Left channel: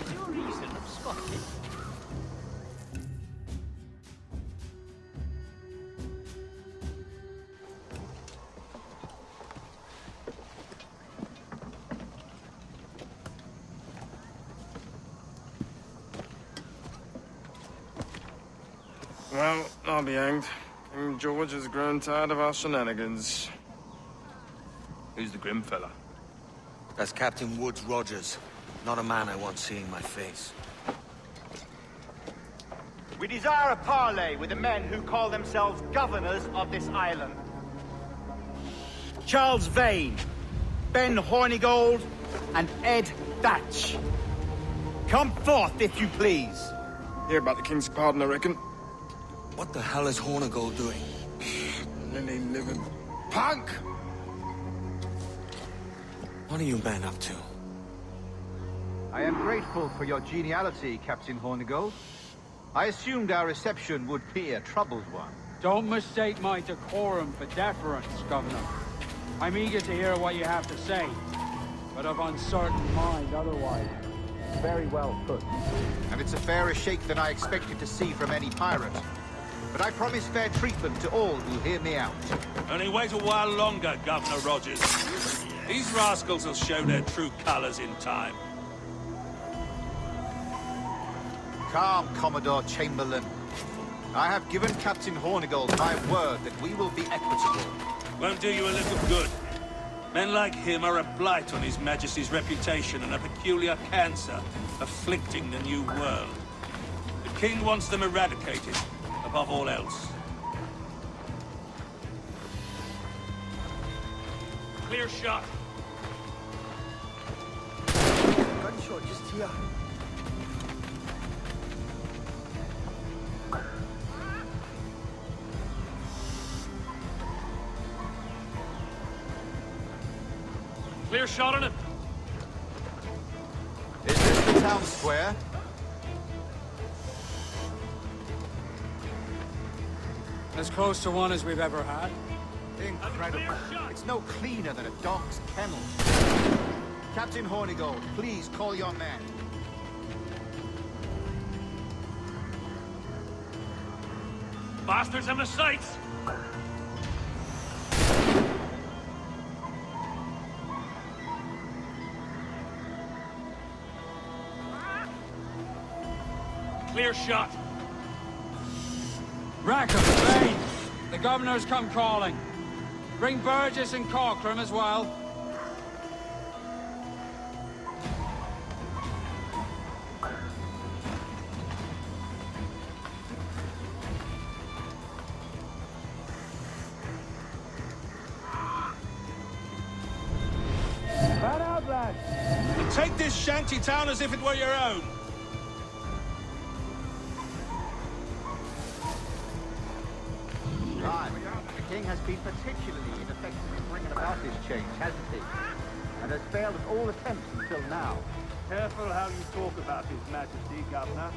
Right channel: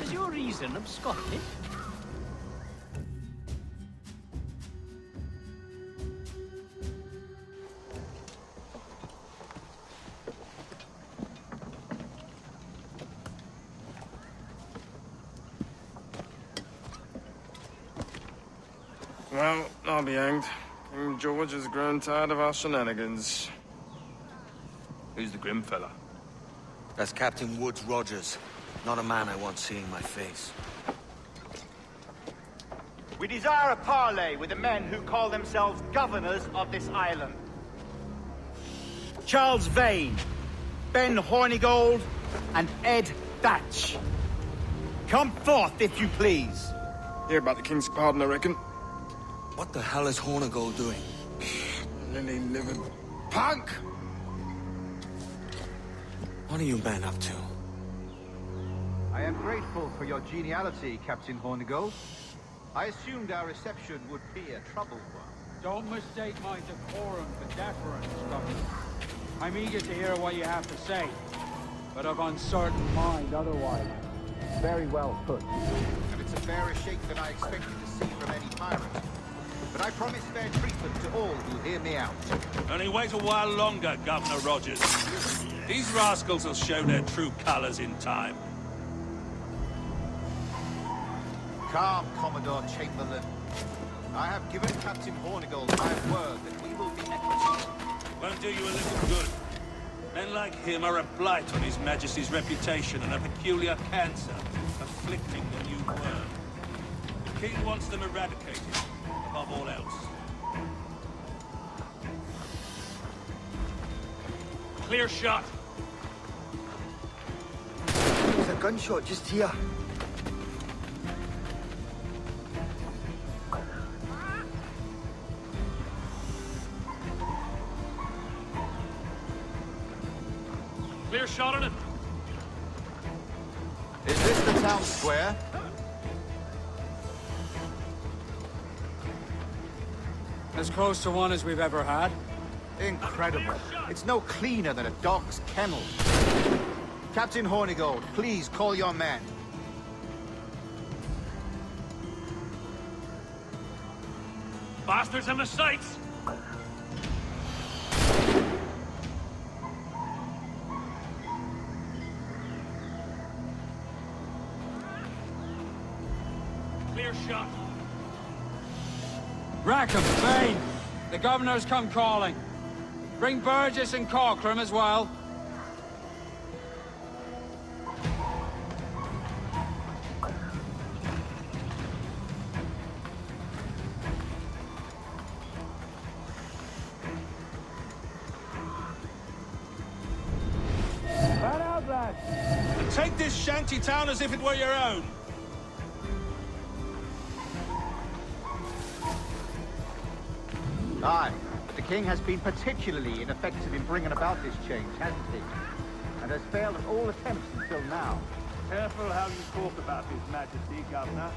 Is your reason of Scotland? Well, I'll be hanged. King George has grown tired of our shenanigans. Who's the grim fella? That's Captain Woods Rogers. Not a man I want seeing my face. We desire a parley with the men who call themselves governors of this island. Charles Vane, Ben Hornigold, and Ed Thatch. Come forth, if you please. Hear about the king's pardon, I reckon. What the hell is Hornigold doing? Lily-livered punk! What are you men up to? I am grateful for your geniality, Captain Hornigold. I assumed our reception would be a troubled one. Don't mistake my decorum for deference, Governor. I'm eager to hear what you have to say, but of uncertain mind otherwise. Very well put. And it's a fairer shake than I expected to see from any pirate. But I promise fair treatment to all who hear me out. Only wait a while longer, Governor Rogers. These rascals will show their true colors in time. Calm, Commodore Chamberlain. I have given Captain Hornigold my word that we will be equitable. Won't do you a little good. Men like him are a blight on His Majesty's reputation and a peculiar cancer afflicting the New World. The King wants them eradicated, above all else. Clear shot. There's a gunshot just here. Clear shot on it. Is this the town square? As close to one as we've ever had. Incredible. It's no cleaner than a dog's kennel. Captain Hornigold, please call your men. Bastards in the sights! Clear shot. Rackham, Vane! The governor's come calling. Bring Burgess and Cockram as well. Fan out, lads! And take this shanty town as if it were your own. Aye, but the king has been particularly ineffective in bringing about this change, hasn't he? And has failed at all attempts until now. Careful how you talk about His Majesty, Governor.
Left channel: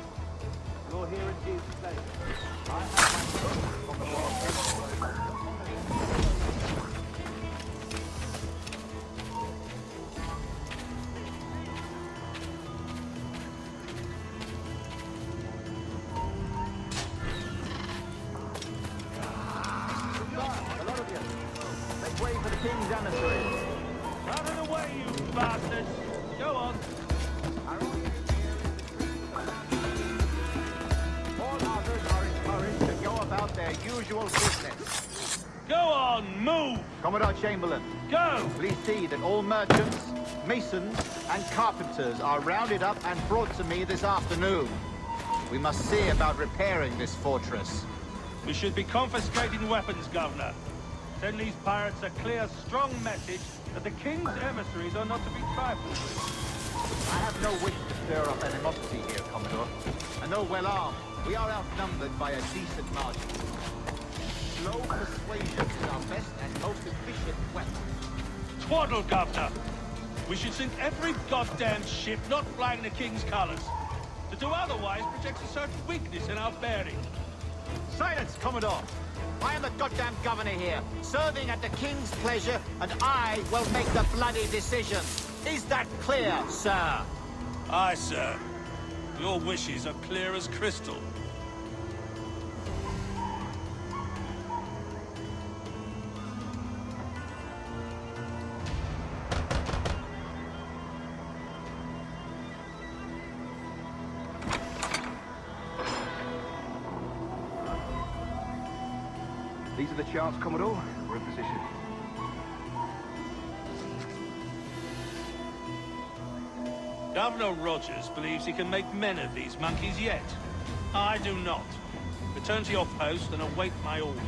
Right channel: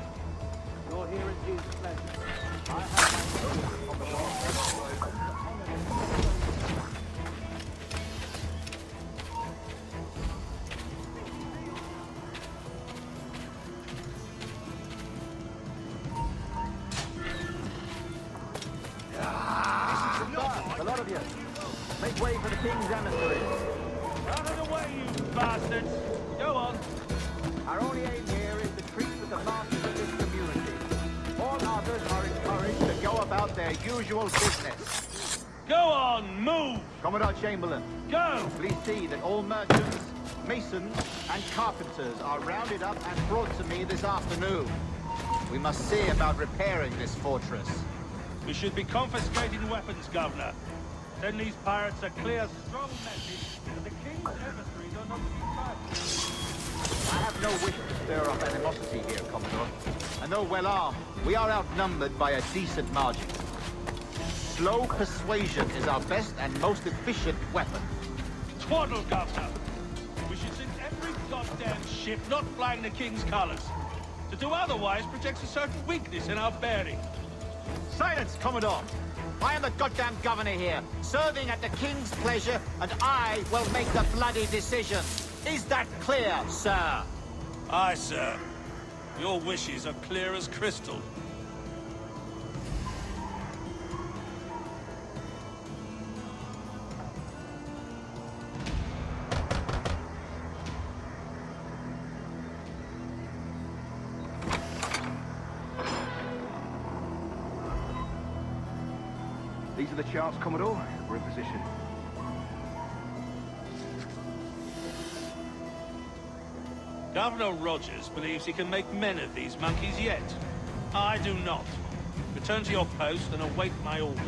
You're here at his pleasure. I have my oath on the wall. To honor the a lot of you. Make way for the king's emissaries. Out of the way, you bastards! Go on. Our only aim here is to treat with the large community. All others are encouraged to go about their usual business. Go on, move! Commodore Chamberlain, Go! please see that all merchants, masons, and carpenters are rounded up and brought to me this afternoon. We must see about repairing this fortress. We should be confiscating weapons, Governor. Send these pirates a clear, strong message that the king's emissaries are not to be trifled with. I have no wish to stir up animosity here, Commodore. And though well armed, we are outnumbered by a decent margin. Slow persuasion is our best and most efficient weapon. Twaddle, Governor! We should sink every goddamn ship not flying the king's colors. To do otherwise projects a certain weakness in our bearing. Silence, Commodore! I am the goddamn governor here, serving at the king's pleasure, and I will make the bloody decision. Is that clear, sir? Aye, sir. Your wishes are clear as crystal. These are the charts, Commodore. We're in position. Governor Rogers believes he can make men of these monkeys yet. I do not. Return to your post and await my orders.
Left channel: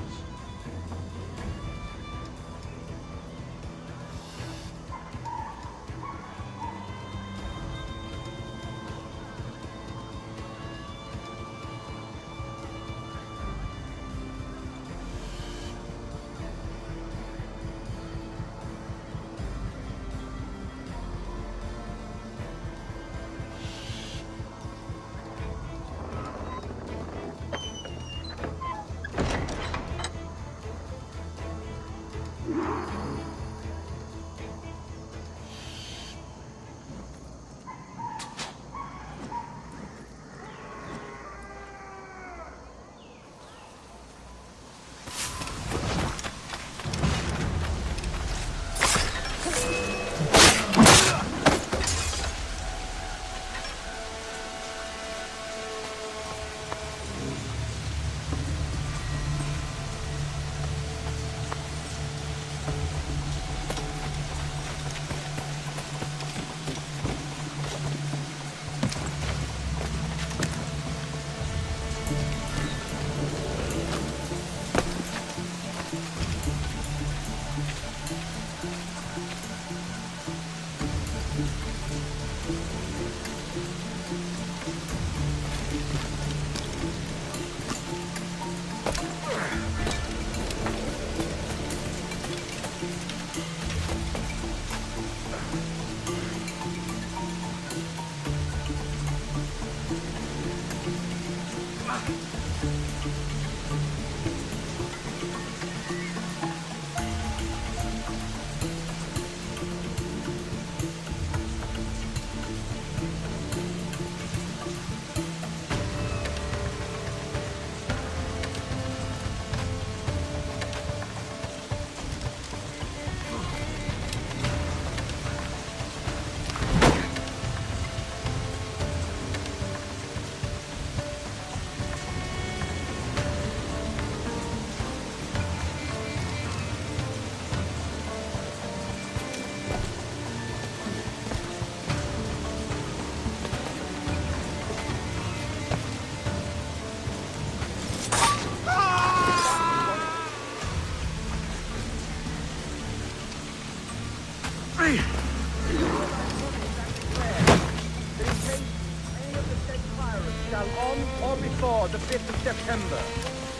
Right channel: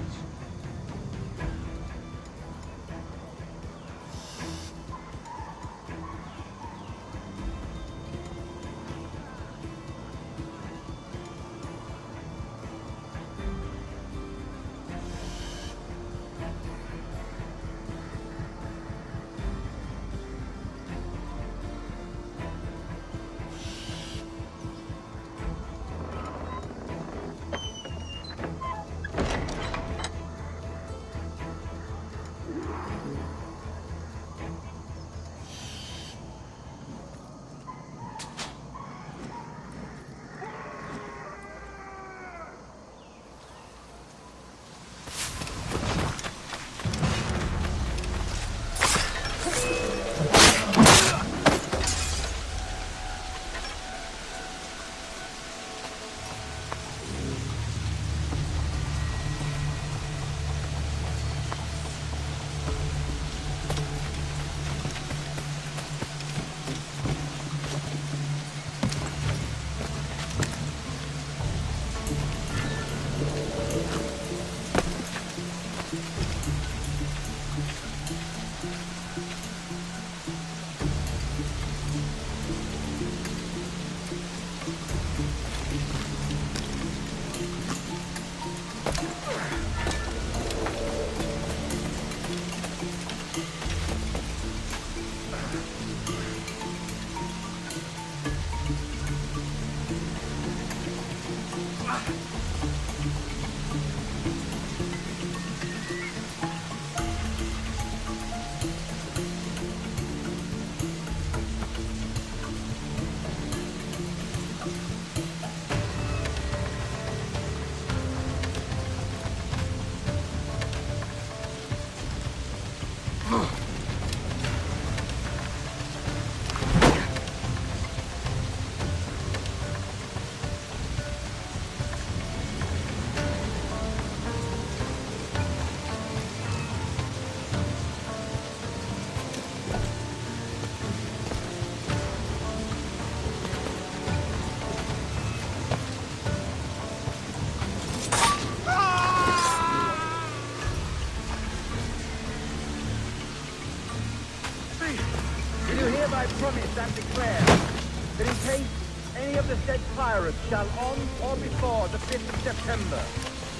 Shall on or before the 5th of September,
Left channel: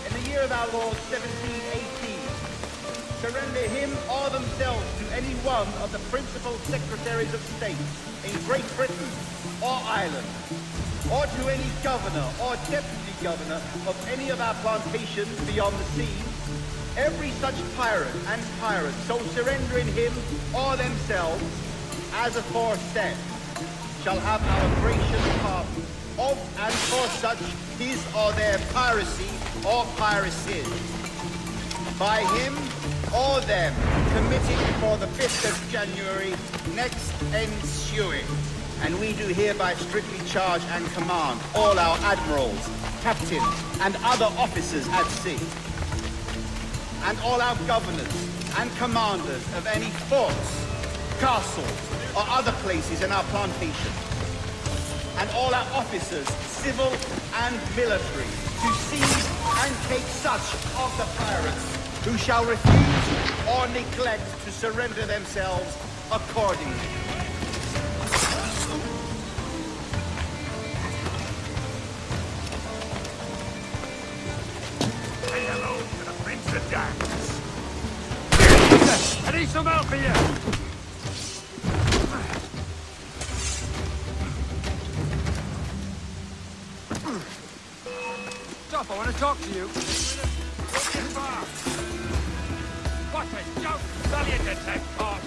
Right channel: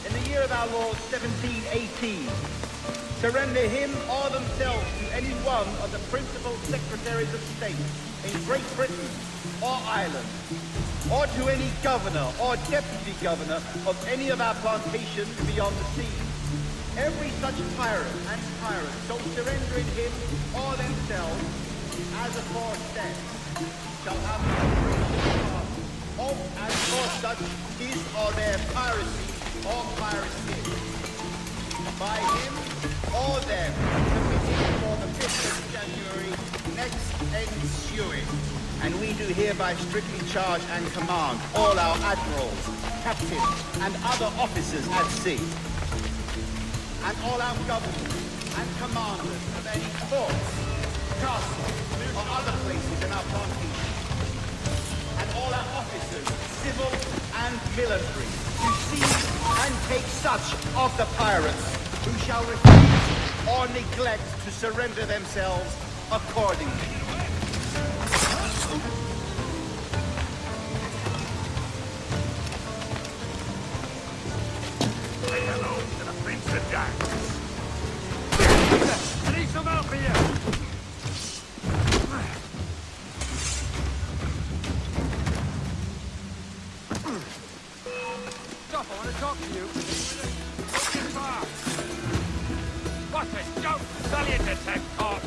in the year of our Lord 1718, surrender him or themselves to any one of the principal secretaries of state in Great Britain or Ireland, or to any governor or deputy governor of any of our plantations beyond the seas, every such pirate and pirate so surrendering him or themselves as aforesaid shall have our gracious pardon of and for such his or their piracy or piracies, by him or them committed before the 5th of January next ensuing. And we do hereby strictly charge and command all our admirals, captains, and other officers at sea, and all our governors and commanders of any forts, castles, or other places in our plantation, and all our officers, civil and military, of the pirates, who shall refuse. Say hello to the Prince of Darkness. I need some help here. Stop, I want to talk to you. What a joke! Valiant attack, corpse!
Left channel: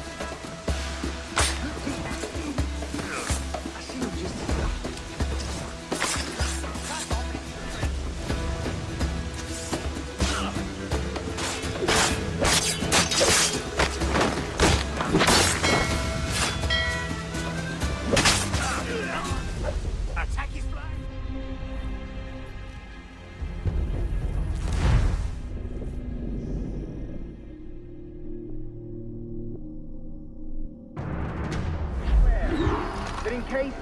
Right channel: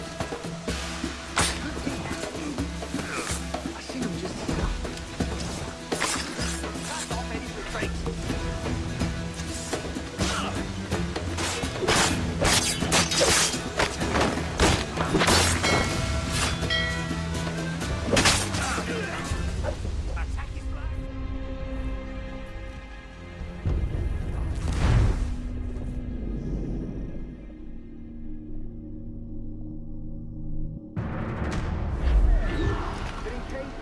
I seen him just here. Cut off any retreat. Attack his flag. That in case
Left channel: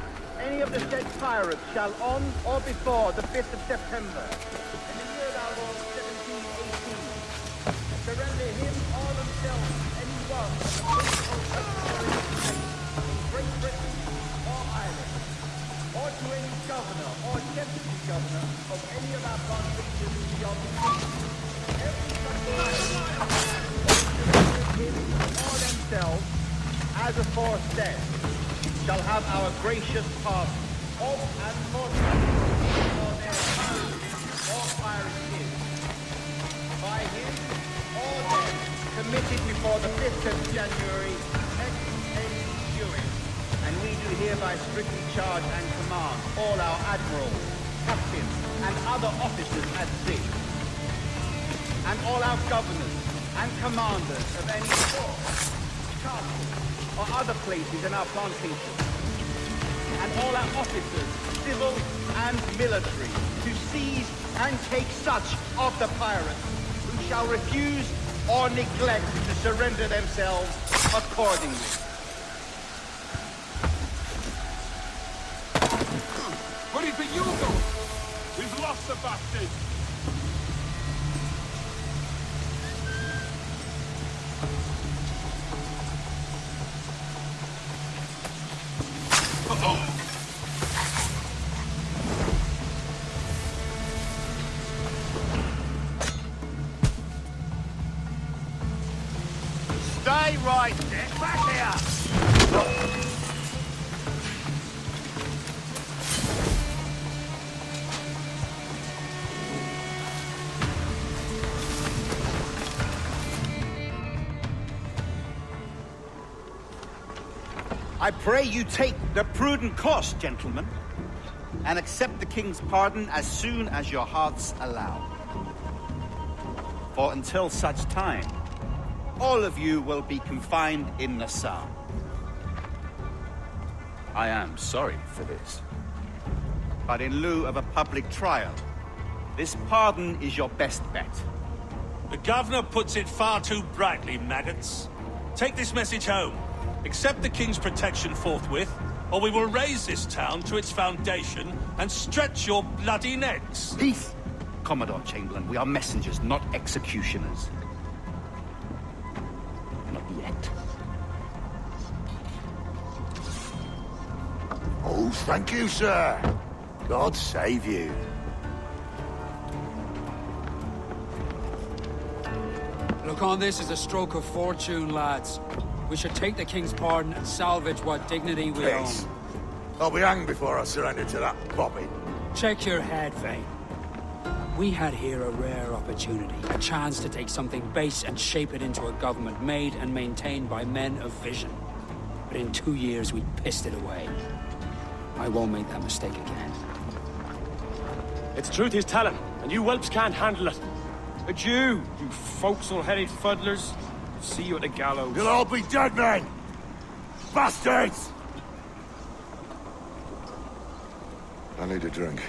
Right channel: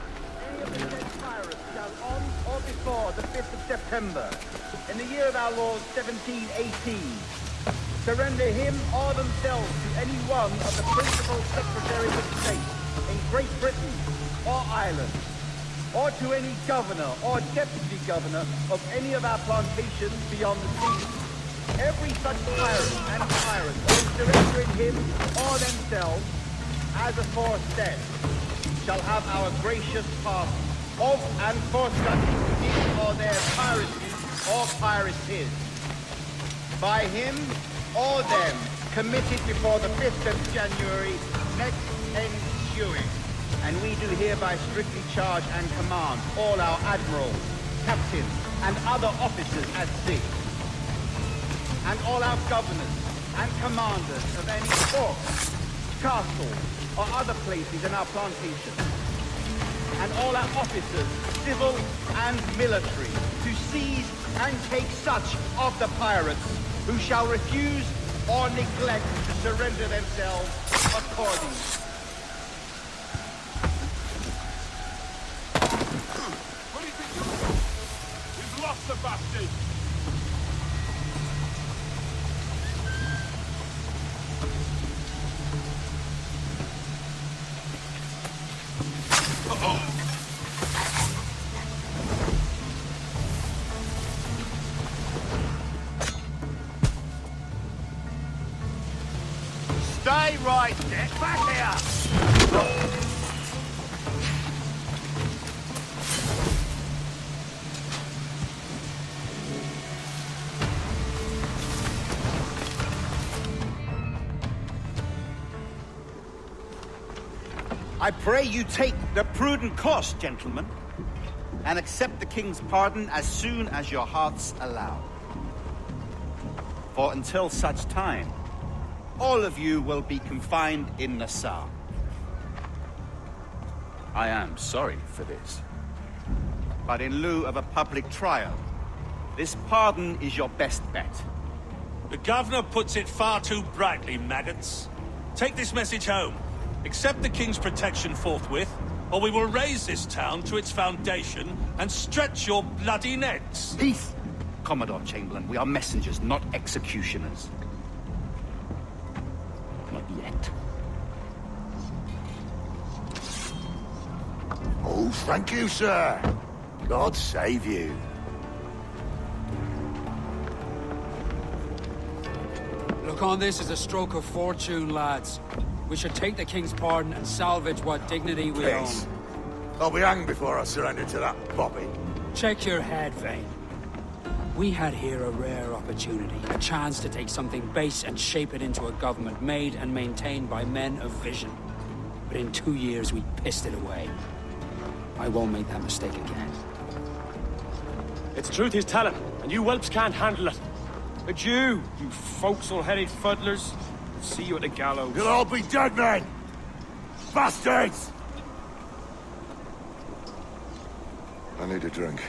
any of the said pirates shall on or before the 5th of September, in the year of our Lord 1718, surrender him or themselves to any one of the principal secretaries of state in Great Britain or Ireland, or to any governor or deputy governor of any of our plantations beyond the sea. Every such pirate surrendering him or themselves as aforesaid shall have our gracious pardon of and for such him or their piracy or piracies by him or them committed before the 5th of January 2010 ensuing, and legally hereby strictly charge and command all our admirals and other officers at sea, or castles or other places in our plantations, and all our officers, civil and military, to seize and take such of the pirates who shall refuse or neglect to surrender themselves accordingly. What do you think you'll do? We've lost the bastard. Stay right. Get back here! I pray you take the prudent course, gentlemen, and accept the king's pardon as soon as your hearts allow. For until such time, all of you will be confined in Nassau. I am sorry for this, but in lieu of a public trial, this pardon is your best bet. The governor puts it far too brightly, maggots. Take this message home. Accept the king's protection forthwith, or we will raise this town to its foundation and stretch your bloody necks. Peace! Commodore Chamberlain, we are messengers, not executioners. Not yet. Oh, thank you, sir. God save you. Look on this as a stroke of fortune, lads. We should take the king's pardon and salvage what dignity we own. Peace. I'll be hanged before I surrender to that bobby. Check your head, Vane. We had here a rare opportunity, a chance to take something base and shape it into a government made and maintained by men of vision. But in 2 years, we pissed it away. I won't make that mistake again. It's the truth he's telling, and you whelps can't handle it. Adieu, you forecastle-headed fuddlers. See you at the gallows. You'll all be dead men! Bastards! I need a drink.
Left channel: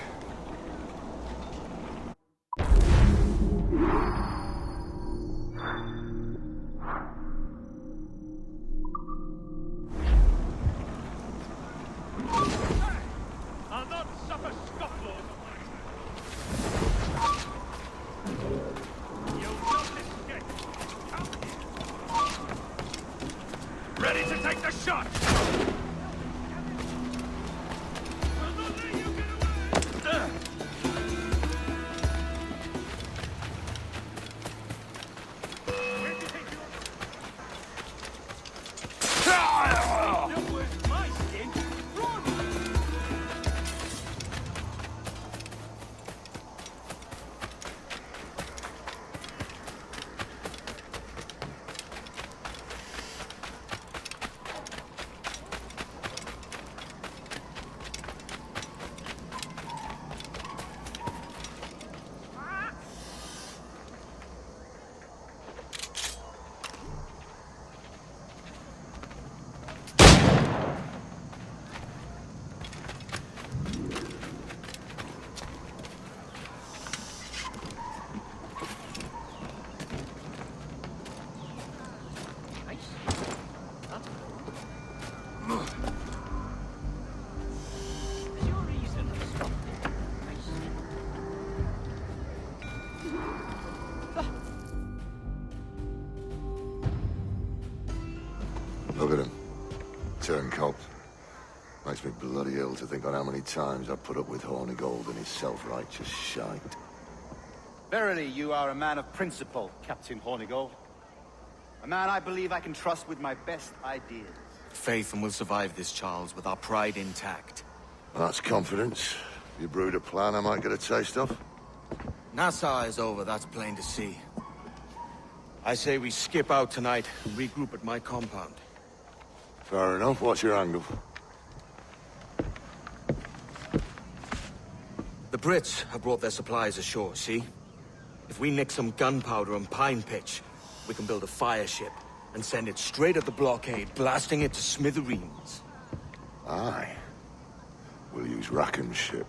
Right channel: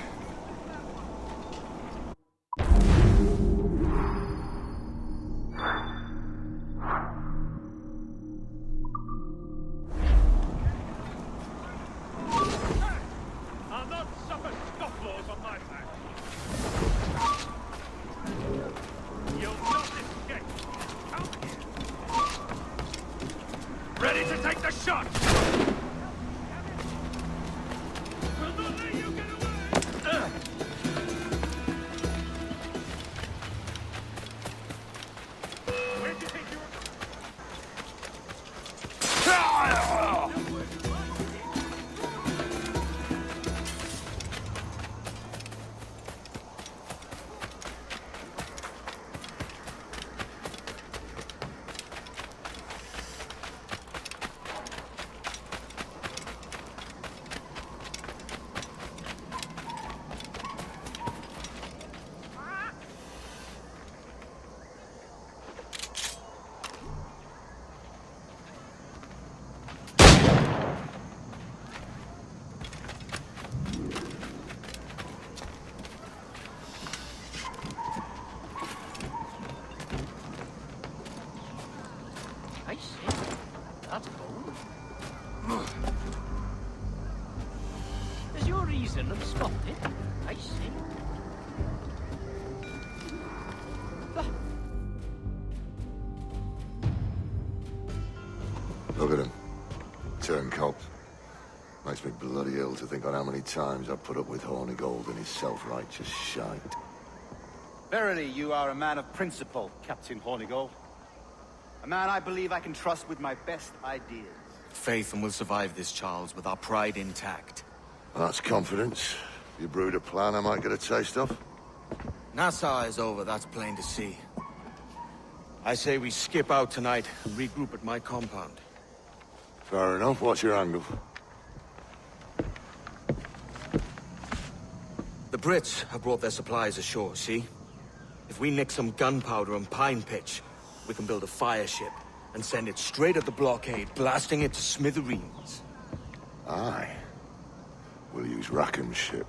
turncoats. Makes me bloody ill to think on how many times I've put up with Hornigold and his self-righteous shite. Verily, you are a man of principle, Captain Hornigold. A man I believe I can trust with my best ideas. Faith, and we'll survive this, Charles, with our pride intact. That's confidence. You brewed a plan I might get a taste of? Nassau is over, that's plain to see. I say we skip out tonight and regroup at my compound. Fair enough. What's your angle? The Brits have brought their supplies ashore, see? If we nick some gunpowder and pine pitch, we can build a fire ship and send it straight at the blockade, blasting it to smithereens. Aye. We'll use Rackham's ship.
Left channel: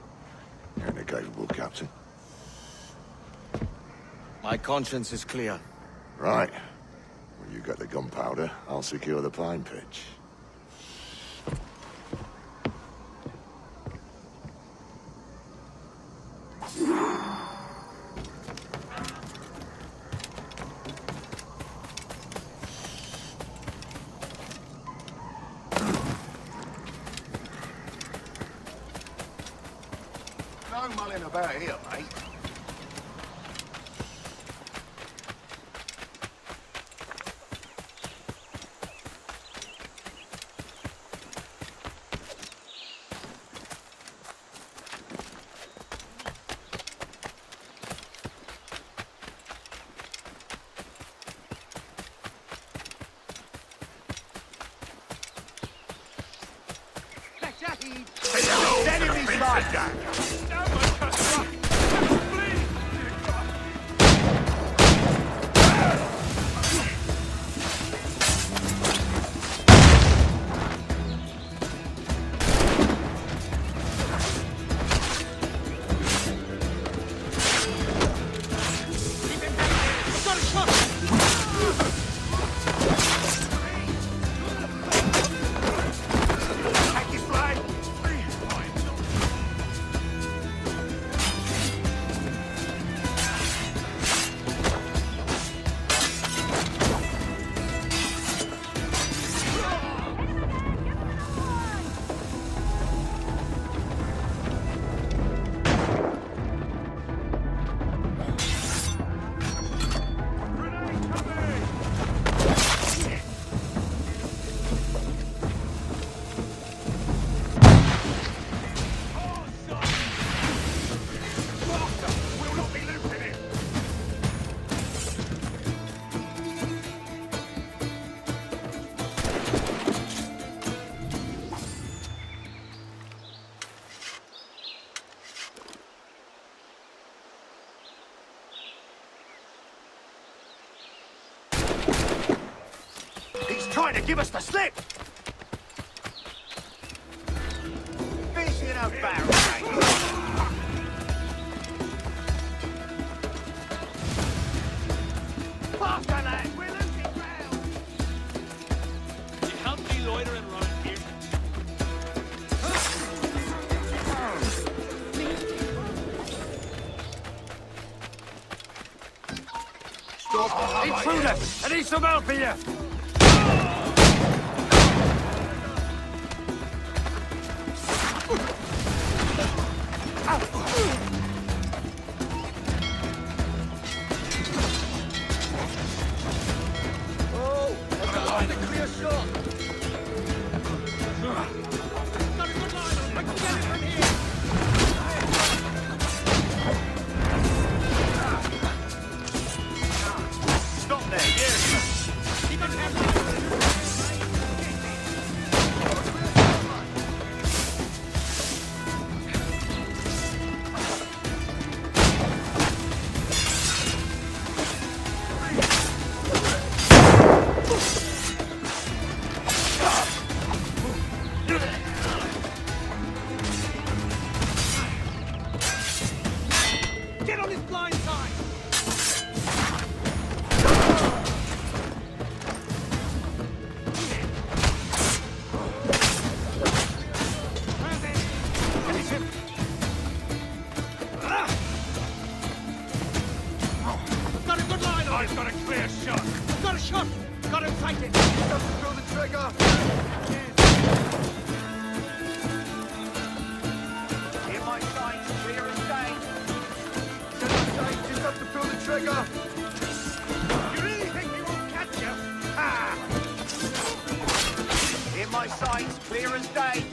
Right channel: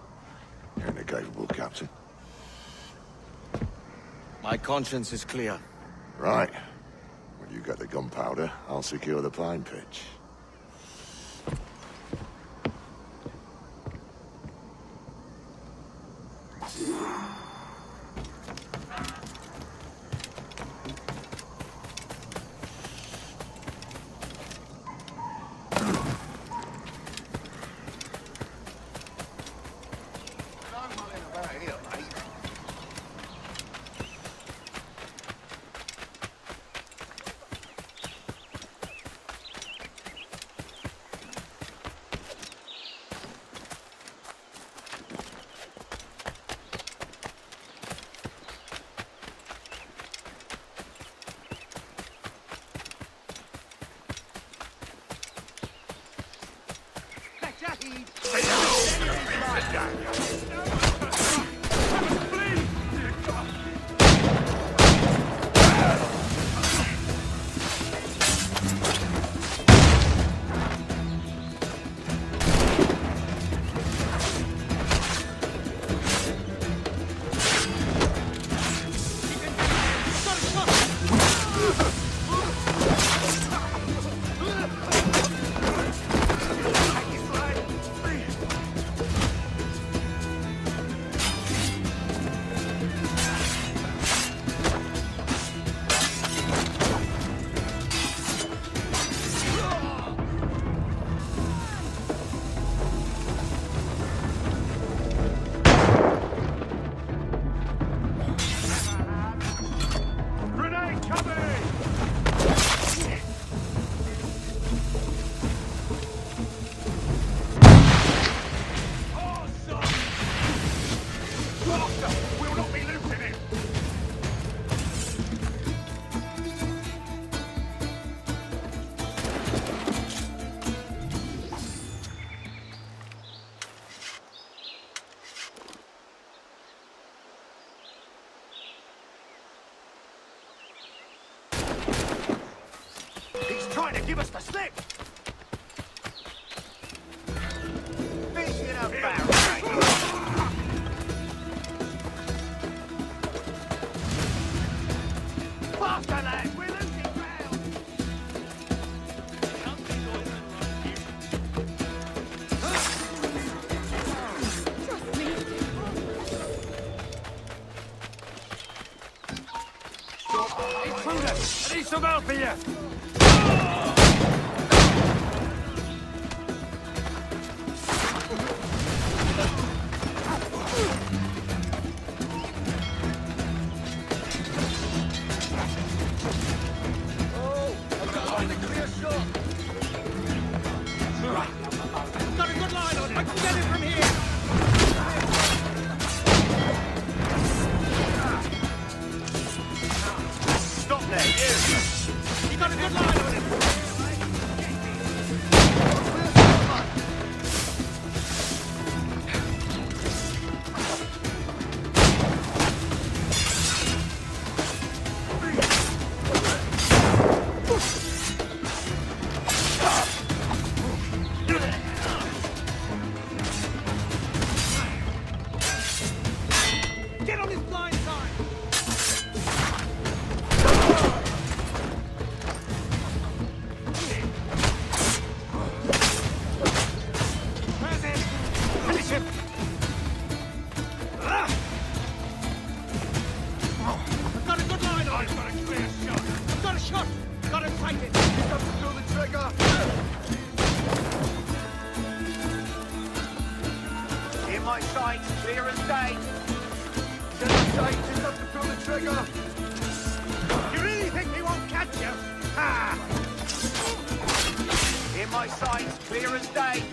You're an capable captain. My conscience is clear. Right. When you get the gunpowder, I'll secure the pine pitch. No mulling about here. He's trying to give us the slip! Intruder! I need some help here! trigger! You really think he won't catch you? Ha! In my sights, clear as day.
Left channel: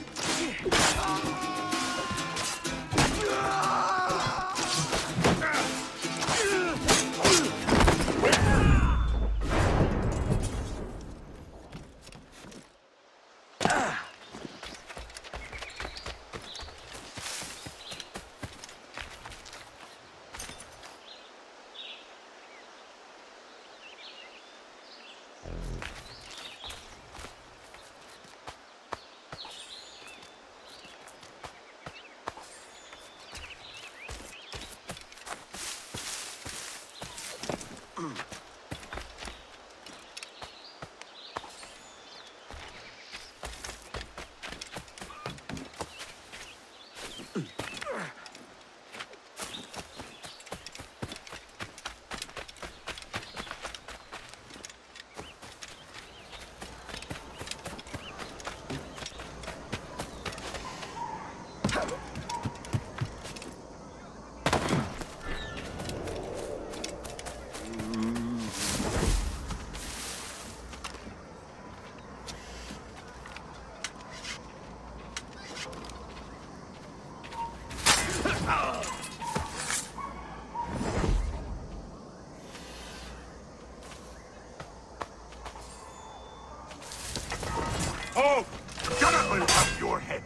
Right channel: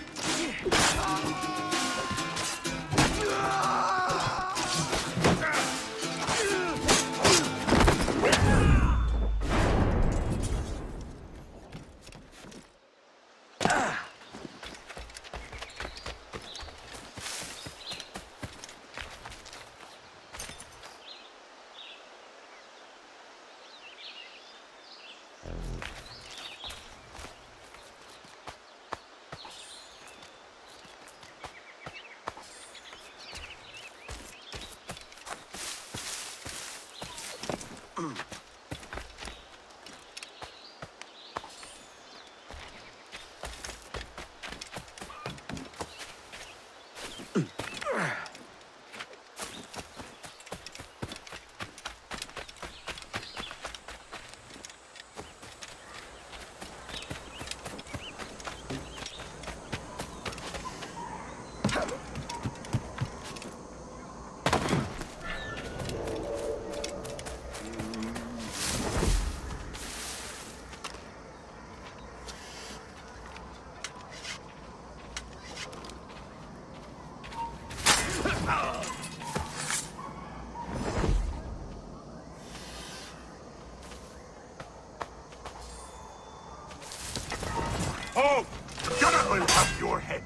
Oh! The gunner will have your head!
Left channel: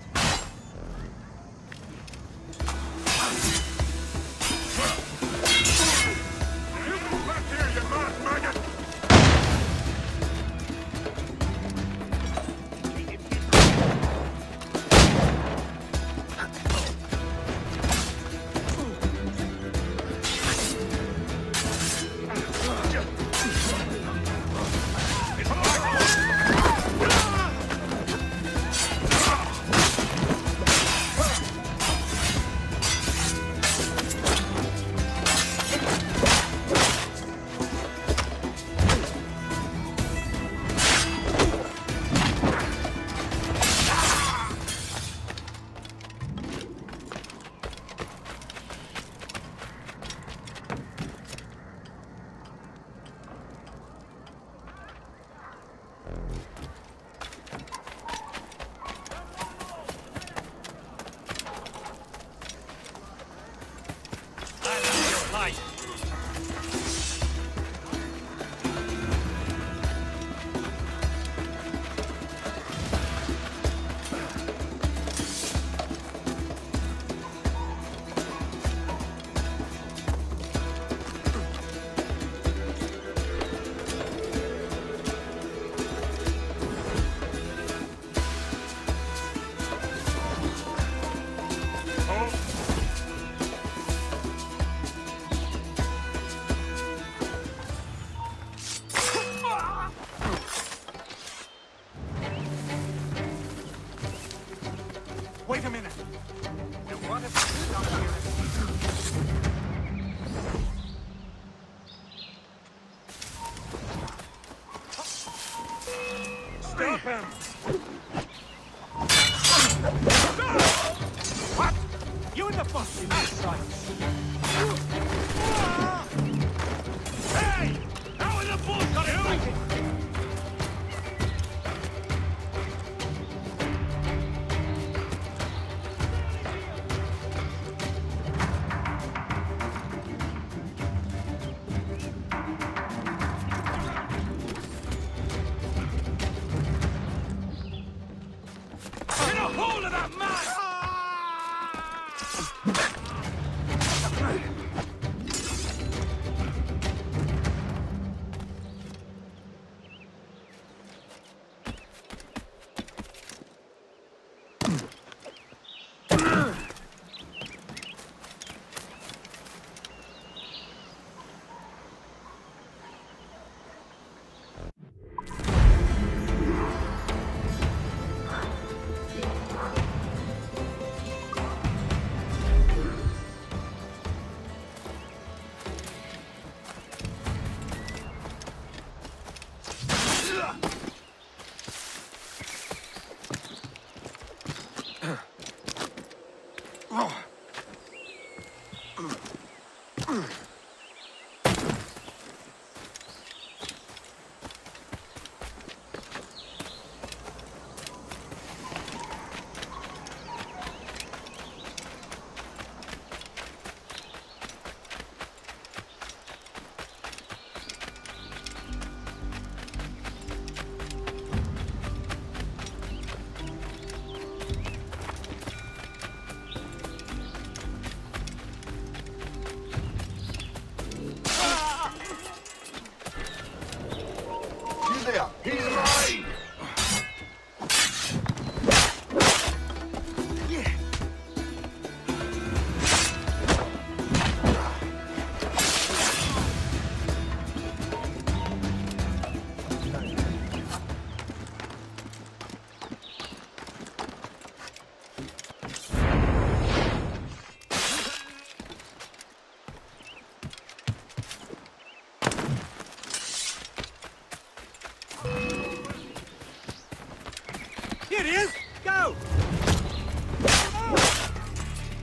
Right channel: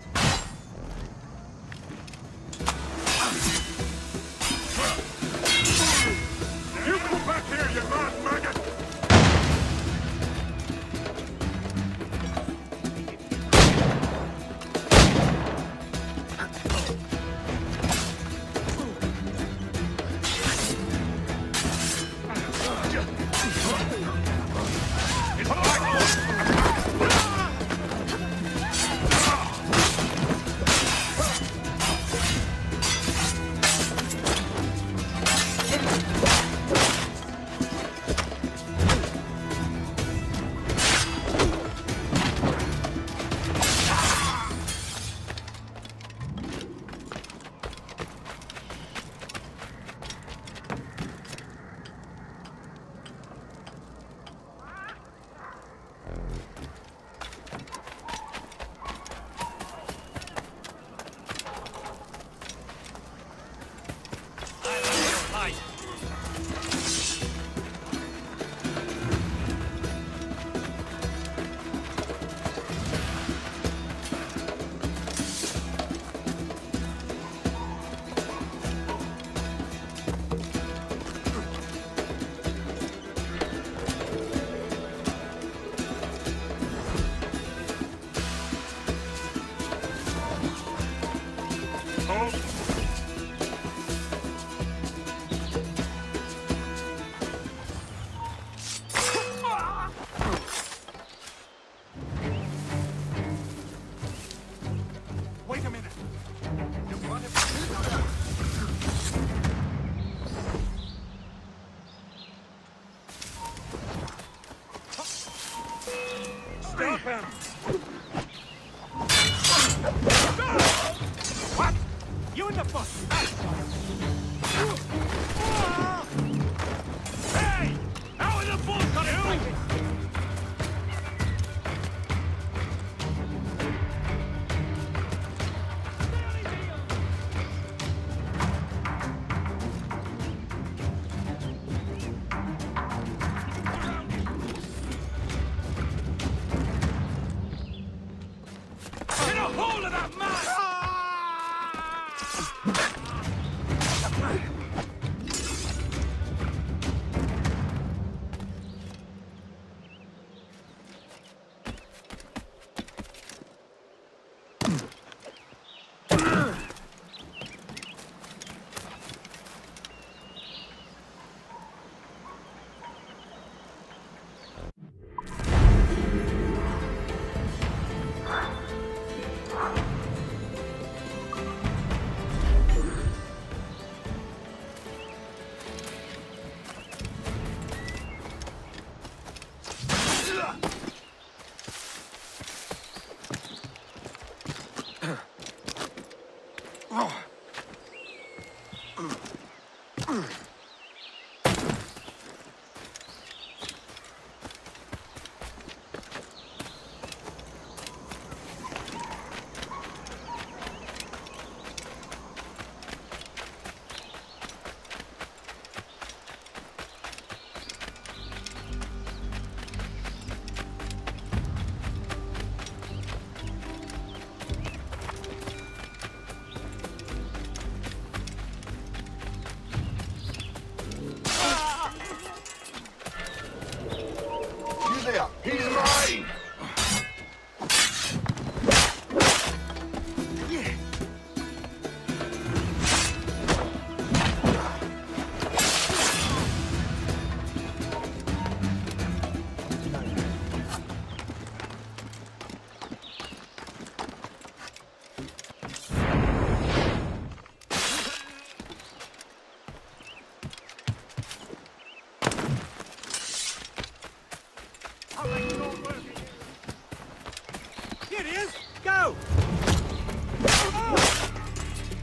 Stop him! You in the bus! Hey! Out in the bush, you! Get a hold of that man!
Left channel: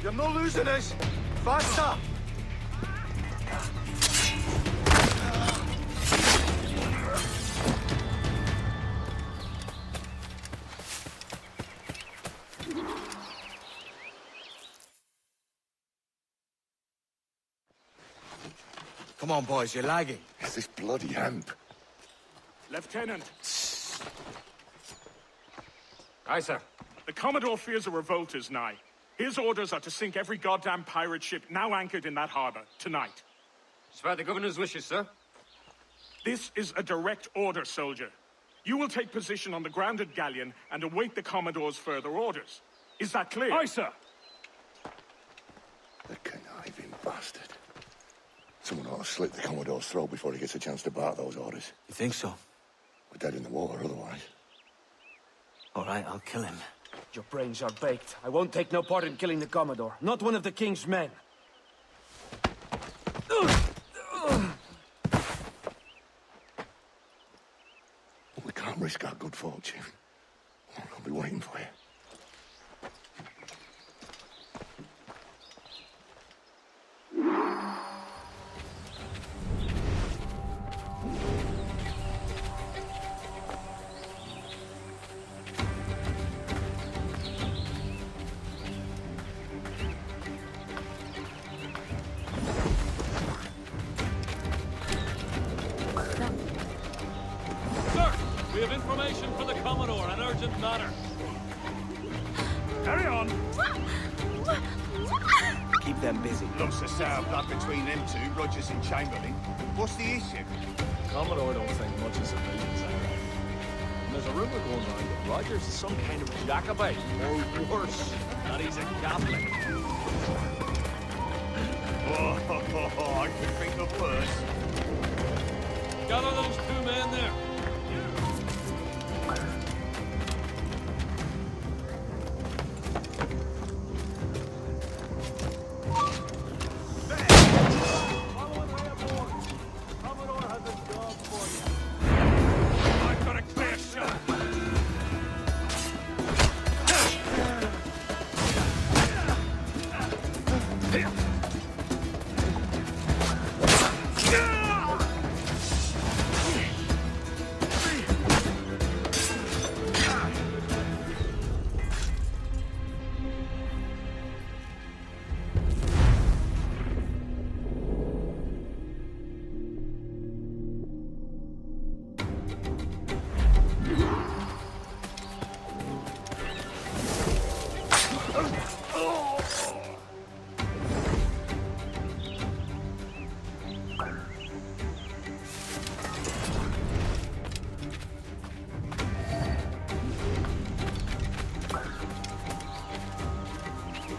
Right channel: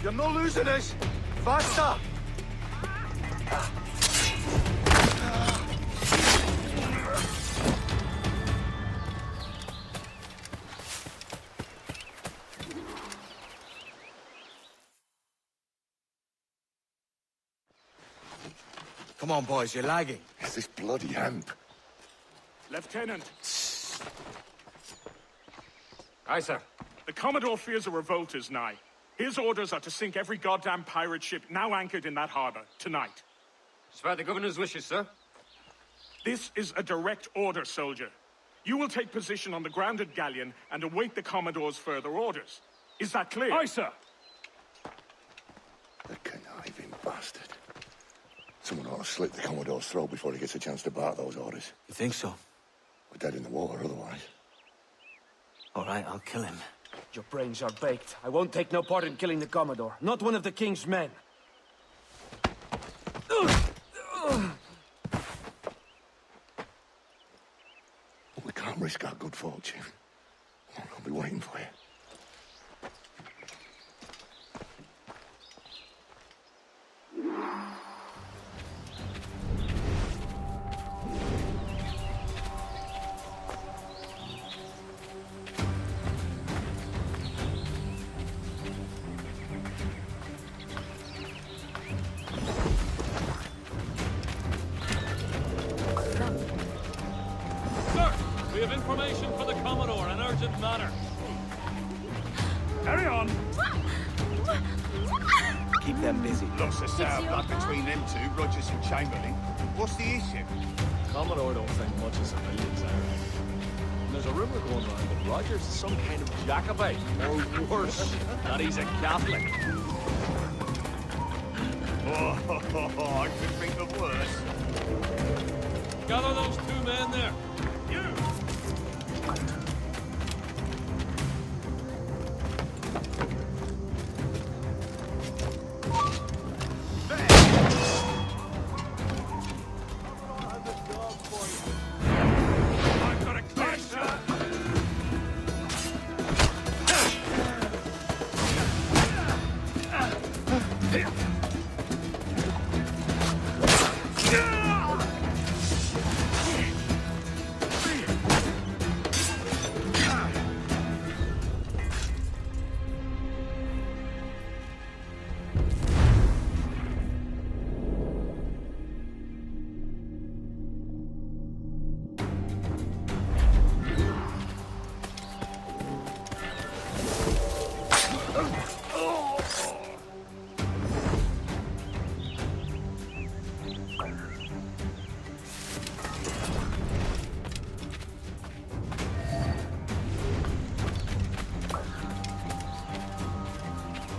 You're not losing us! Faster! Come on, boys, you're lagging. It's this bloody hemp. Lieutenant. Aye, sir. The Commodore fears a revolt is nigh. His orders are to sink every goddamn pirate ship now anchored in that harbor, tonight. It's by the governor's wishes, sir. This is a direct order, soldier. You will take position on the grounded galleon and await the Commodore's further orders. Is that clear? Aye, sir. The conniving bastard. Someone ought to slit the Commodore's throat before he gets a chance to bark those orders. You think so? We're dead in the water otherwise. All right, I'll kill him. Your brains are baked. I won't take no part in killing the Commodore. Not one of the King's men. We can't risk our good fortune. I'll be waiting for you. Sir, we have information for the Commodore, an urgent matter. Carry on. Keep them busy. Lots of sour blood between them two, Rogers and Chamberlain. What's the issue? Commodore don't think much of civilians, I reckon. And there's a rumor going around that Rogers is some kind of Jacobite, or worse, that he's a Catholic. Oh, I could think of worse. Gather those two men there. I've got a clear shot.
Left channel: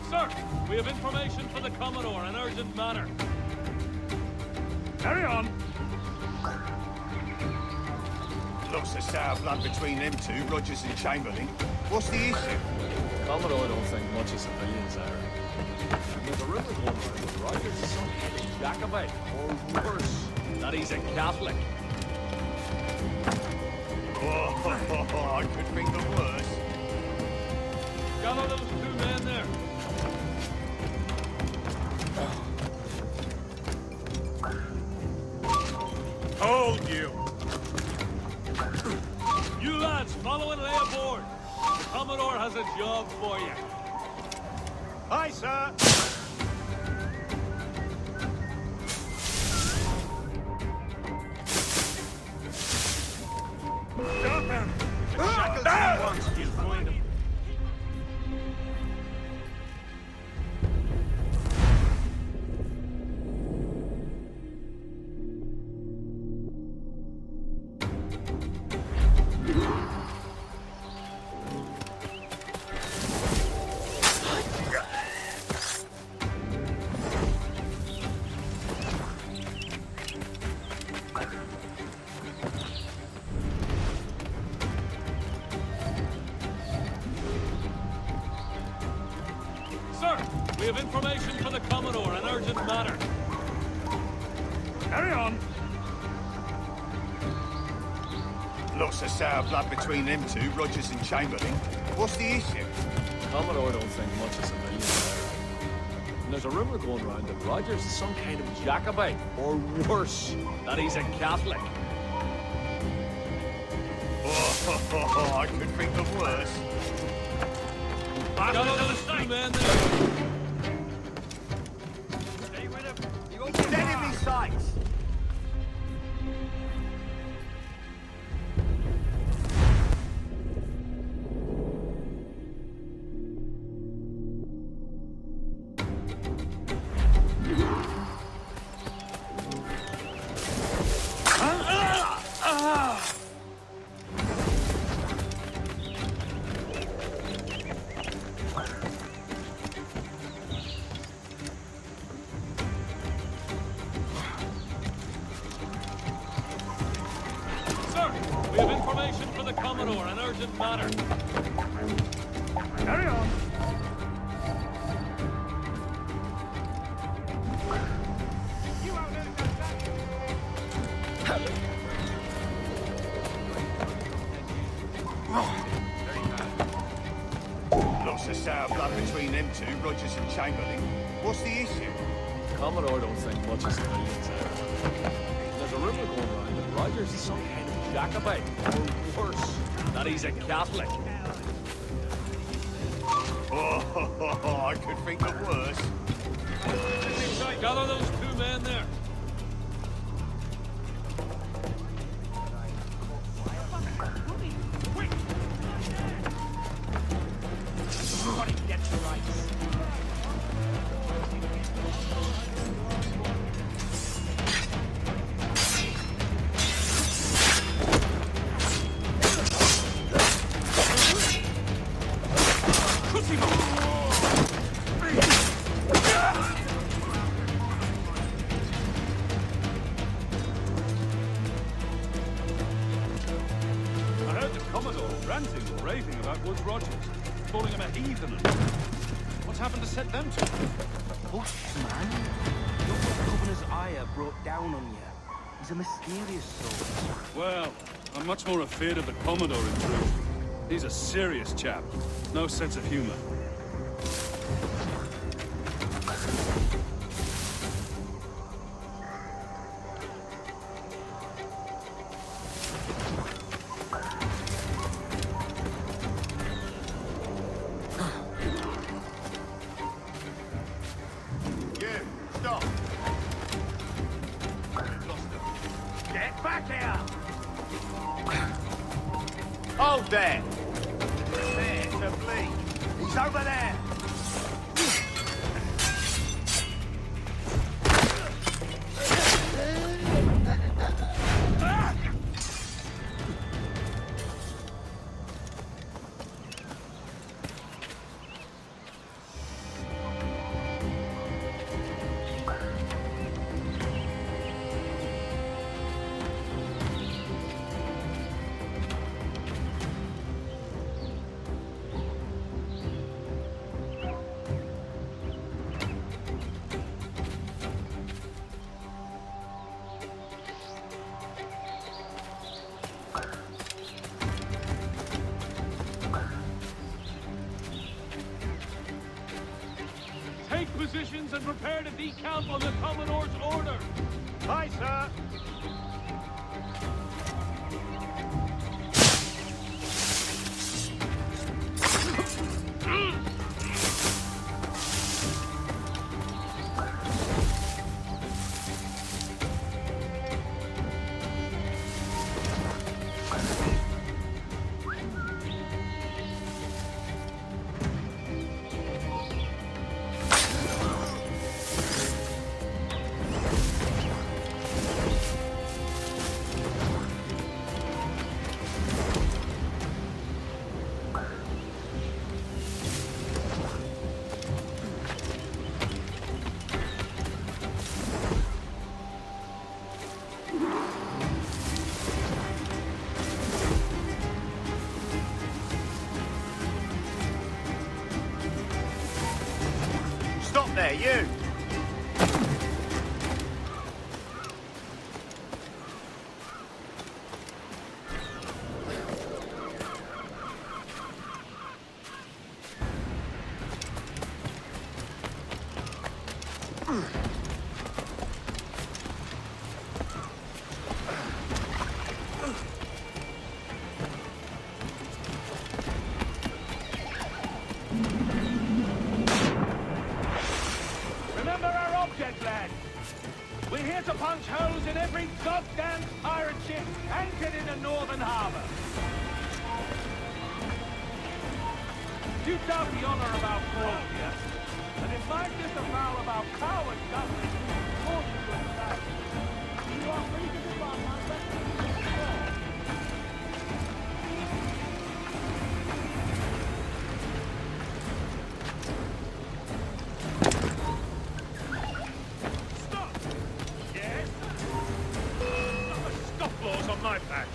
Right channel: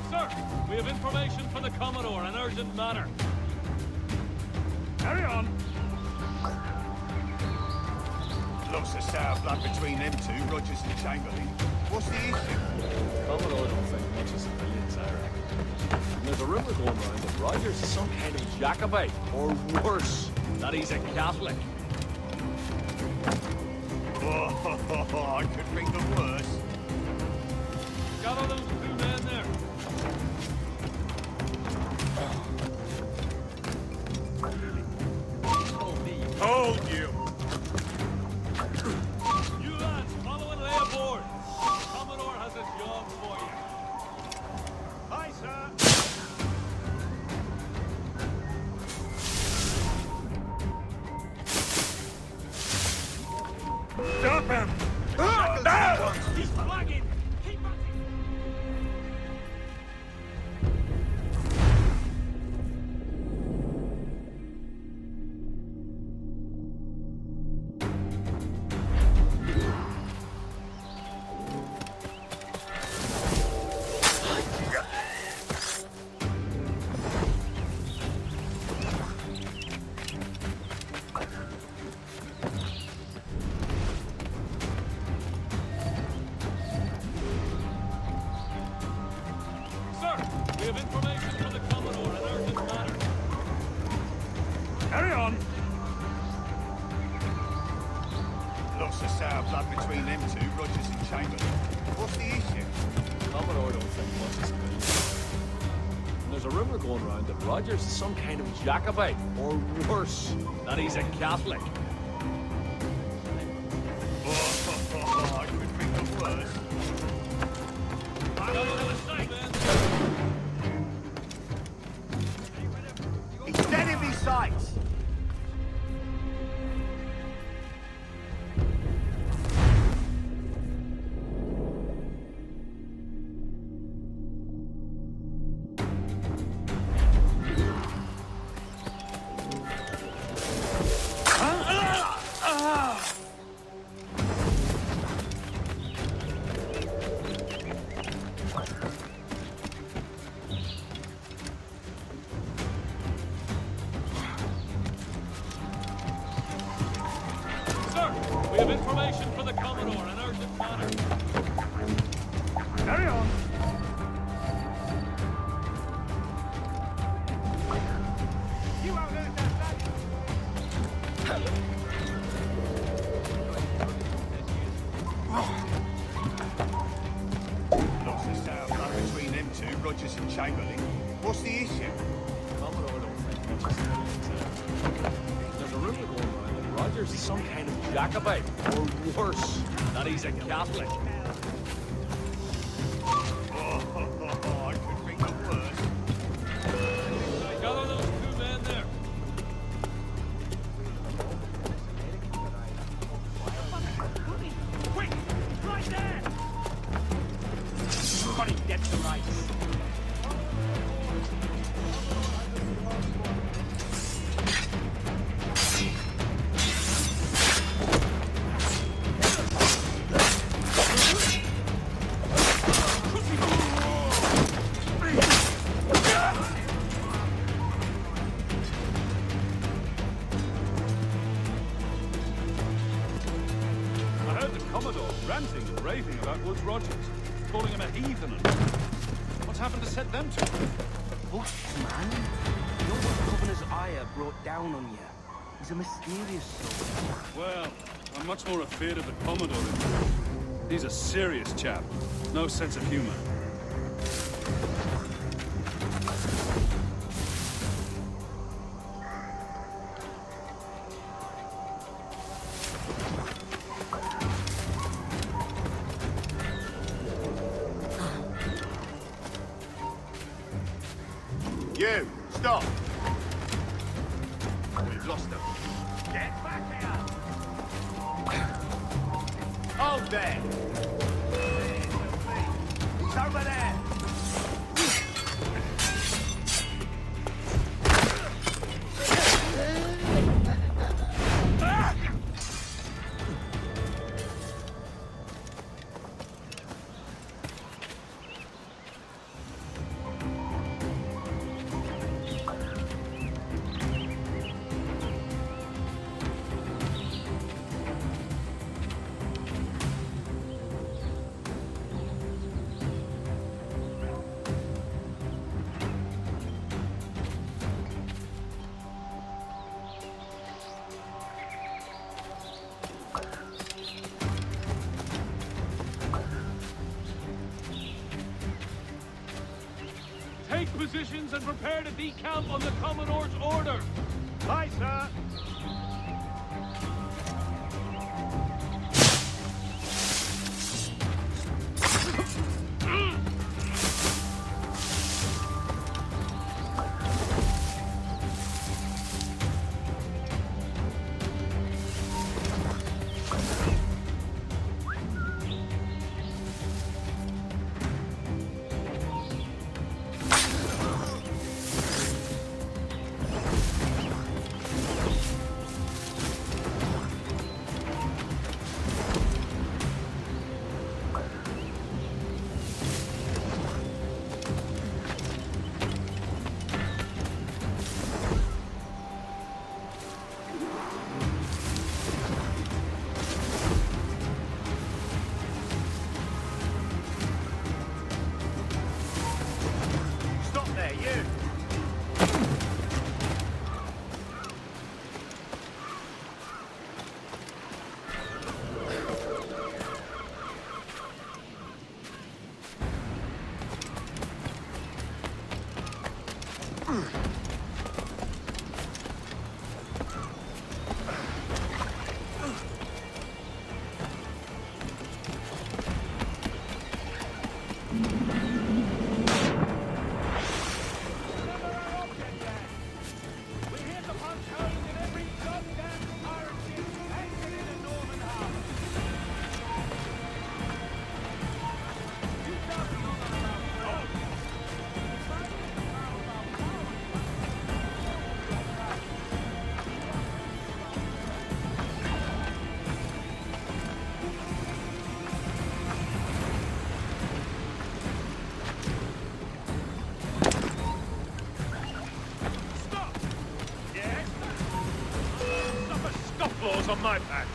Sir, we have information for the Commodore, an urgent matter. Carry on. Lots of sour blood between them two, Rogers and Chamberlain. What's the issue? Commodore don't think much of civilians, I reckon. And there's a rumor going around that Rogers is some kind of Jacobite, or worse, that he's a Catholic. Oh, I could think of worse. Gather those two men there. Hold you. You lads, follow and lay aboard. The Commodore has a job for you. Aye, sir. Stop him. Shackleton wants to find him. Sir, we have information for the Commodore, an urgent matter. Carry on. Lots of sour blood between them two, Rogers and Chamberlain. What's the issue? Commodore don't think much of civilians. And there's a rumor going around that Rogers is some kind of Jacobite, or worse, that he's a Catholic. Oh, I could think of worse. Got all those two men there. Carry on. Lots of sour blood between them two, Rogers and Chamberlain. What's the issue? Commodore don't think much is that he's a Catholic. Oh, I could think of worse. Gather those two men there. Ranting and raving about Woods Rogers, calling him a heathen and... What's happened to set them two? Bushman? You're what the Governor's ire brought down on you. He's a mysterious soul. Well, I'm much more afraid of the Commodore in truth. He's a serious chap. No sense of humor. Hold there! Take positions and prepare to decamp on the Commodore's order. Aye, sir. Stop there, you! scant pirate ship anchored in a northern harbor. You doubt the honor of our cause, yes? And if I disavow of our power and justice, according to your charge, you are free to depart my residence. Stop! Yes? Suffer scofflaws on my patch.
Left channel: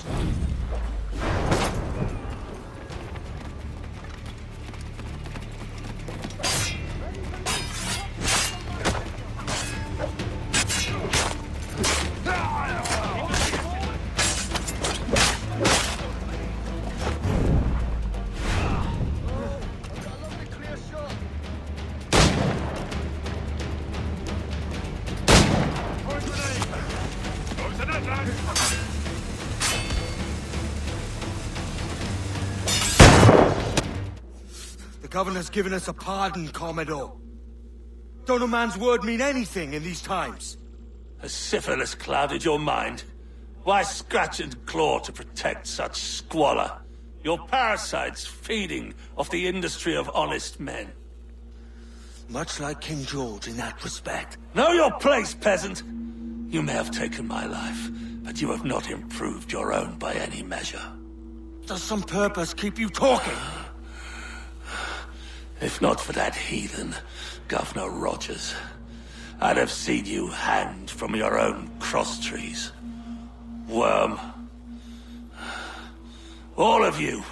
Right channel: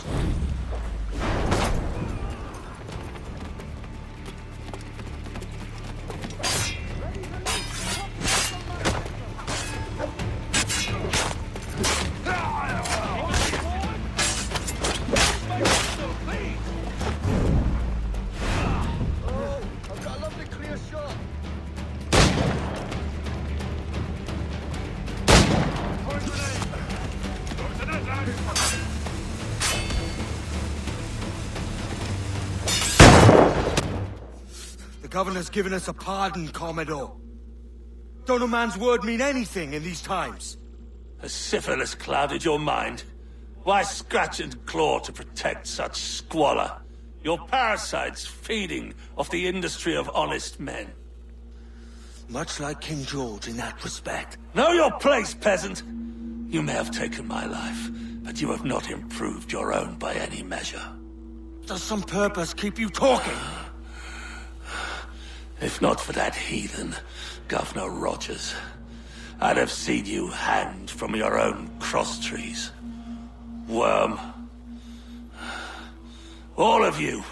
The Governor's given us a pardon, Commodore. Don't a man's word mean anything in these times? Has syphilis clouded your mind? Why scratch and claw to protect such squalor? Your parasites feeding off the industry of honest men. Much like King George in that respect. Know your place, peasant! You may have taken my life, but you have not improved your own by any measure. Does some purpose keep you talking? If not for that heathen, Governor Rogers, I'd have seen you hanged from your own cross trees. Worm. All of you.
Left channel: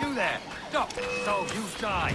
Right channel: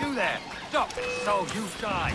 You there! Stop! So you die!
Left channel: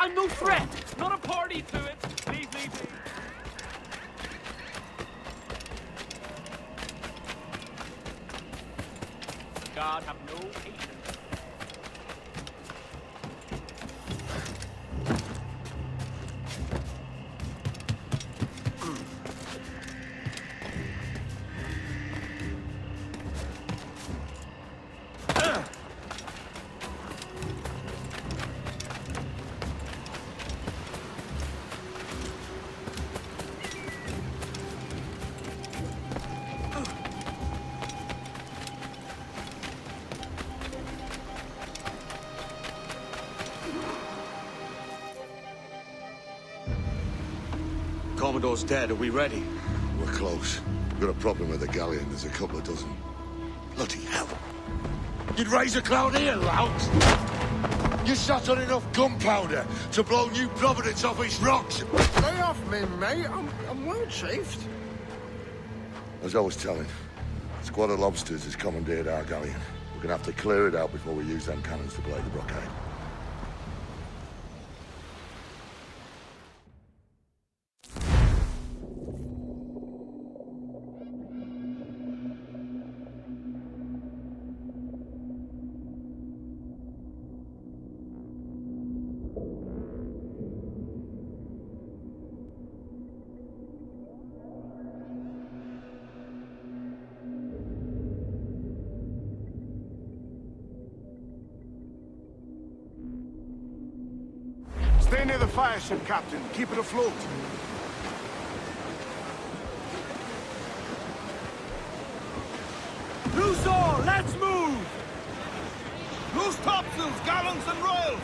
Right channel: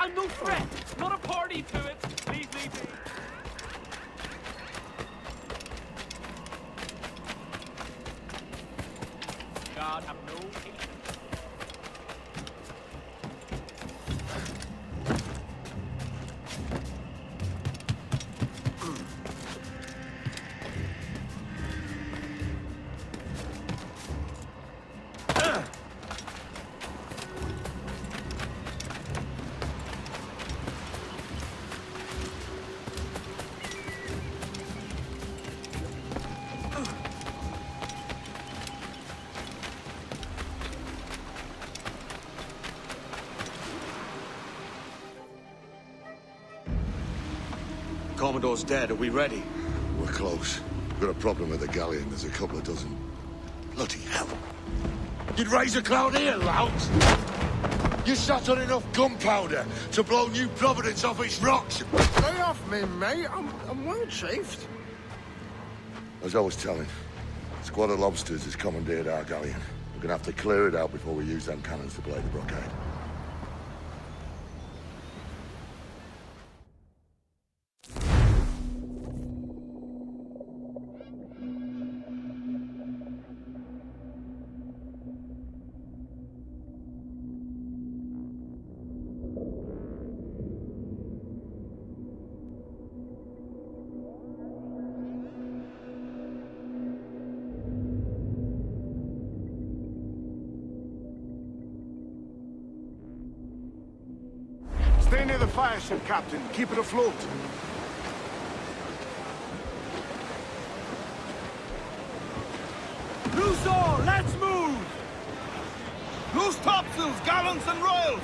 I'm no threat! Commodore's dead. Are we ready? We're close. We've got a problem with the galleon. There's a couple of dozen. Bloody hell. You'd raise a cloud here, lout! You sat on enough gunpowder to blow New Providence off its rocks. Stay off me, mate. I'm well chafed. As I was telling, a squad of lobsters has commandeered our galleon. We're gonna have to clear it out before we use them cannons to play the blockade. Stay near the fire ship, Captain. Keep it afloat. Loose all, let's move! Loose topsails, gallants and royals!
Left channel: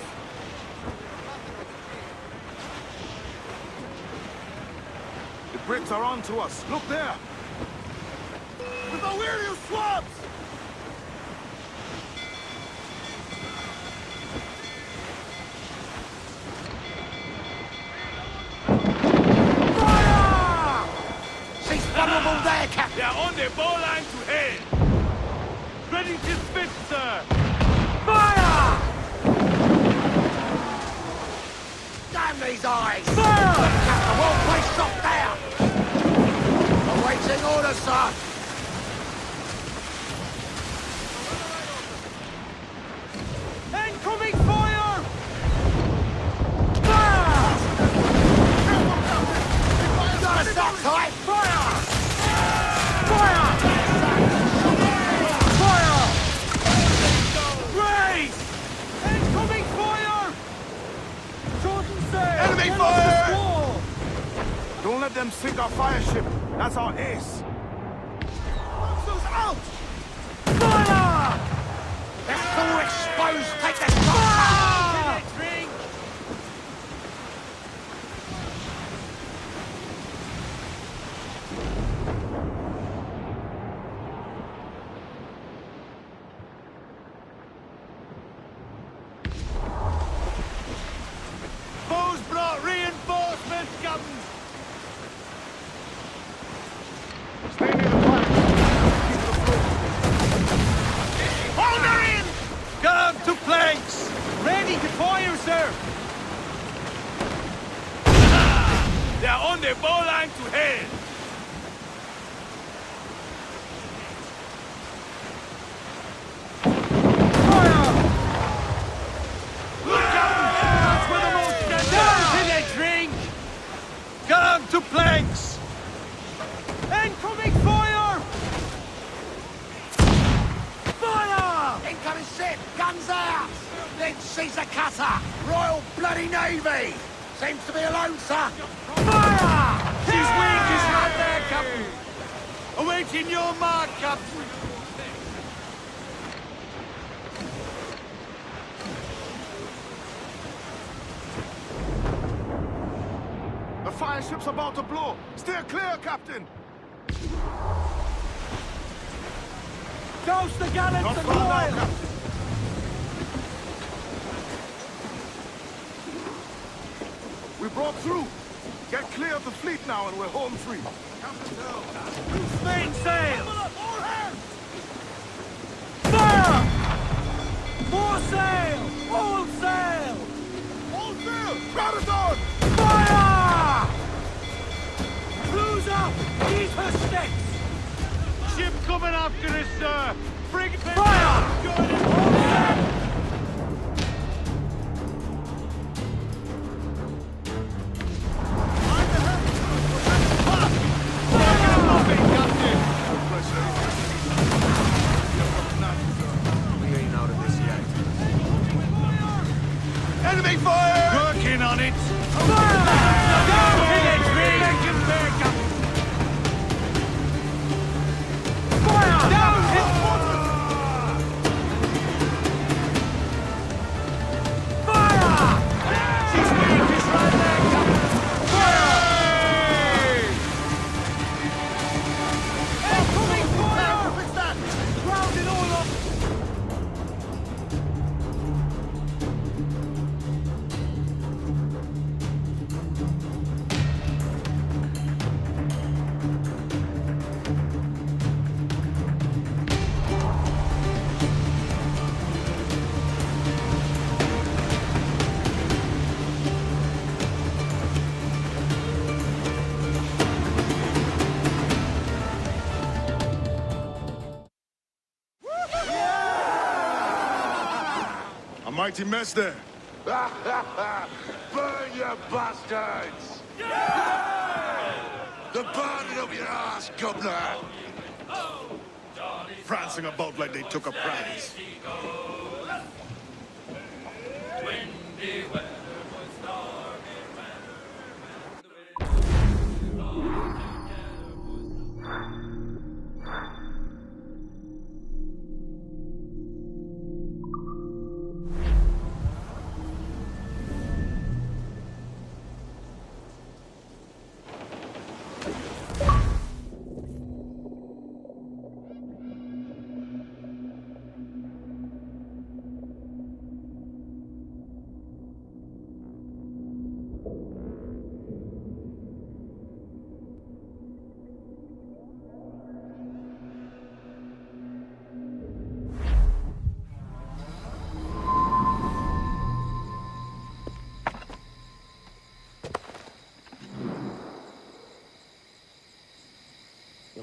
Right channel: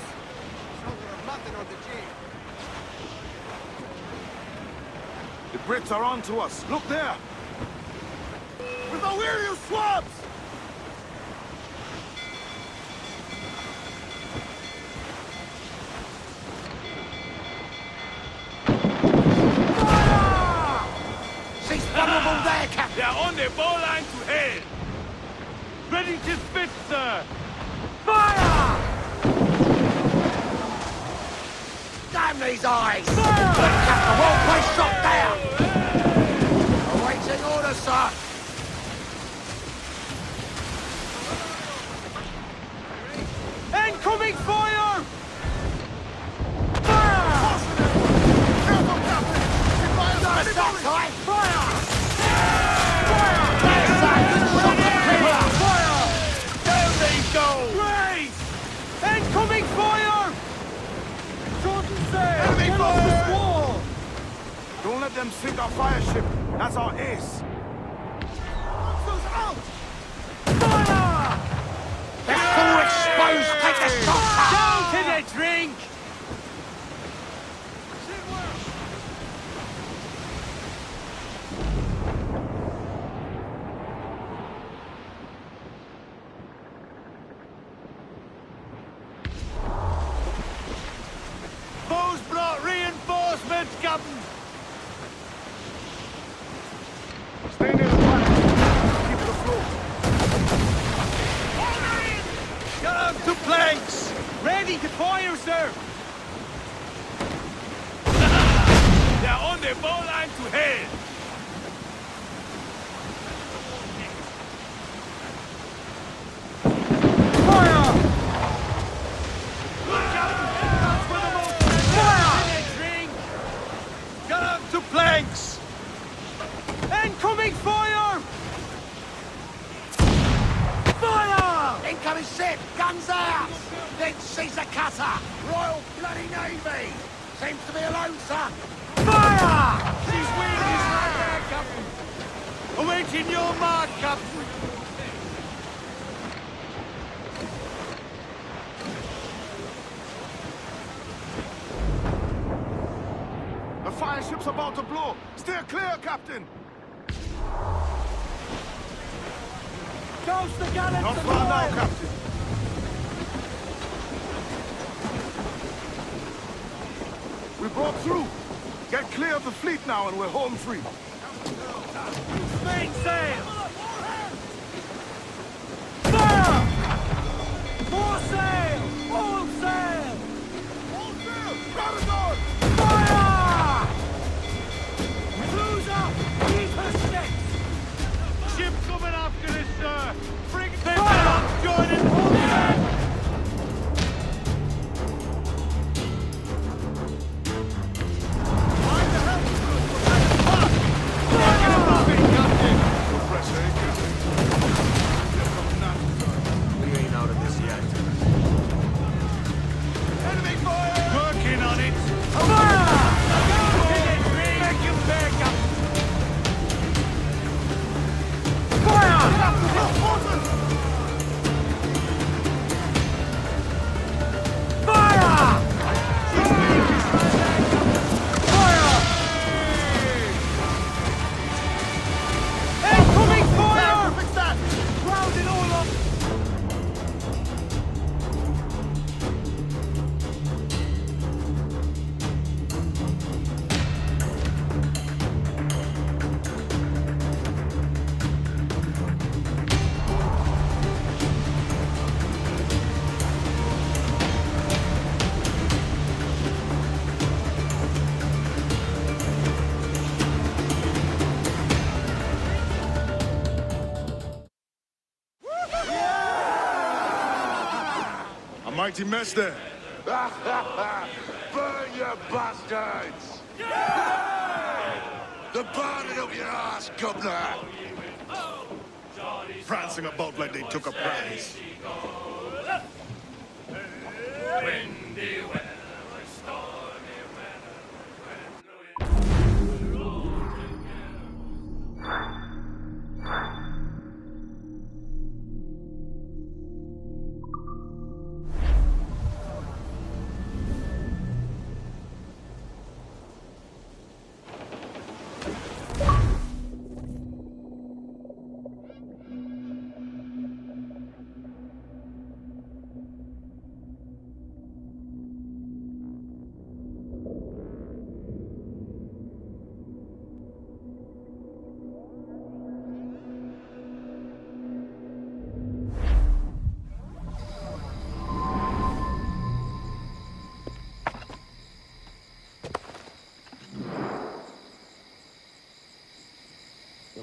The Brits are on to us. Look there! With the weary of swabs! She's vulnerable there, Captain! They're on their bowline to hail! Ready to spit, sir! Fire! Damn these eyes! Fire! Look, Captain, well-placed shot there! Awaiting orders, sir! Incoming fire! Fire! Careful, Captain! Got us up! Incoming fire! Shorten sail! Get off the squall! Don't let them sink our fire ship. That's our ace. Monsters out! Fire! They're full exposed! Take the shot! Can they drink? Captain! Stay near the fire. Keep it afloat. Hold her in! Get on to planks! They're on the bowline to hail! Fire! Look, Captain! That's where the most drink! Get on to planks! Incoming fire! Fire! Incoming ship! Guns out! Then she's a cutter! Royal Bloody Navy! Seems to be alone, sir! Fire! She's weak, is right there, Captain! Awaiting your mark, Captain! The fire ship's about to blow. Steer clear, Captain. Douse the gallants Not and far now, royals! Captain. We broke through. Get clear of the fleet now and we're home free. Captain down. Loose main sail! Fire! More sail! All sail! All sail! Protagon! Fire! Cruise up! Eat her sticks! Ship coming after us, sir! Bring them down! Join in all sail! Mind the helm! We're headed past! Taking a muffin, Captain! No pressure, eh, Captain? Here comes Natchez, sir. We ain't out of this yet. Enemy fire! Working on it! Fire! Go to the tree! Make him bear, Captain! Fire! Look, water! mighty mess there. Burn, you bastards! The burning of your ass, Governor! Prancing about like they took a prize.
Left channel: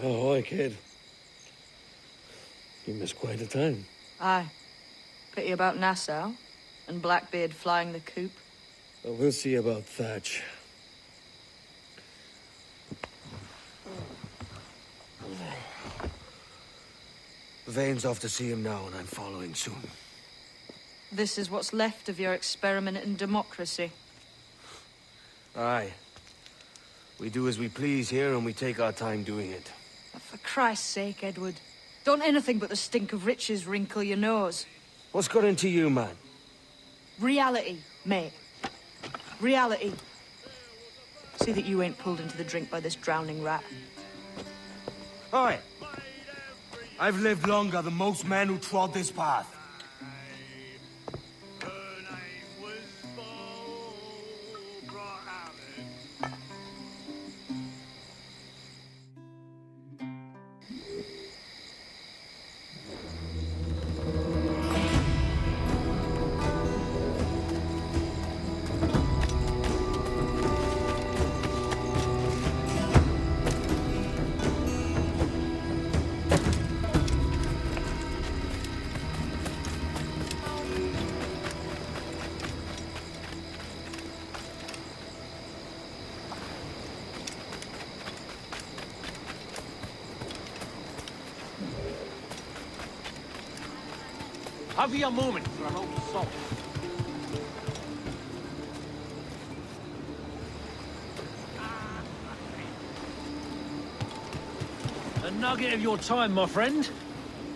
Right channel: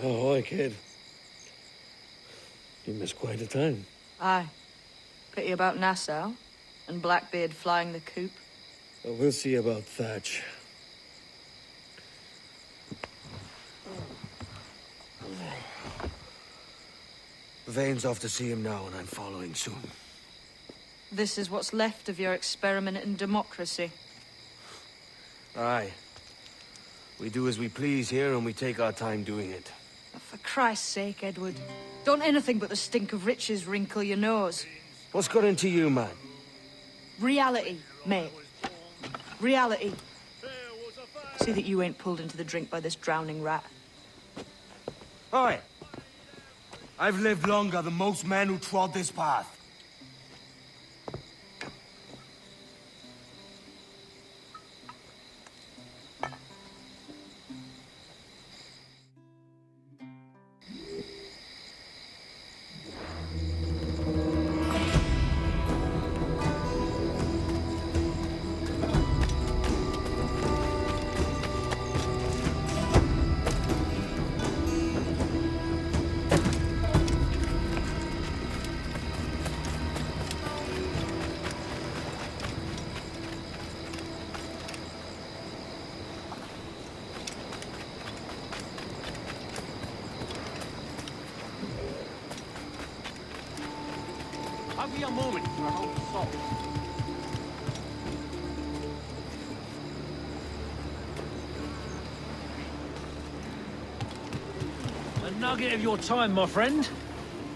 Oh, hi, kid. You missed quite a time. Aye. Pity about Nassau, and Blackbeard flying the coop. Well, we'll see about Thatch. Vane's off to see him now, and I'm following soon. This is what's left of your experiment in democracy. Aye. We do as we please here, and we take our time doing it. For Christ's sake, Edward. Don't anything but the stink of riches wrinkle your nose. What's got into you, man? Reality, mate. Reality. See that you ain't pulled into the drink by this drowning rat. Oi! I've lived longer than most men who trod this path. How are you moving? A nugget of your time, my friend.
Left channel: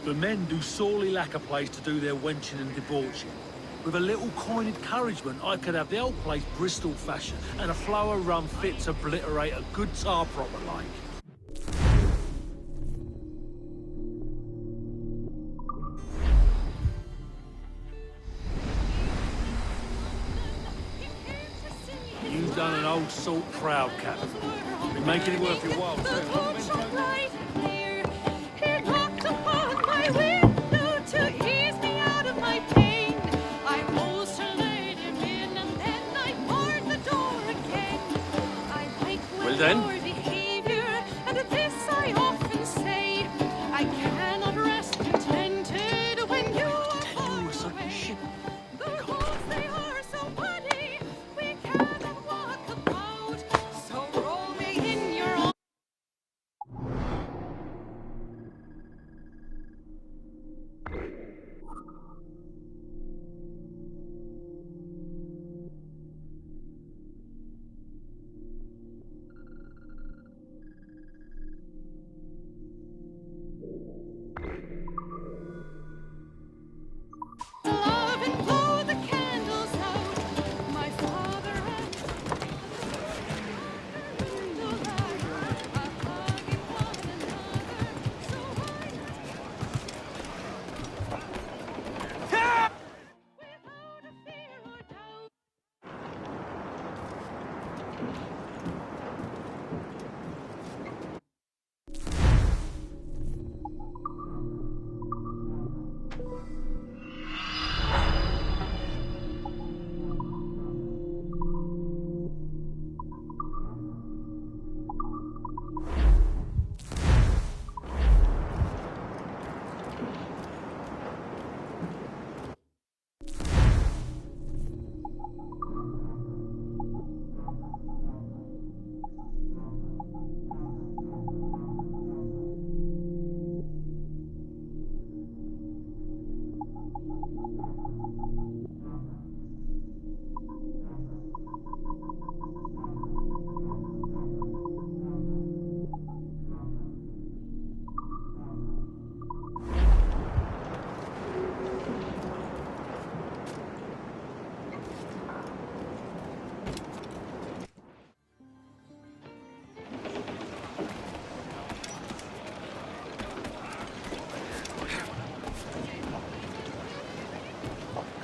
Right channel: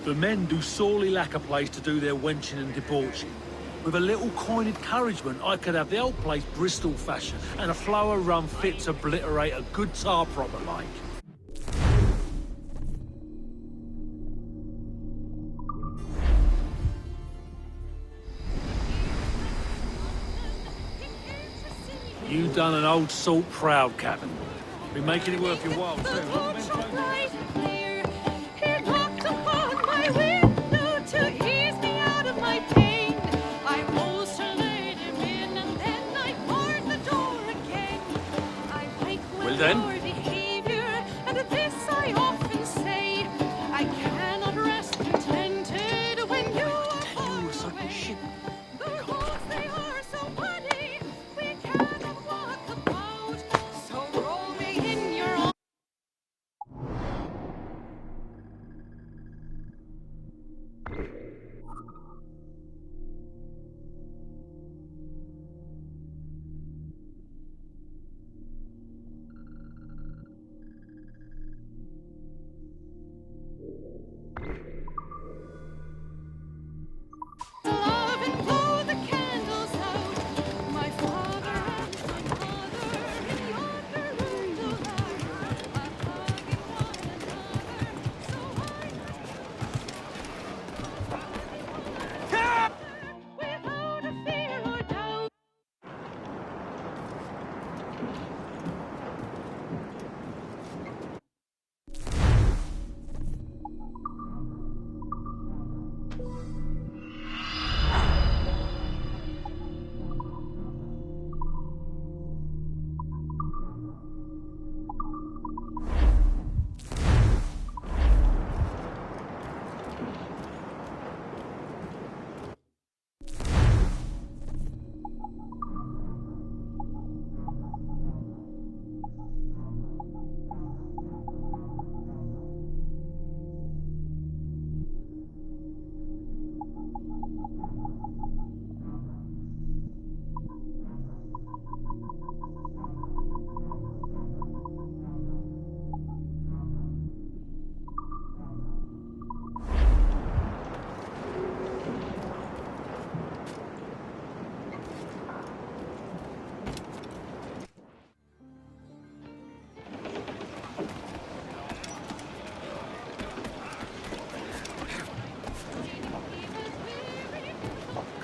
The men do sorely lack a place to do their wenching and debauching. With a little kind encouragement, I could have the old place Bristol fashion and a flow of rum fit to obliterate a good tar proper like. You done an old salt proud, Captain. Well then. Tell you a certain ship.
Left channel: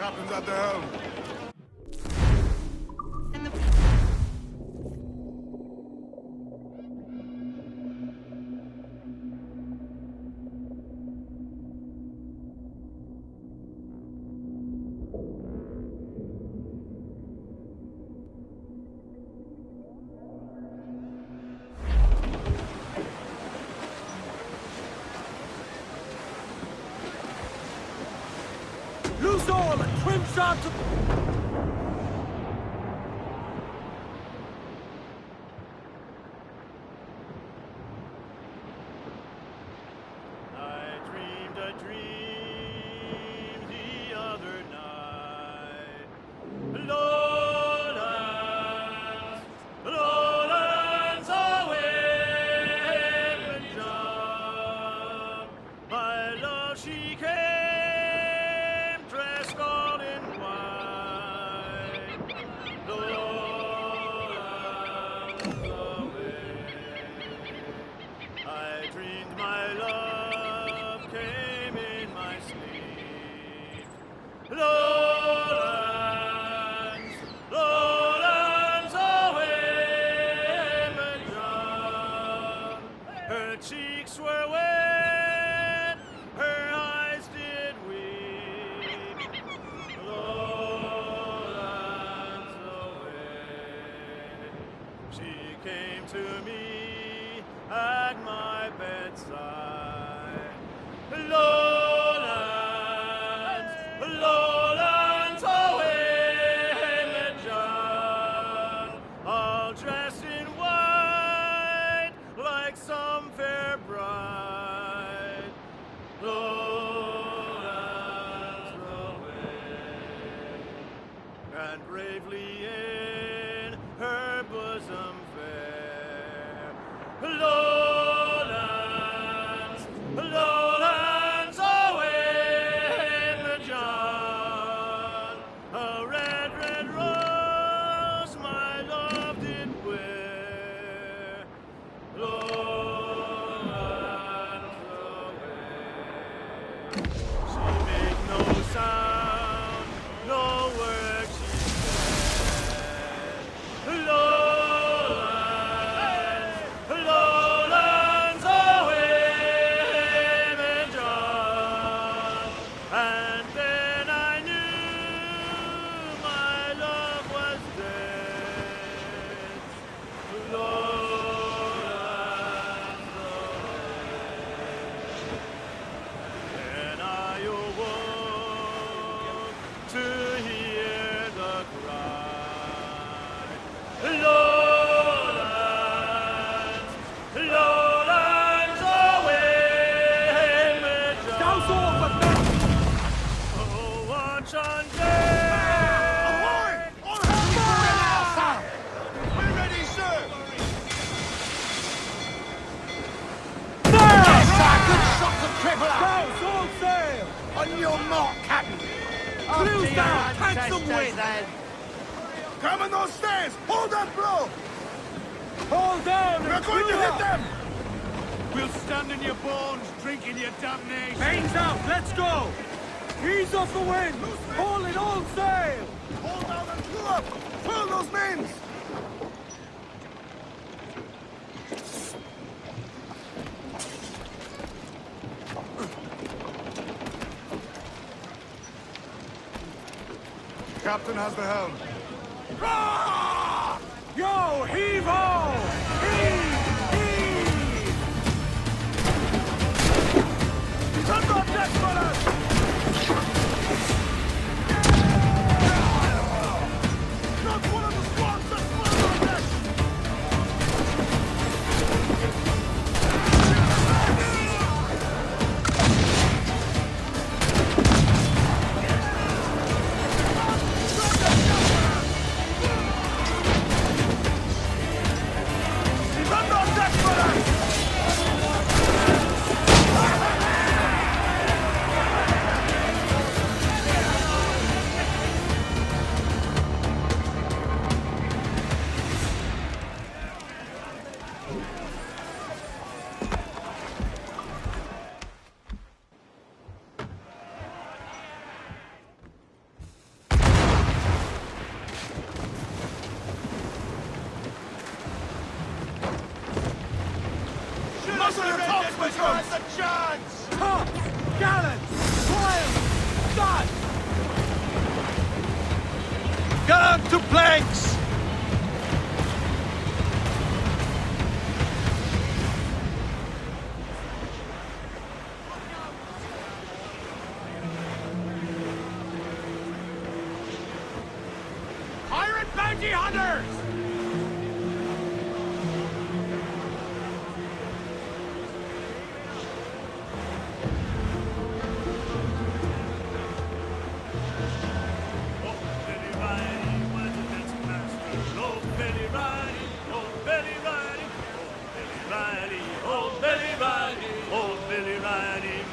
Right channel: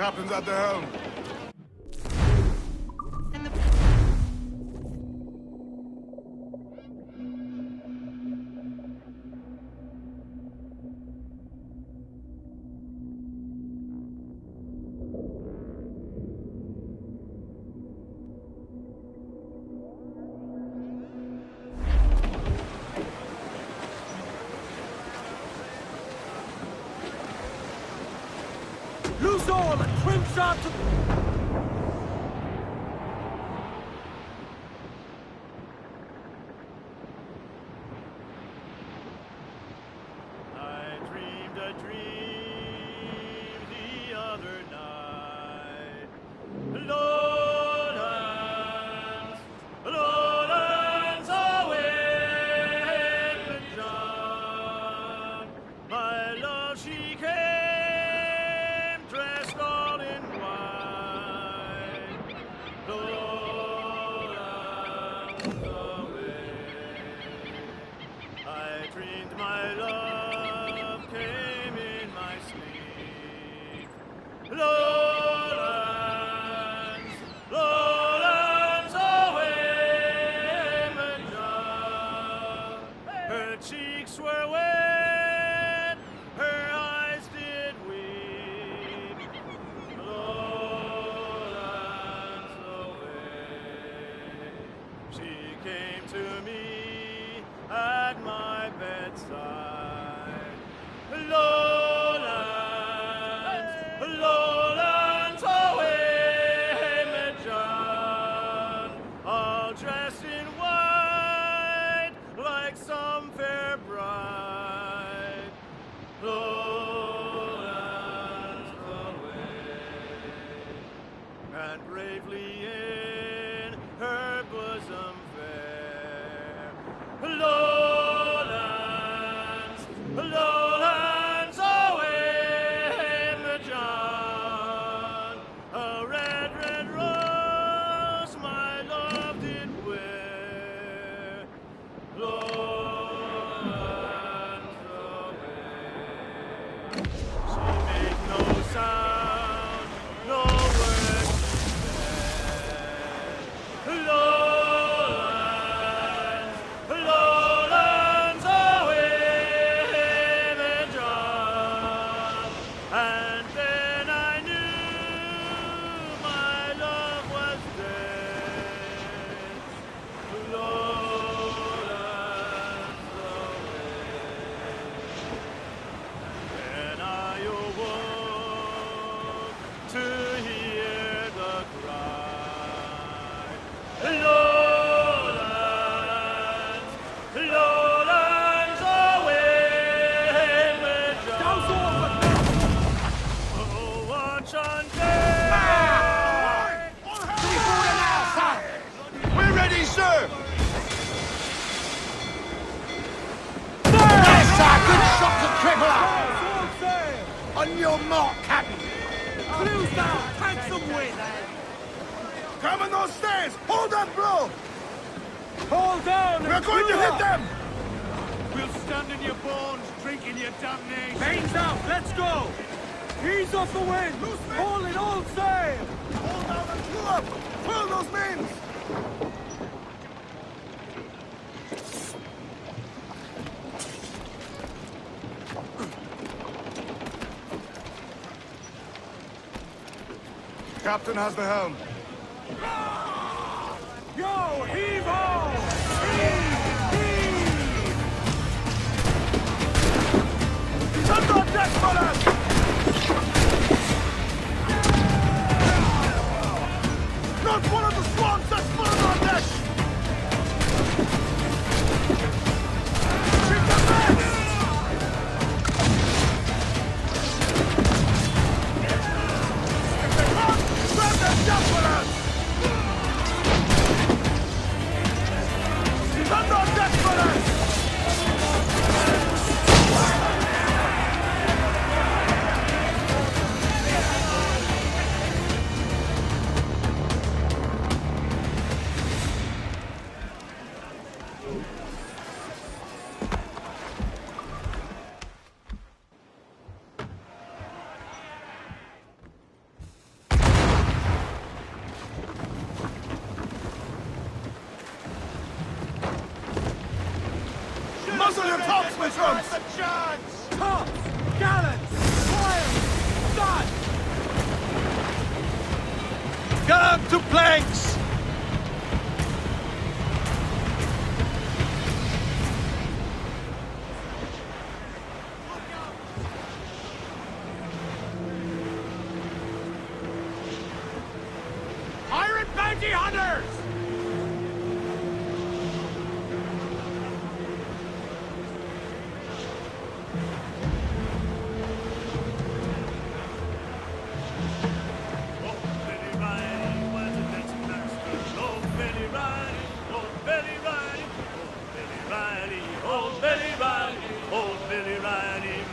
Captain's at the helm. Loose all and trim sharp to... On your mark, Captain! Clews down! Catch some wind! Come on those stairs! Hold that blow! Hold down! We're going to hit them! We'll stand in your bones, drinking your damnation! Mains out! Let's go! Ease off the wind! Haul in all sail! Captain has the helm. Yo, heave-ho! Heave! Heave! Not one of the squads that's one of our deck! Muzzle your tops, my troops! The chance! Top! Gallants! Fire! Start! Gun to planks! Pirate bounty hunters!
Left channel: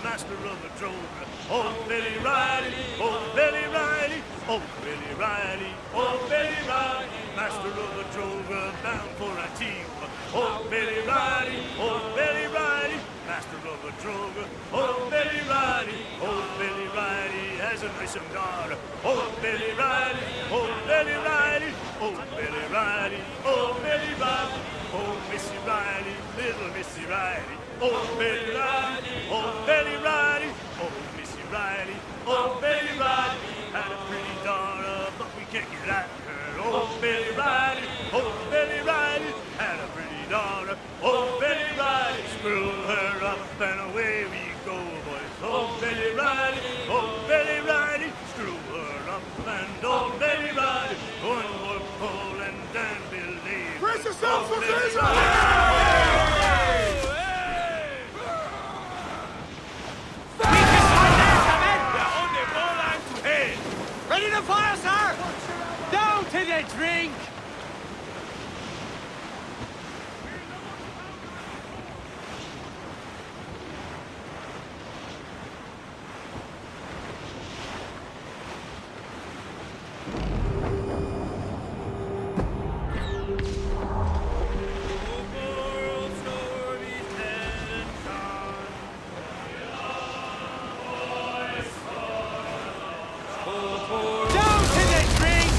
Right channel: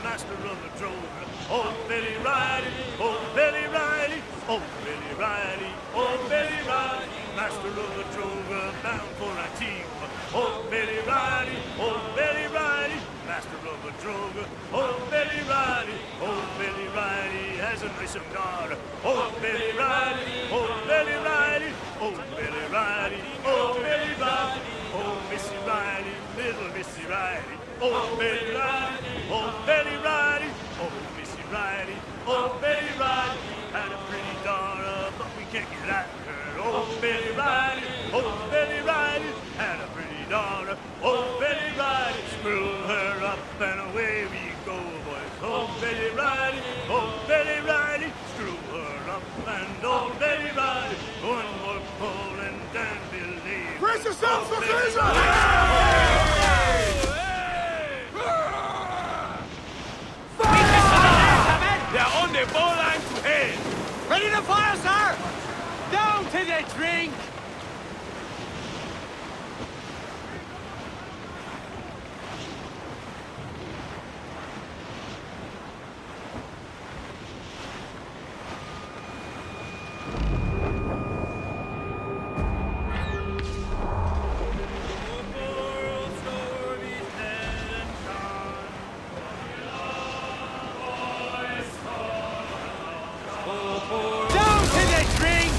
Master of the drover, old Billy Riley, old Billy Riley, old Billy Riley, old Billy Riley, master of the drover, bound for Antigua, old Billy Riley, old Billy Riley, master of the drover, old Billy Riley, old Billy Riley has a nice young daughter, old Billy Riley, old Billy Riley, old Billy Riley, old Billy Riley, old Missy Riley, little Missy Riley, old Billy Riley, old Billy Riley, old Missy Riley, old Billy Riley, had a pretty daughter, but we can't get at her. Old Billy Riley, had a pretty daughter. Old Billy Riley, screw her up and away we go, boys. Old Billy Riley, screw her up and old Billy Riley, one more pull and then believe. Brace yourselves for collision! Ready to fire, sir! Down to the drink! Down to the drink!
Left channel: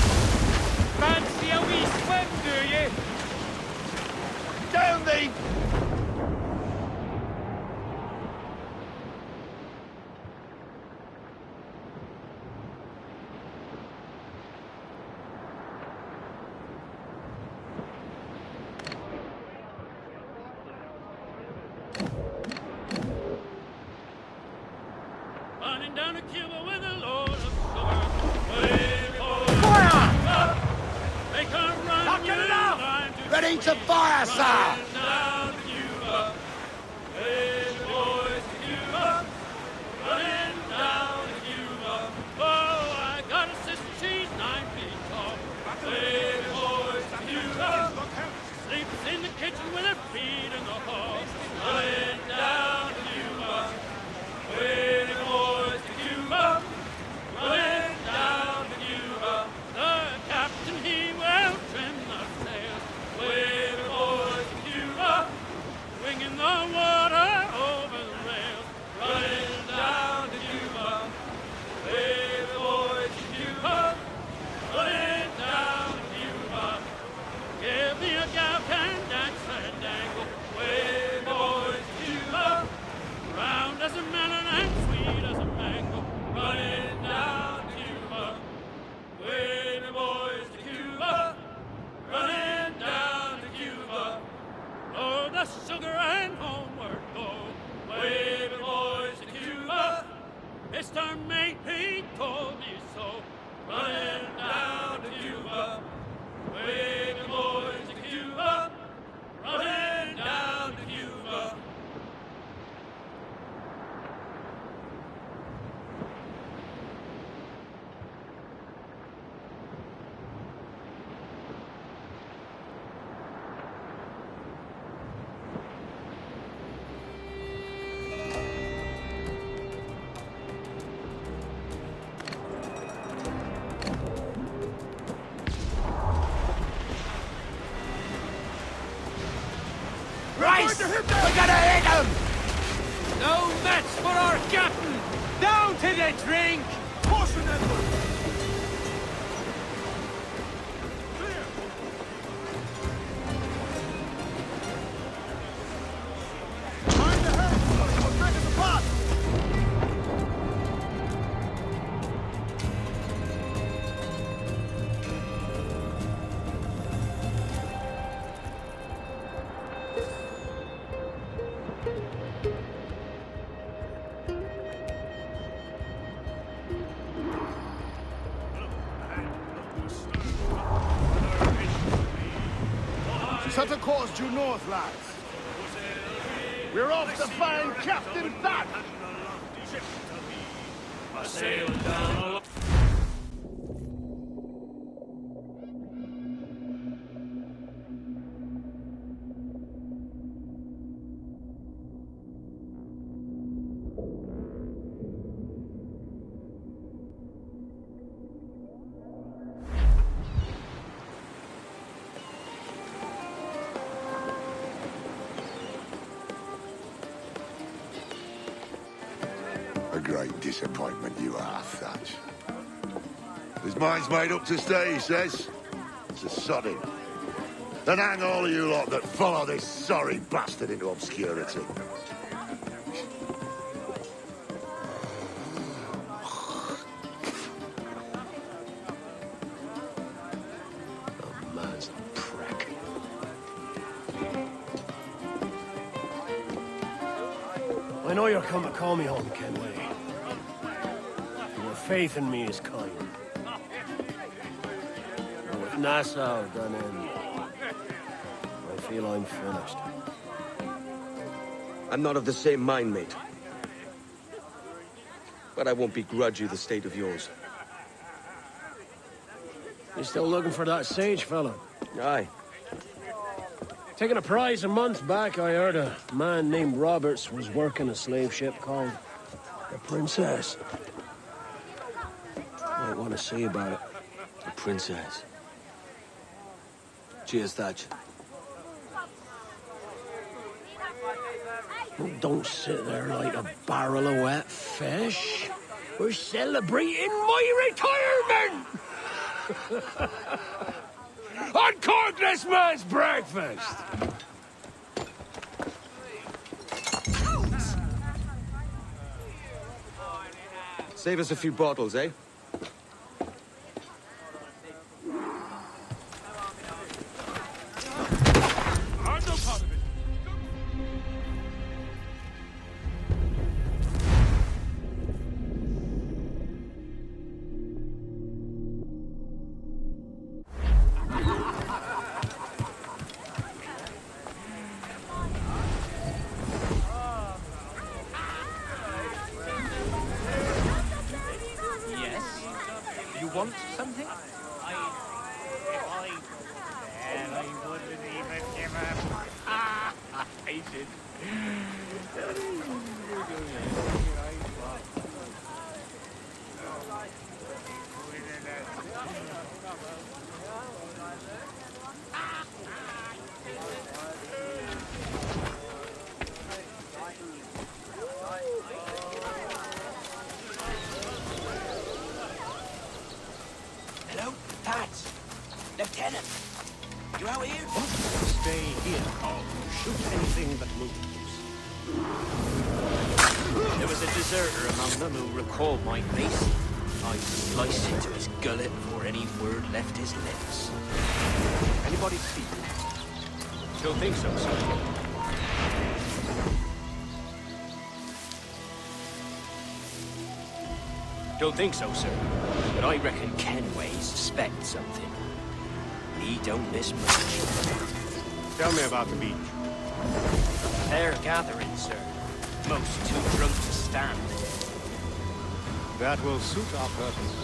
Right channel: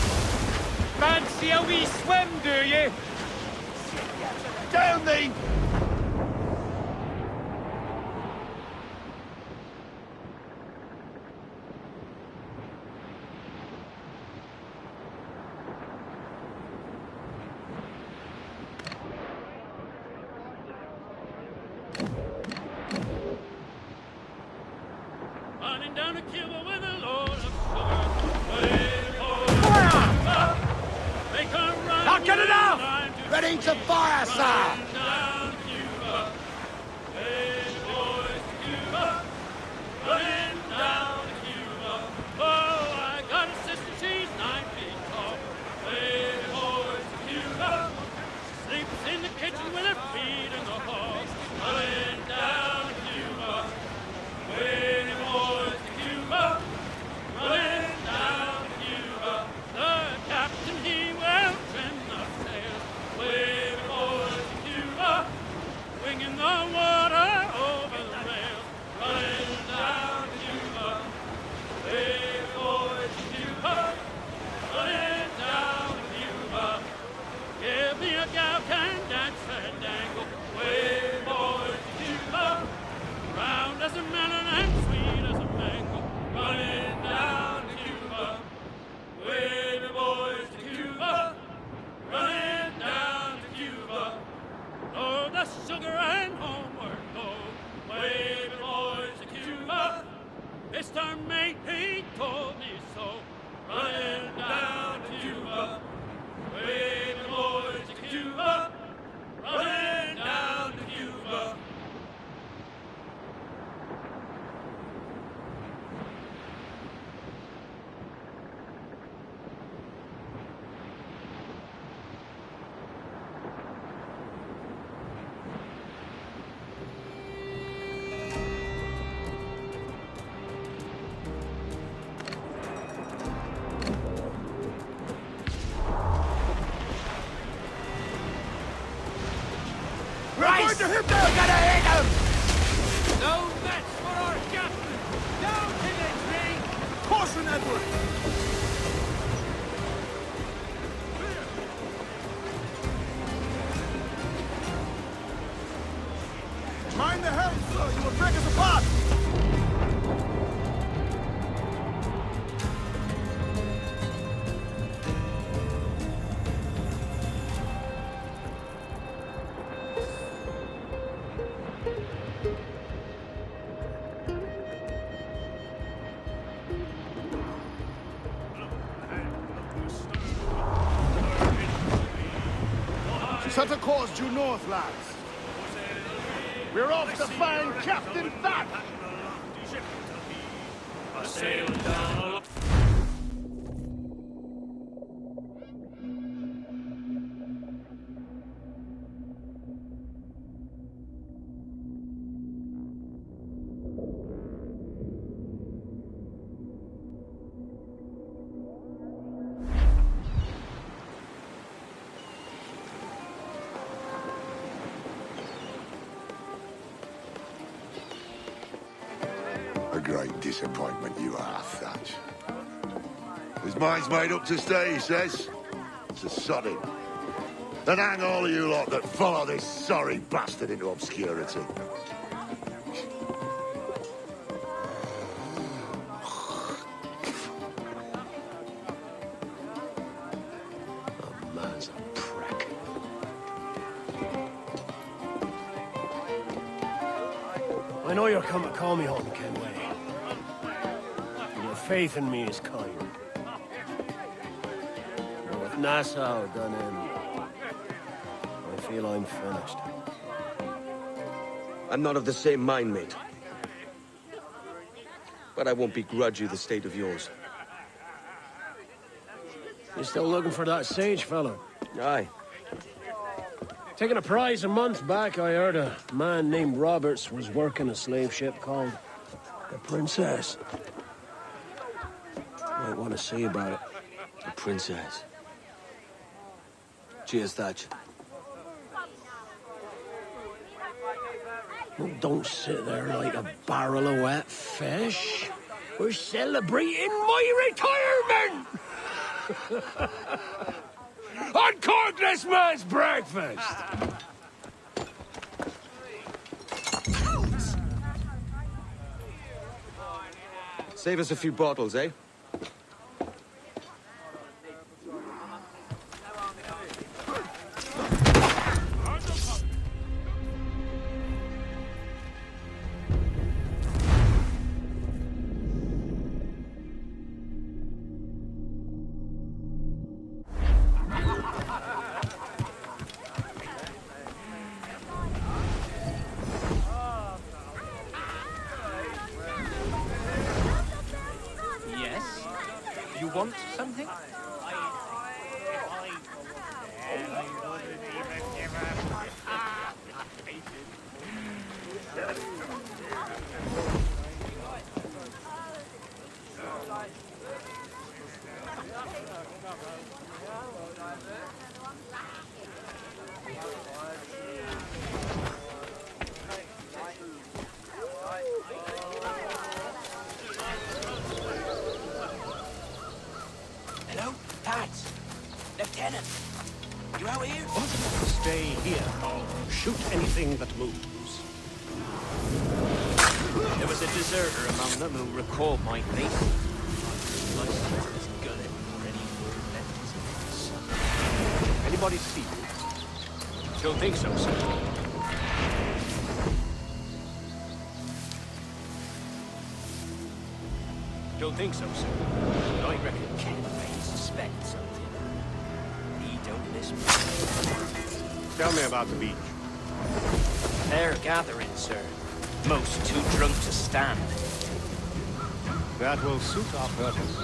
Fancy a wee swim, do you? Down the... Running down to Cuba with the Lord of Sugar. They come run. Not good enough! Ready to fire, sir! In the kitchen with her feet in the hall. Running down to Cuba. Waiting boys to Cuba. Running down to Cuba. The captain, he will trim the sails. Waiting boys to Cuba. Winging the water over the rails. Running down to Cuba. Waiting boys to Cuba. Running down to Cuba. Give me a gal can dance and dangle. Wavy boys to Cuba. Round as a melon and sweet as a mango. Running down to Cuba. Wavy boys to Cuba. Running down to Cuba. Oh, the sugar and homeward go. Wavy boys to Cuba. Mr. Mate, he told me so. Running down to Cuba. Wavy boys to Cuba, running down to Cuba. Rice! We're gonna hit him! No match for our captain! Down to the drink! Caution, Edward! Set a course due north, lads. We're off to find Captain Thatch! A great disappointment you are, Thatch. His mind's made up to stay, he says. To sod him. And hang all of you lot that follow this sorry bastard into obscurity. The man's a prick. I know you're come to call me home, Kenway. And your faith in me is kind. But with Nassau done in, I feel I'm finished. I'm not of the same mind, mate. But I won't begrudge you the state of yours. You still looking for that sage fellow? Aye. Taking a prize a month back, I heard a man named Roberts was working a slave ship called the Princess. Might want to see about it. The Princess. Cheers, Thatch. Well, don't sit there like a barrel of wet fish. We're celebrating my retirement! Uncork this man's breakfast! Save us a few bottles, eh? Want something? I wouldn't even give up. I did. Hello? That's Lieutenant. You out here? What? Stay here. Shoot anything that moves. There was a deserter among them who recalled my face. I sliced into his gullet before any word left his lips. Anybody speak? Don't think so, sir. Don't think so, sir. But I reckon Kenway suspects something. He don't miss much. Tell me about the beach. A fair gathering, sir. Most too drunk to stand. That will suit our purpose.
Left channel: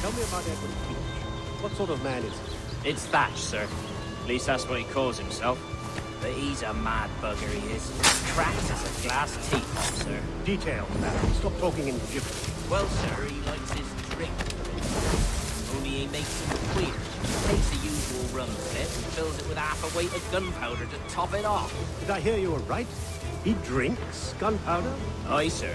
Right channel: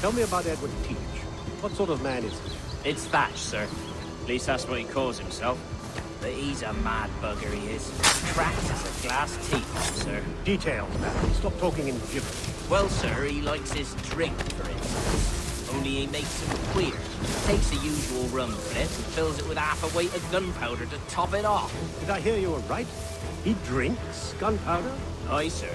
Tell me about Edward Teach. What sort of man is he? It's Thatch, sir. At least that's what he calls himself. But he's a mad bugger, he is. Cracked as a glass teapot, sir. Details, man. Stop talking in gibberish. Well, sir, he likes his drink, for instance. Only he makes him queer. Takes the usual rum flip and fills it with half a weight of gunpowder to top it off. Did I hear you were right? He drinks gunpowder? Aye, sir.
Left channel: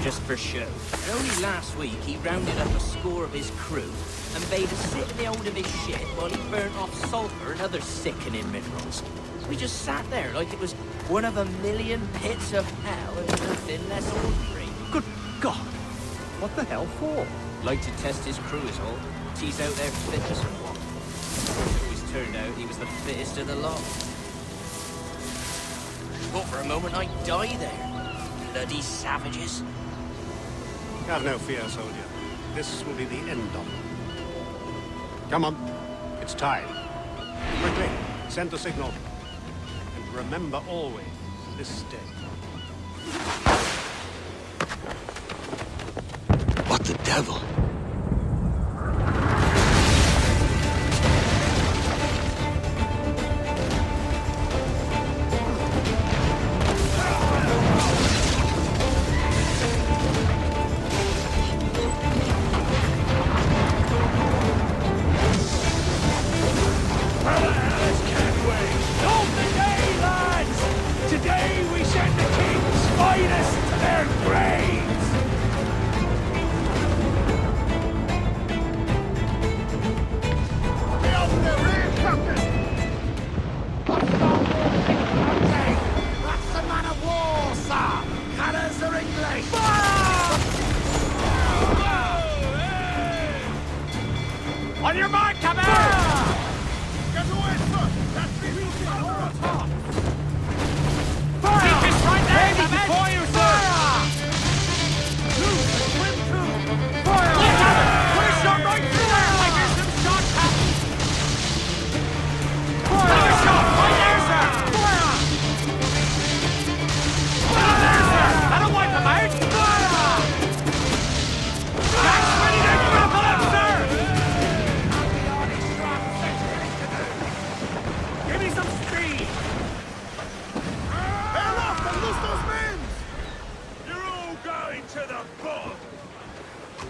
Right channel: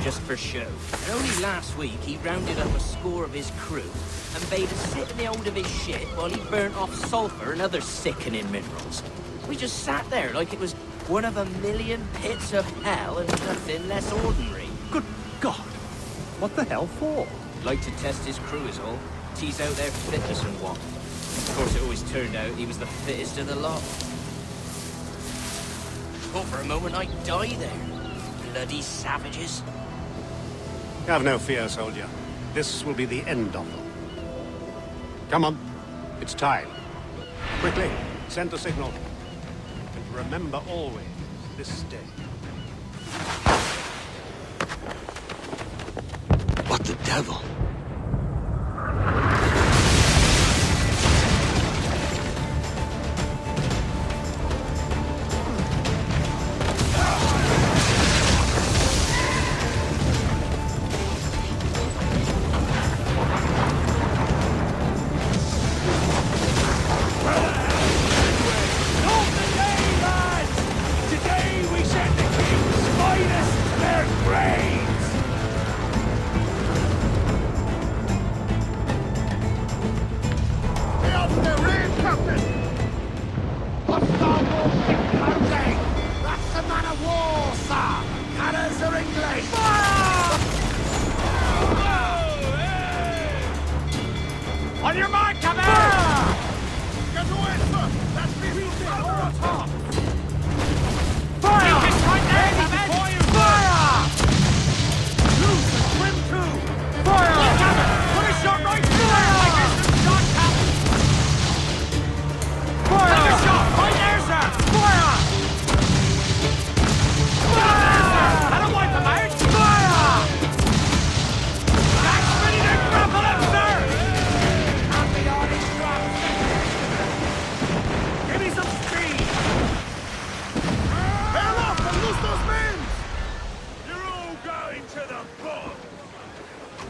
Just for show. And only last week, he rounded up a score of his crew and bade us sit in the hold of his ship while he burnt off sulfur and other sickening minerals. We just sat there like it was one of a million pits of hell and nothing less ordinary. Good God! What the hell for? Like to test his crew is all. Tease out their fitness and what. Of course, it always turned out he was the fittest of the lot. Thought for a moment I'd die there. Bloody savages. Have no fear, soldier. this will be the end of them. Come on, it's time. Quickly, send the signal. And remember always this day. What the devil? On your mark, come out! Get away, sir! That's me! Fire! Keep it right there, before you fire! Lose the swim tube! Fire! Look at it! Put a shot right through there! I hear some shot, Captain! Fire! Take a shot! Right there, sir! Fire! Fire there, sir! That'll wipe them out! Fire! Jack's ready to grapple him, sir! Give me some speed! Bear off and loose those men! You're all going to the bog!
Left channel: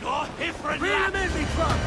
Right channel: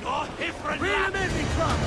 You're different! Reel him in, me truck!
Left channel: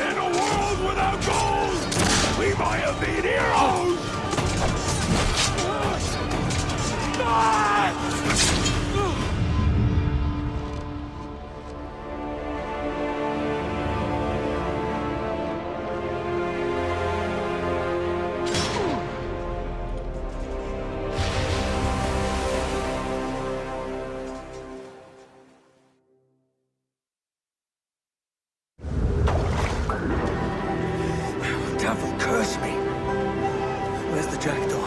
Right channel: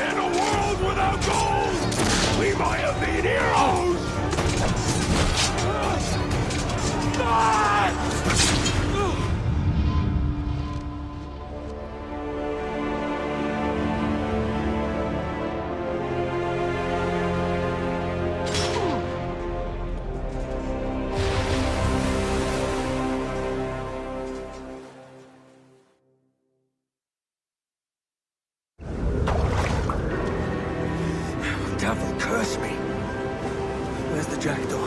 In a world without gold, we might have been heroes! Devil curse me. Where's the jackdaw?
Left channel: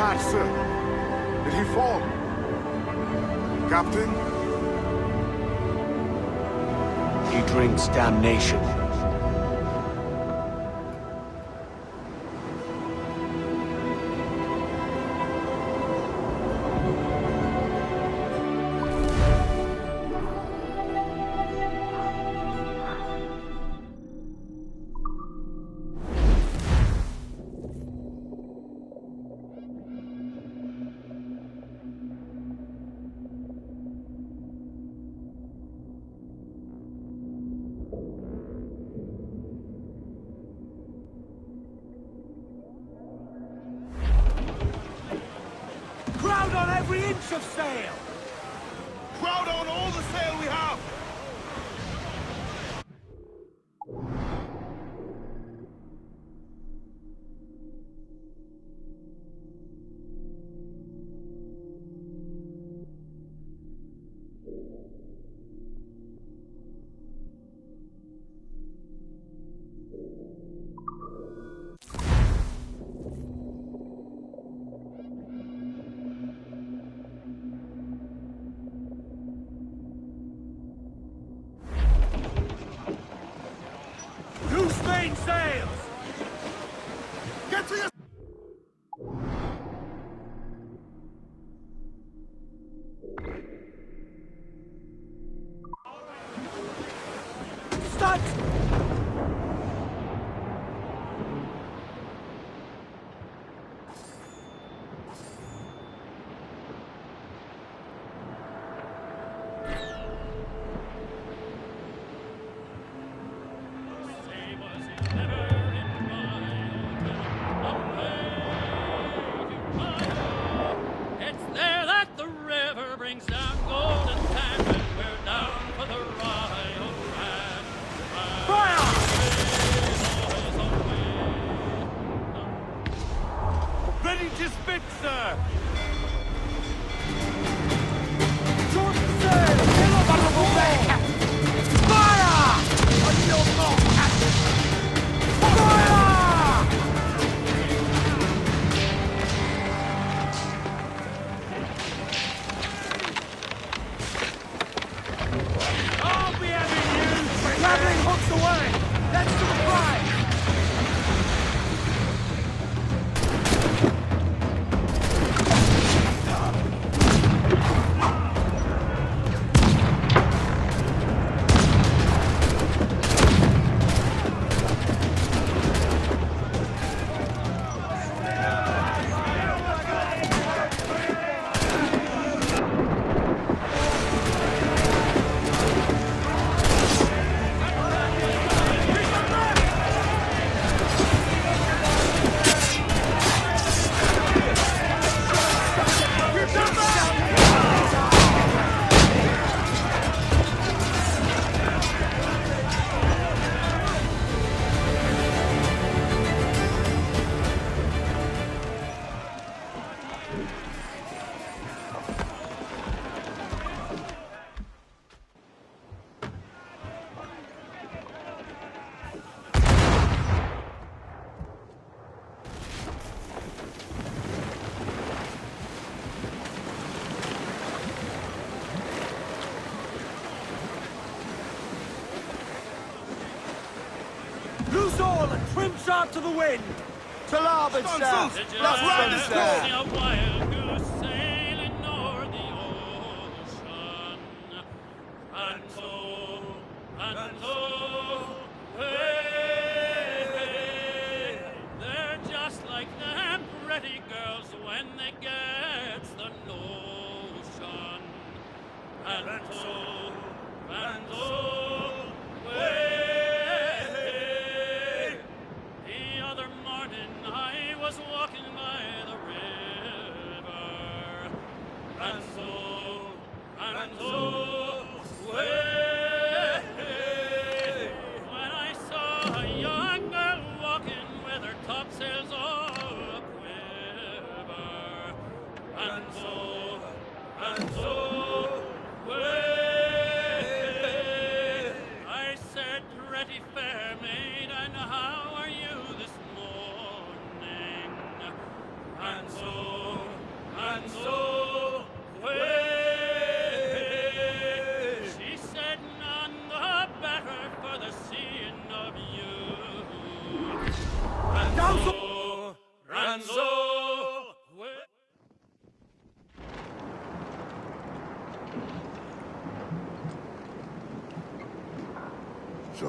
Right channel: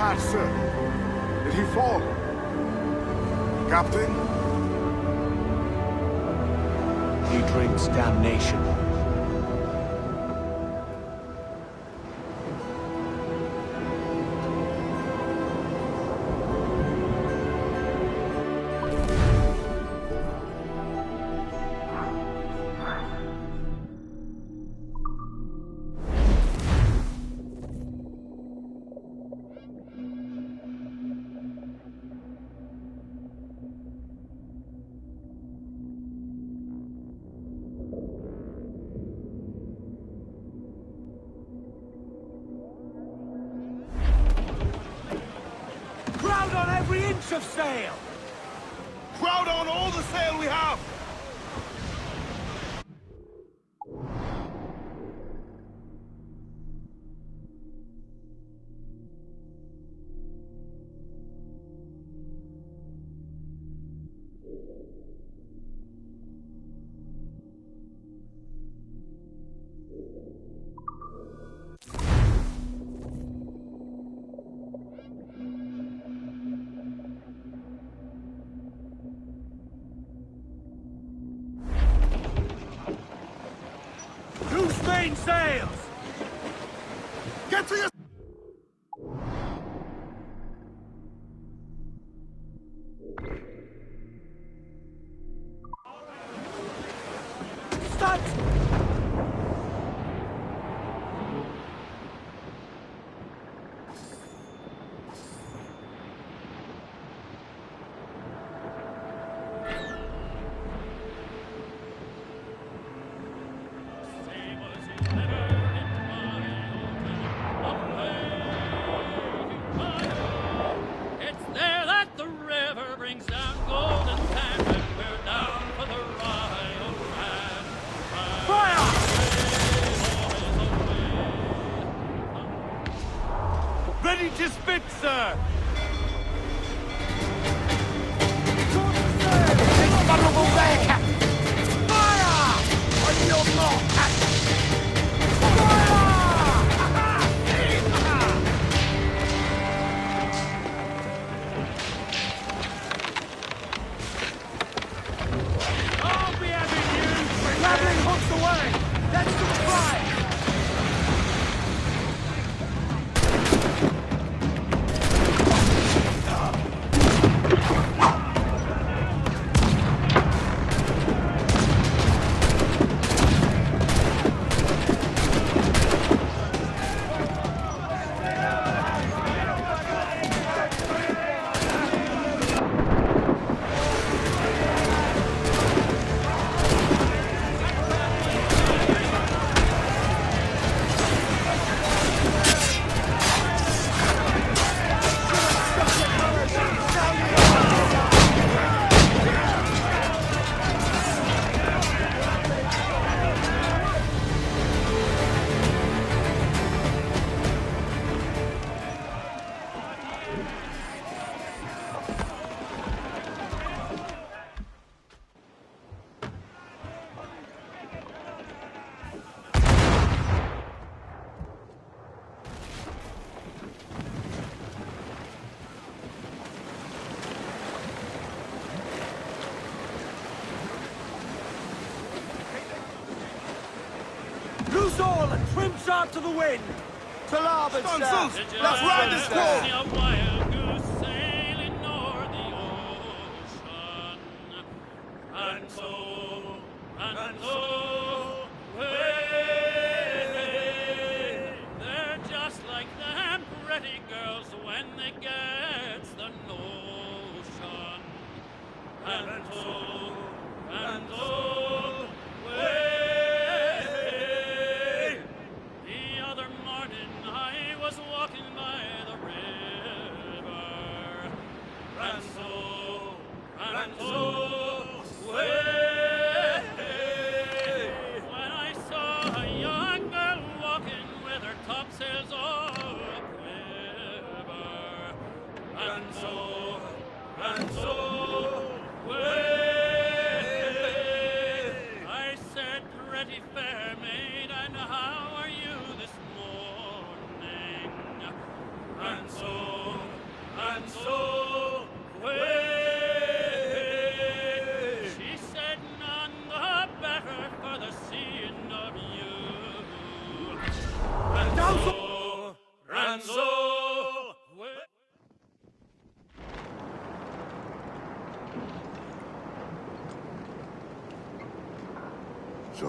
fast, sir. Did he fall? Captain? He drinks damnation. Crowd on every inch of sail! Crowd on all the sail we have! Loose main sails! Get to your... Stunt! Ready to spit, sir! Vulnerable there, Captain! Fire! On your mark, Captain! Fire! I'll be having you! Grappling hooks away! That's the prize! Loose all and trim sharp to the wind! To larboard, sir! Let's ride this call!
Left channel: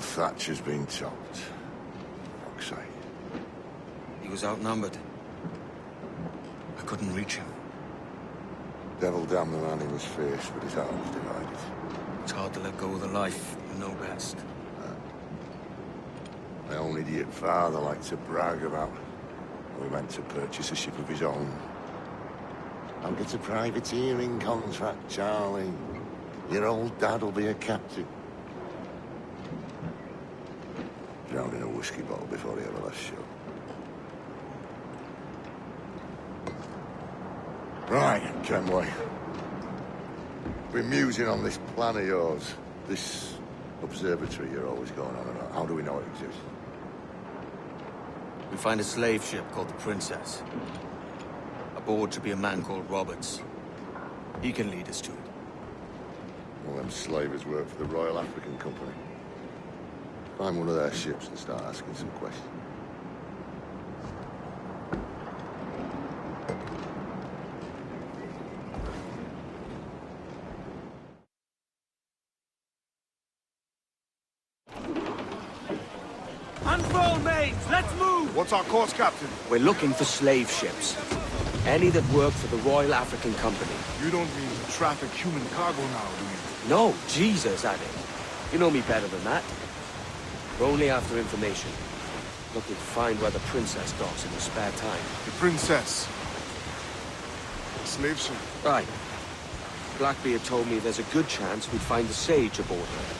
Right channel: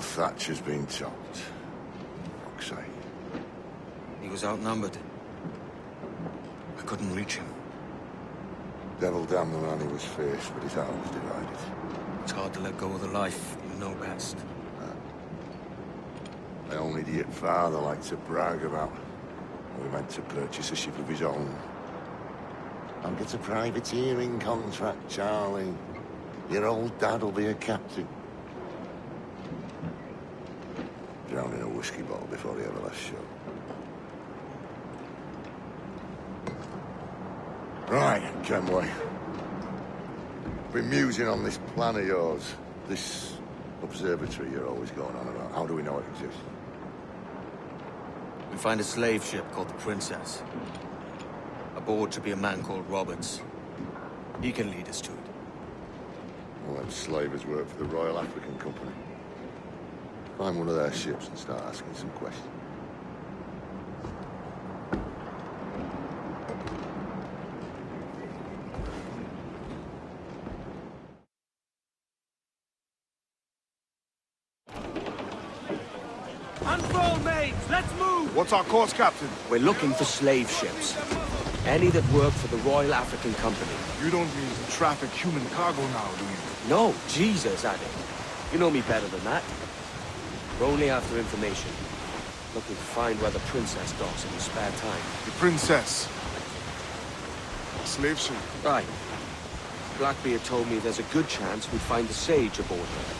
the thatch has been topped. Fuck's sake. He was outnumbered. I couldn't reach him. Devil damn the man, he was fierce, but his heart was divided. It's hard to let go of the life you know best. My own idiot father liked to brag about how he meant to purchase a ship of his own. I'll get a privateering contract, Charlie. Your old dad'll be a captain. Drowned in a whiskey bottle before he ever left shore. Right, Kenway. Been musing on this plan of yours. This observatory you're always going on about. How do we know it exists? We find a slave ship called the Princess. Aboard should be a man called Roberts. He can lead us to it. All them slavers work for the Royal African Company. Find one of their ships and start asking some questions. Unfurl mains, let's move! What's our course, Captain? We're looking for slave ships. Any that work for the Royal African Company. You don't mean to traffic human cargo now, do you? No, Jesus, Addy. You know me better than that. We're only after information. Looking to find where the Princess docks in her spare time. The Princess. Slave ship. Right. Blackbeard told me there's a good chance we'd find the Sage aboard her.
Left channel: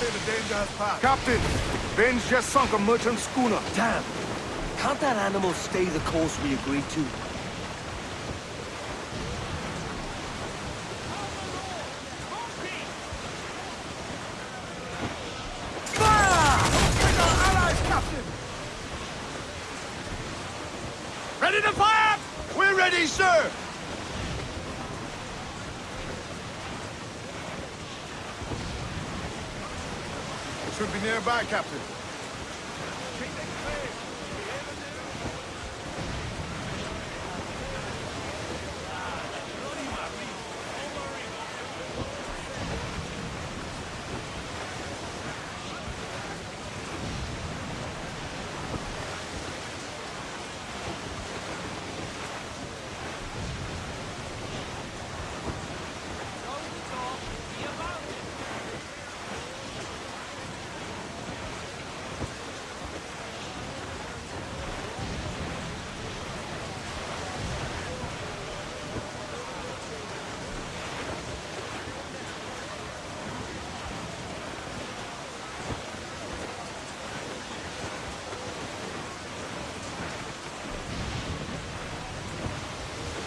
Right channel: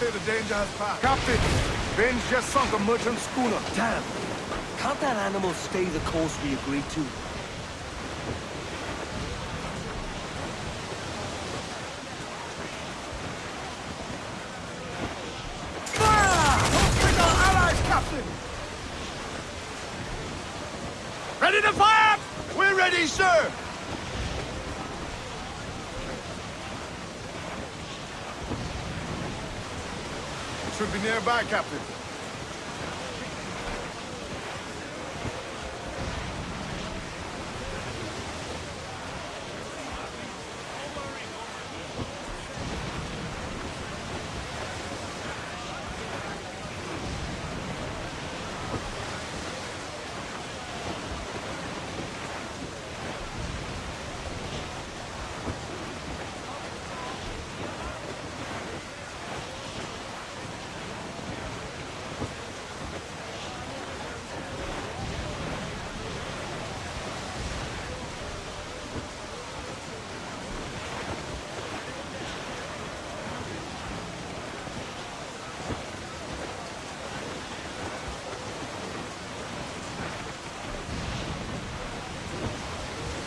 The danger has passed. Captain, Ben's just sunk a merchant schooner. Damn! Can't that animal stay the course we agreed to? Allies, Captain! Ready to fire! We're ready, sir! Should be nearby, Captain.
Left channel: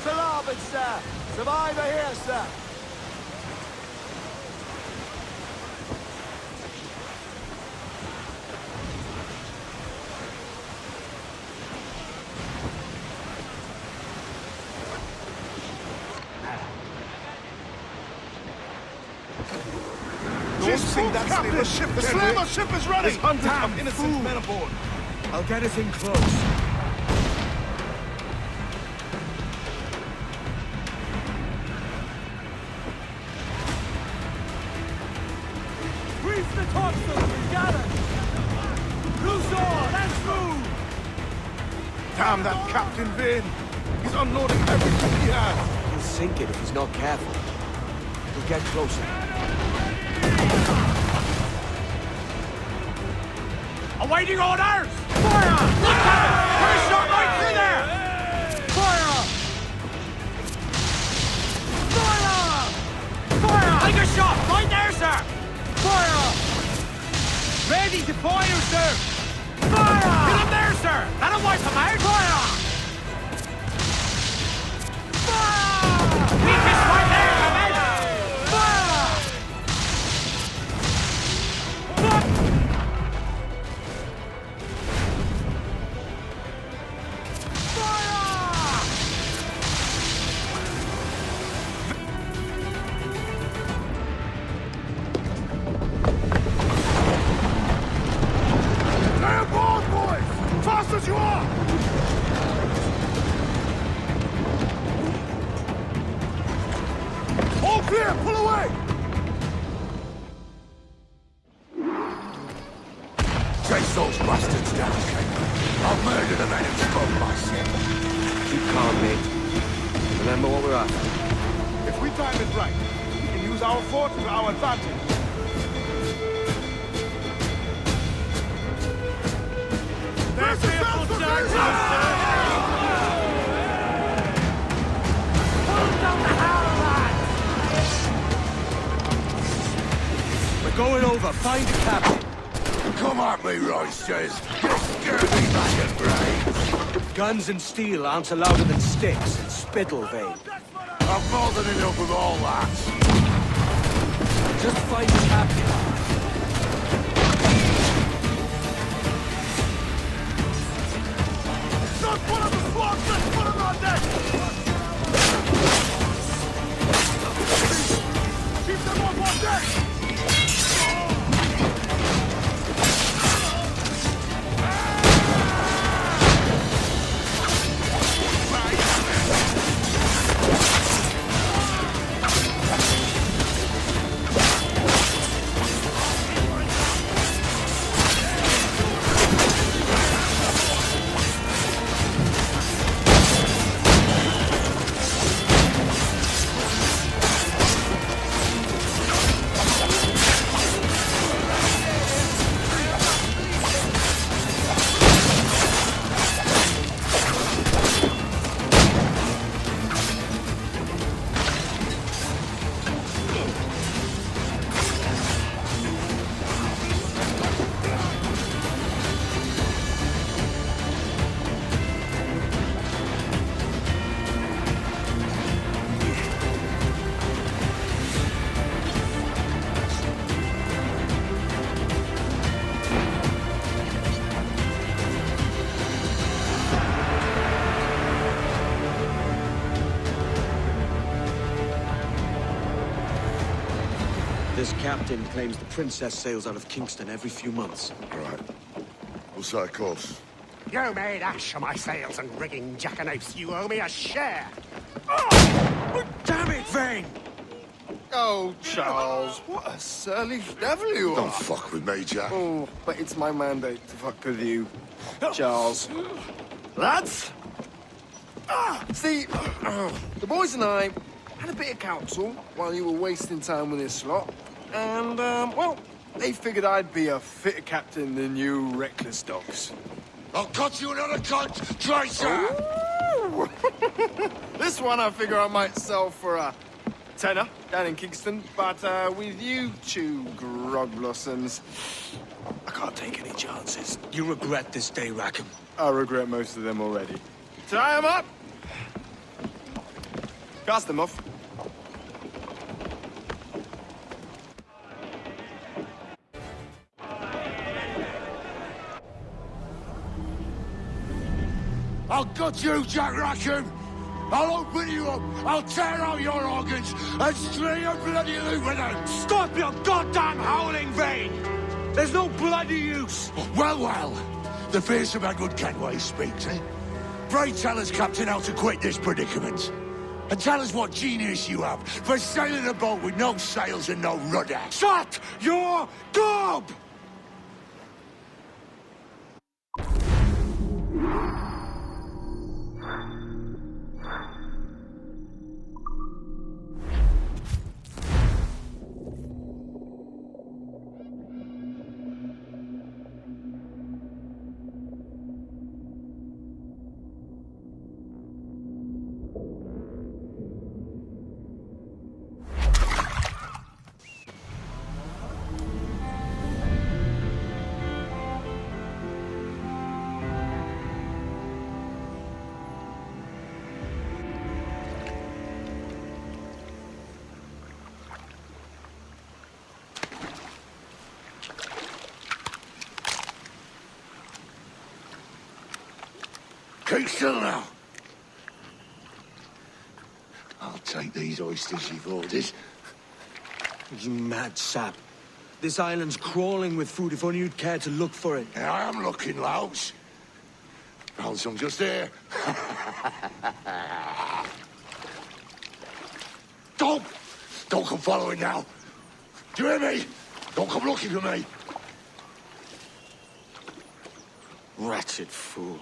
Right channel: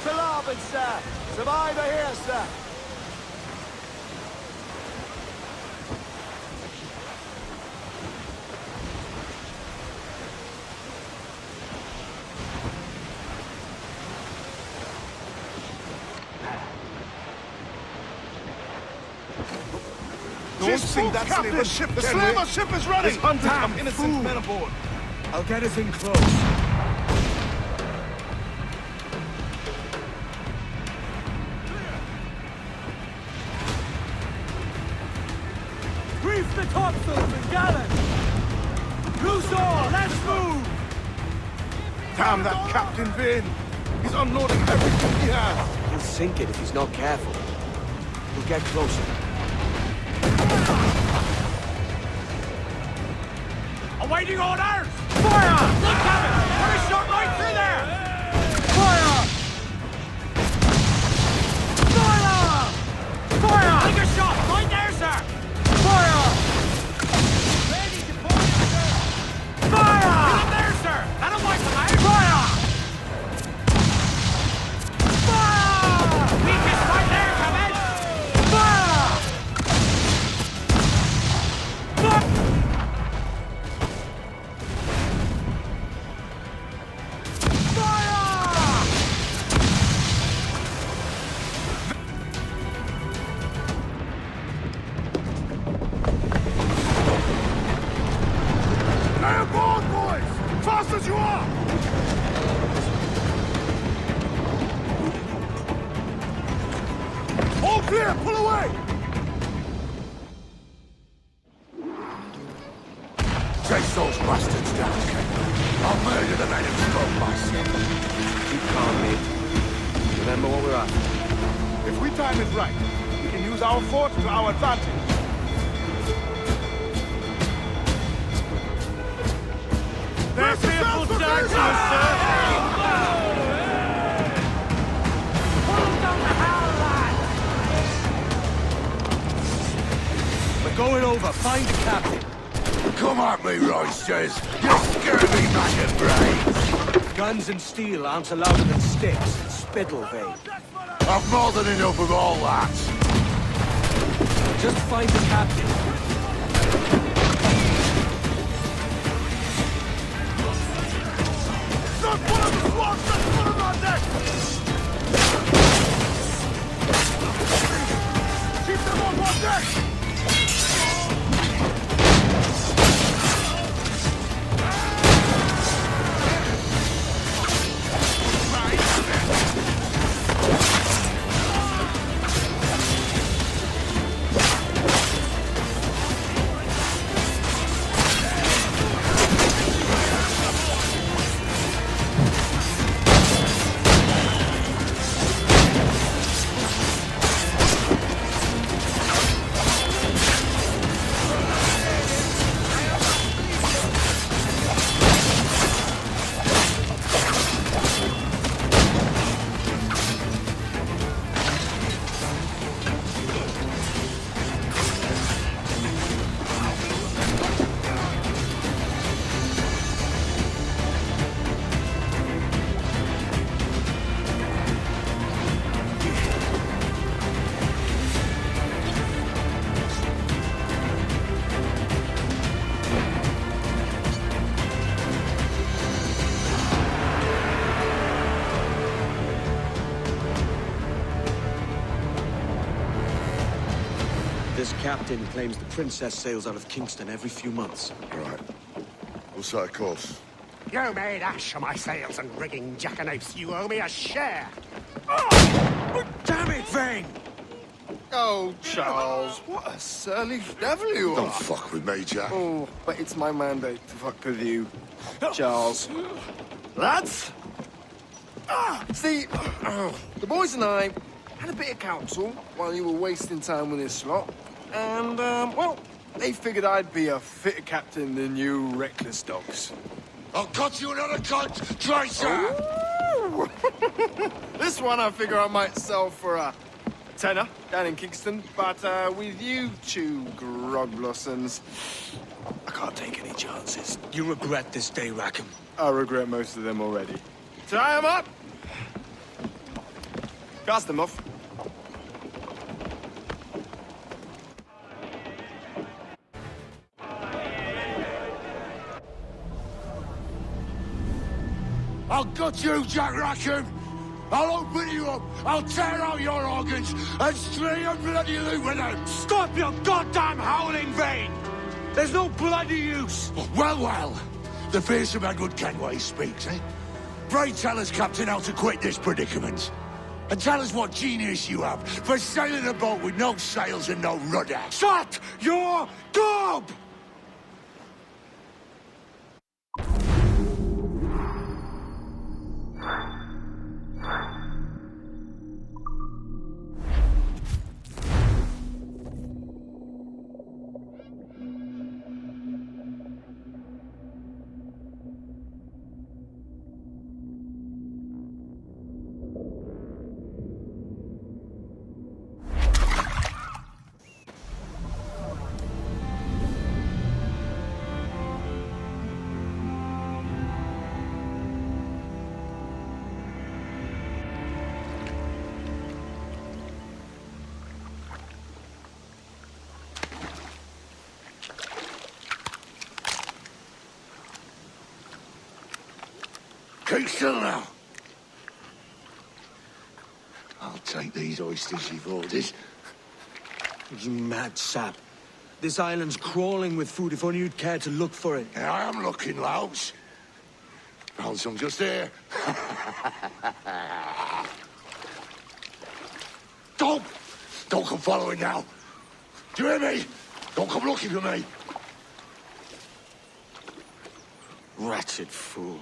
Starboard, sir! Survivor here, sir! Don't see that slaver ship. The slaver ship is running. There's hundreds of innocent men aboard. I'll get us in close. Reef the topsails and gallants! Loose all, let's move! Damn that Captain Vane! He's unloading everything he has! He'll sink it if he's not careful. We'll get closer. Awaiting orders! Fire! Look at it! Put a shot right through there! Fire! Fire! Fire! Take a shot! Right there, sir! Fire! Ready to fire, sir! Fire! Get him there, sir! That'll wipe him out! Fire! Fire! Weakest right there, come in! Fire! Here, pull away! Chase those bastards down, Kenway. I'll murder the men who spoke my ship. Keep calm, mate. Remember what we're after. If we time it right, we can use our fort to our advantage. Their fearful darkness, sir! Pull them down the hell, lads! We're going over. Find the captain. Come at me, roisters. Guns and steel aren't louder than sticks and spittle, Vane. I've more than enough of all that. Just find the captain. This captain claims the princess sails out of Kingston every few months. Right. We'll set a course. You made ash of my sails and rigging, jackanapes. You owe me a share. Oh! Damn it, Vane! Oh, Charles, what a surly devil you are. Don't fuck with me, Jack. Oh, but it's my mandate to fuck with you, Charles. Lads! See, the boys and I had a bit of counsel while you were wasting time with this lot. And, well, they figured I'd be a fitter captain than you reckless dogs. I'll cut you another cunt, traitor! This one I figure I might sell for a tenner down in Kingston, but with you two grog blossoms, I can't take any chances. You regret this day, Rackham. I regret most of them already. Tie them up! Cast them off. I'll gut you, Jack Rackham! I'll open you up, I'll tear out your organs, and string your bloody loot with them! Stop your goddamn howling, Vane! There's no bloody use! Well, well, the fearsome Edward Kenway speaks, eh? Pray tell us, Captain, how to quit this predicament. And tell us what genius you have for sailing a boat with no sails and no rudder. Shut your gob! Keep still now. I'll take these oysters you've ordered. You mad sap. This island's crawling with food if only you'd care to look for it. Yeah, I am looking, Louts. Found some just here. Don't Don't come following now. Do you hear me? Don't come looking for me. Wretched fool.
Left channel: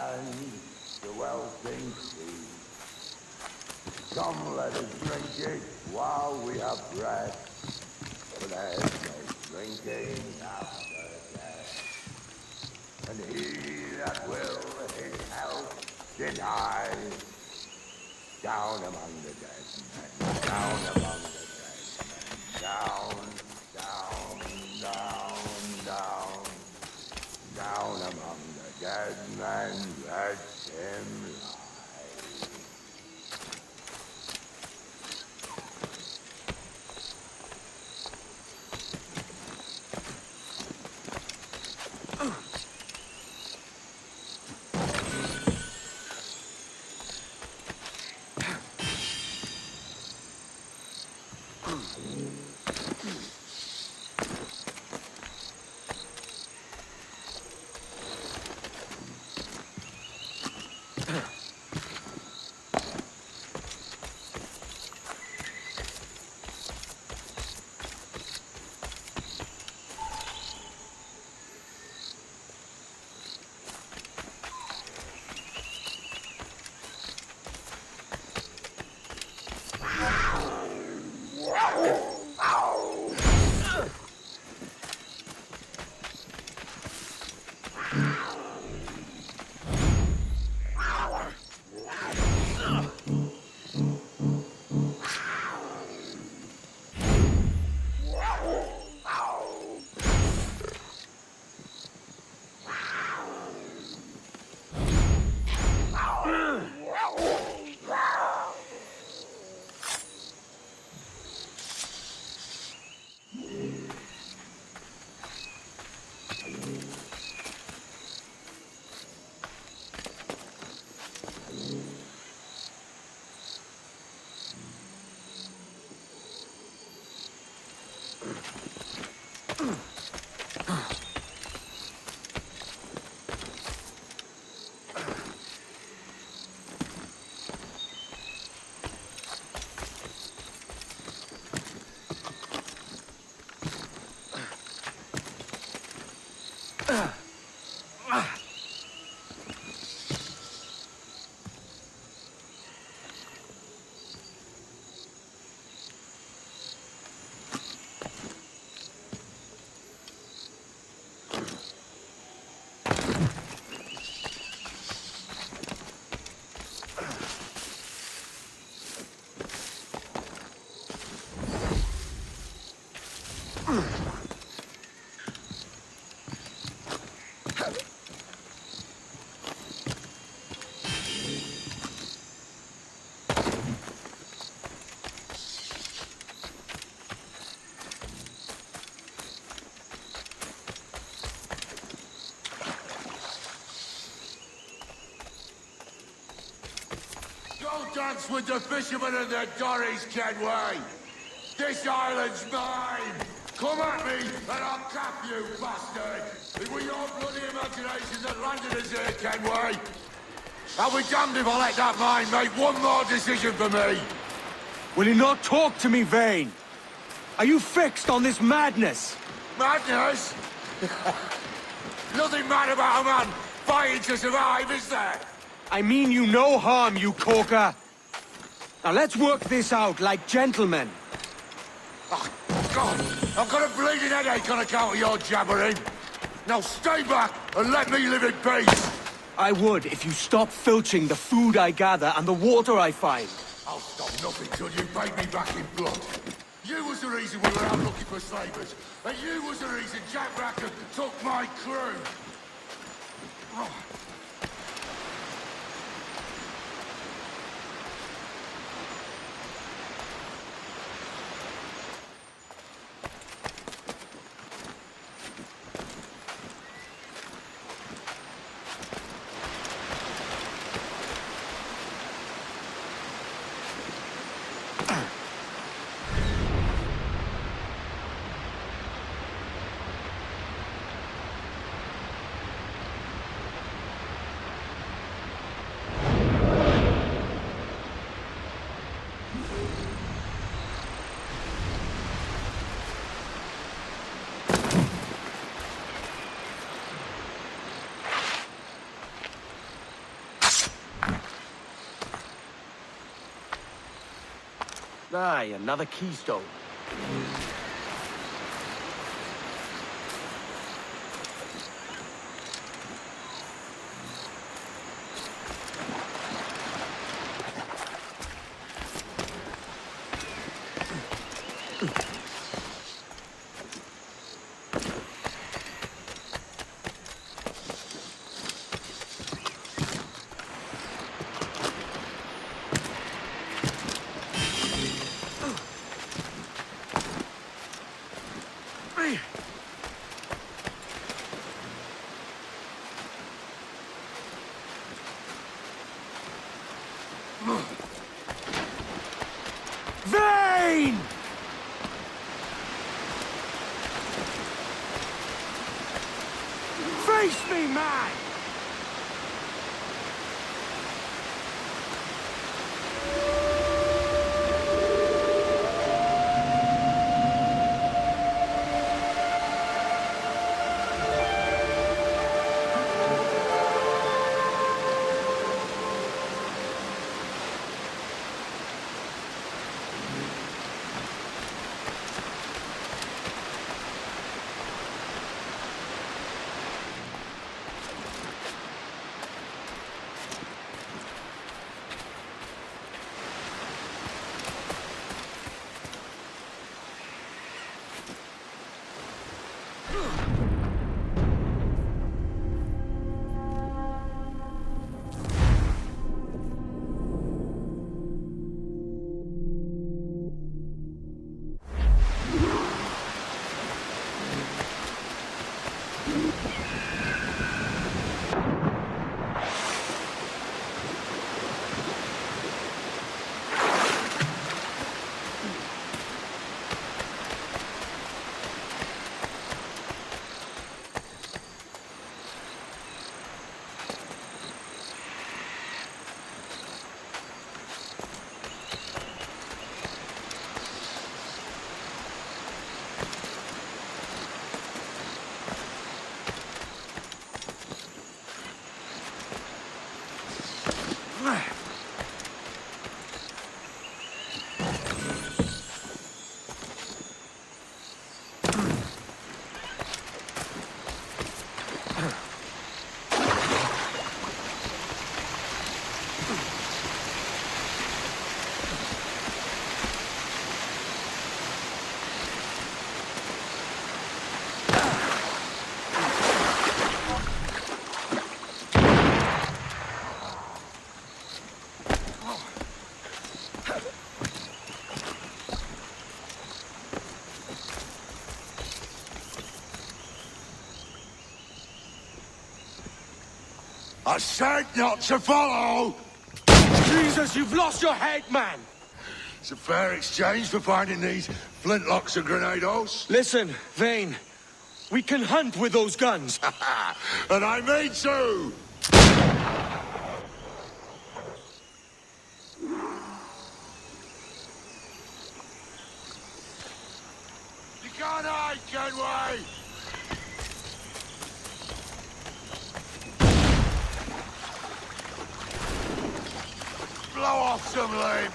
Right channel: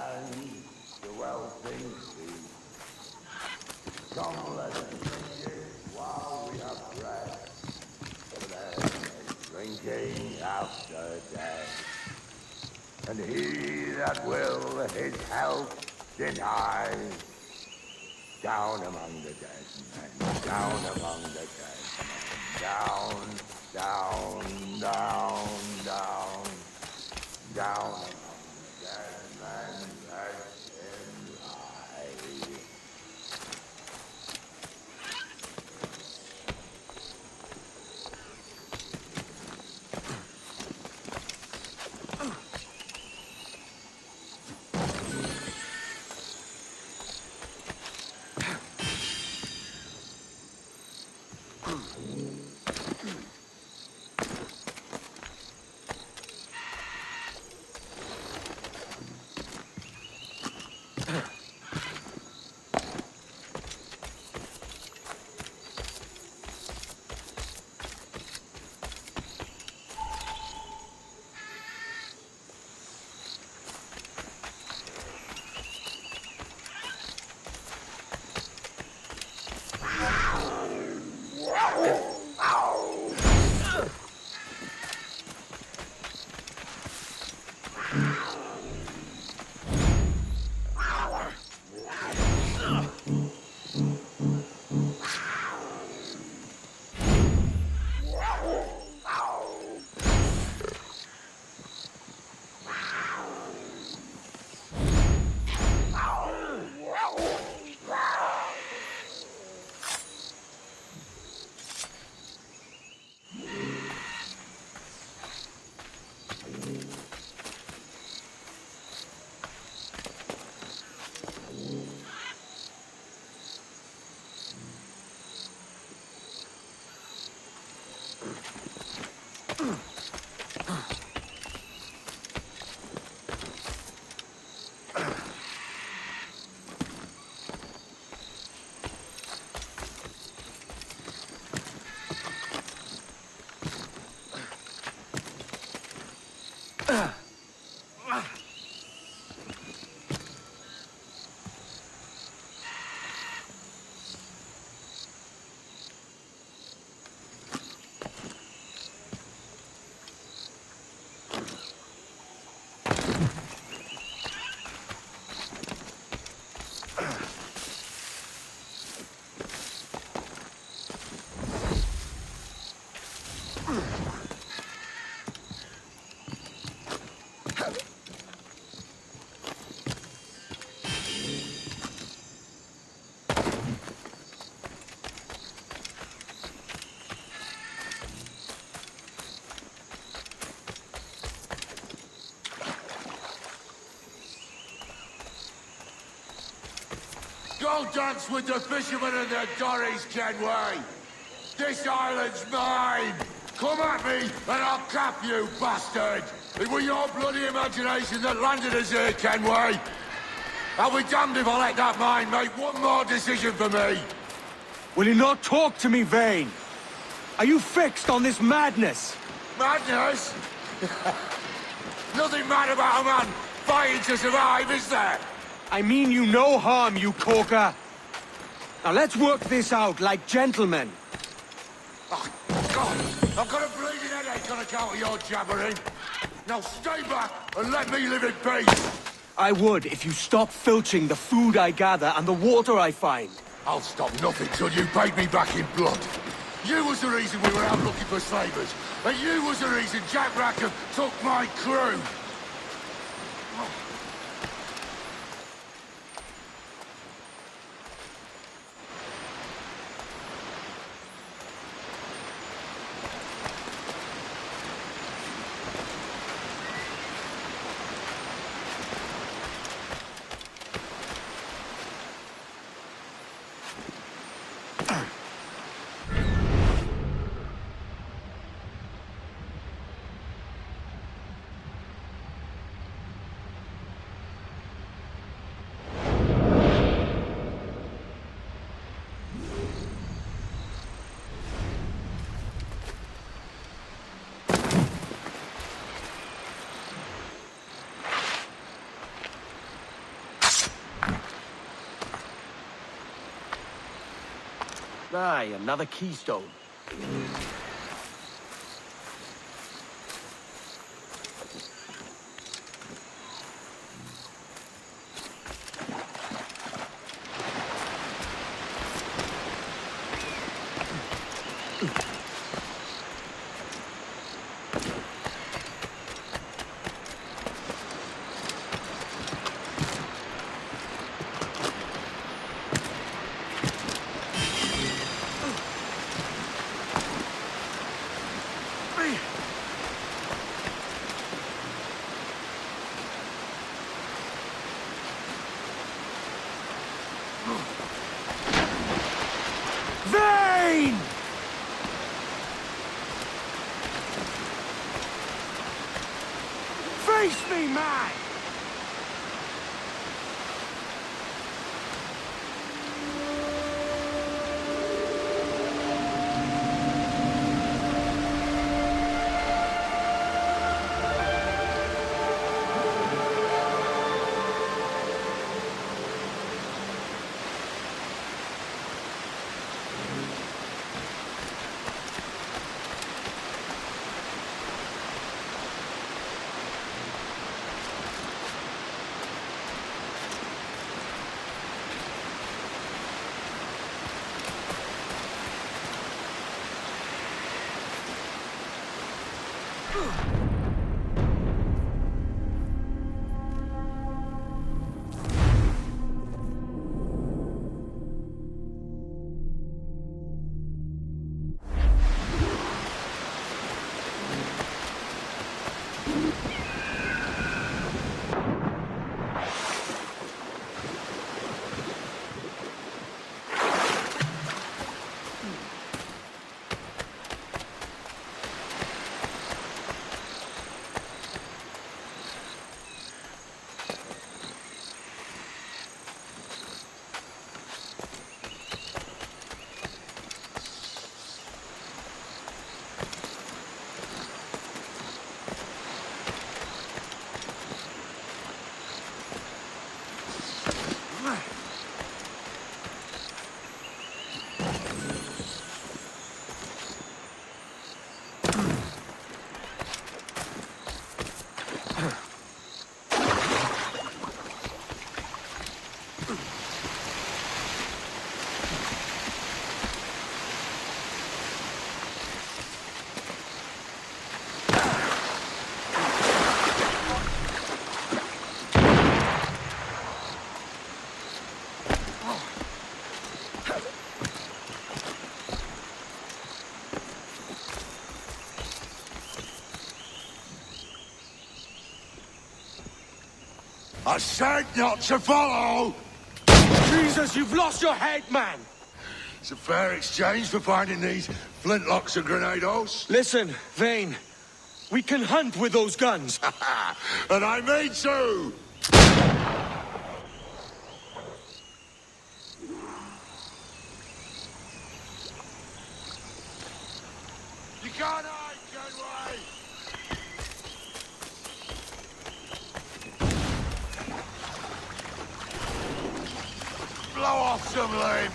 And the well-think sea. Come, let us drink it while we have breath. For there's no drinking after death. And he that will his health deny, down among the dead men, down among the dead. Down, down, down, down among the dead men, let him lie. Go dance with the fishermen and their dories, Kenway! This island's mine! Come at me, and I'll cap you, bastard! It was your bloody imagination that landed us here, Kenway! I was young to make one more decision for me! Will you not talk to me, Vane? Are you fixed on this madness? I mean you no harm, you corker. Now let's work this out like gentlemen. I've got a bleeding headache on account of your jabbering. Now stay back and let me live in peace. I would if you stop filching the food I gather and the water I find. I'll stop nothing till you paid me back in blood. You was the reason we were out looking for slavers, and you was the reason Jack Rackham took my crew. Oh. Aye, another keystone. Vane! Face me, man! I said not to follow! Jesus, you've lost your head, man! It's a fair exchange for finding these flintlocks and grenados. Listen, Vane. We can hunt with those guns. And I mean to! You can't hide, Kenway! Blow off some limbs!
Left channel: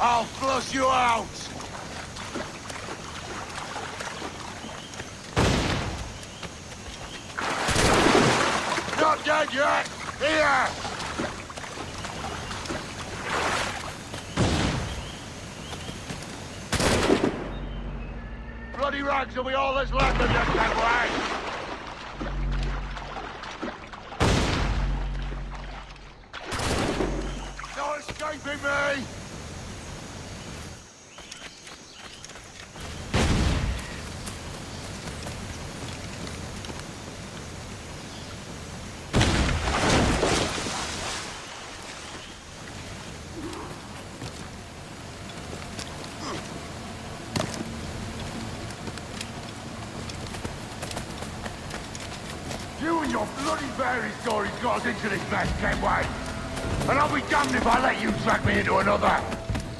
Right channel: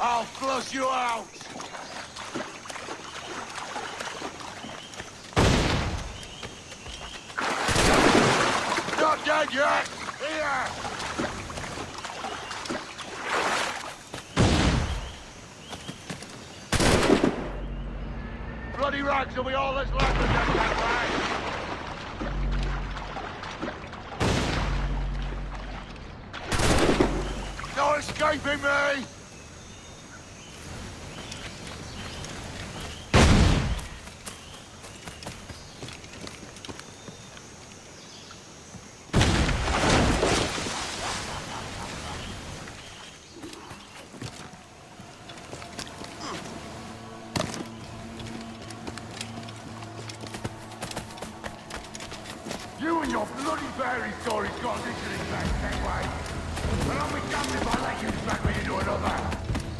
I'll flush you out! Here! Bloody rags will be all that's left of them, Kenway! No escaping me! You and your bloody fairy stories got us into this mess, Kenway. And I'll be damned if I let you drag me into another.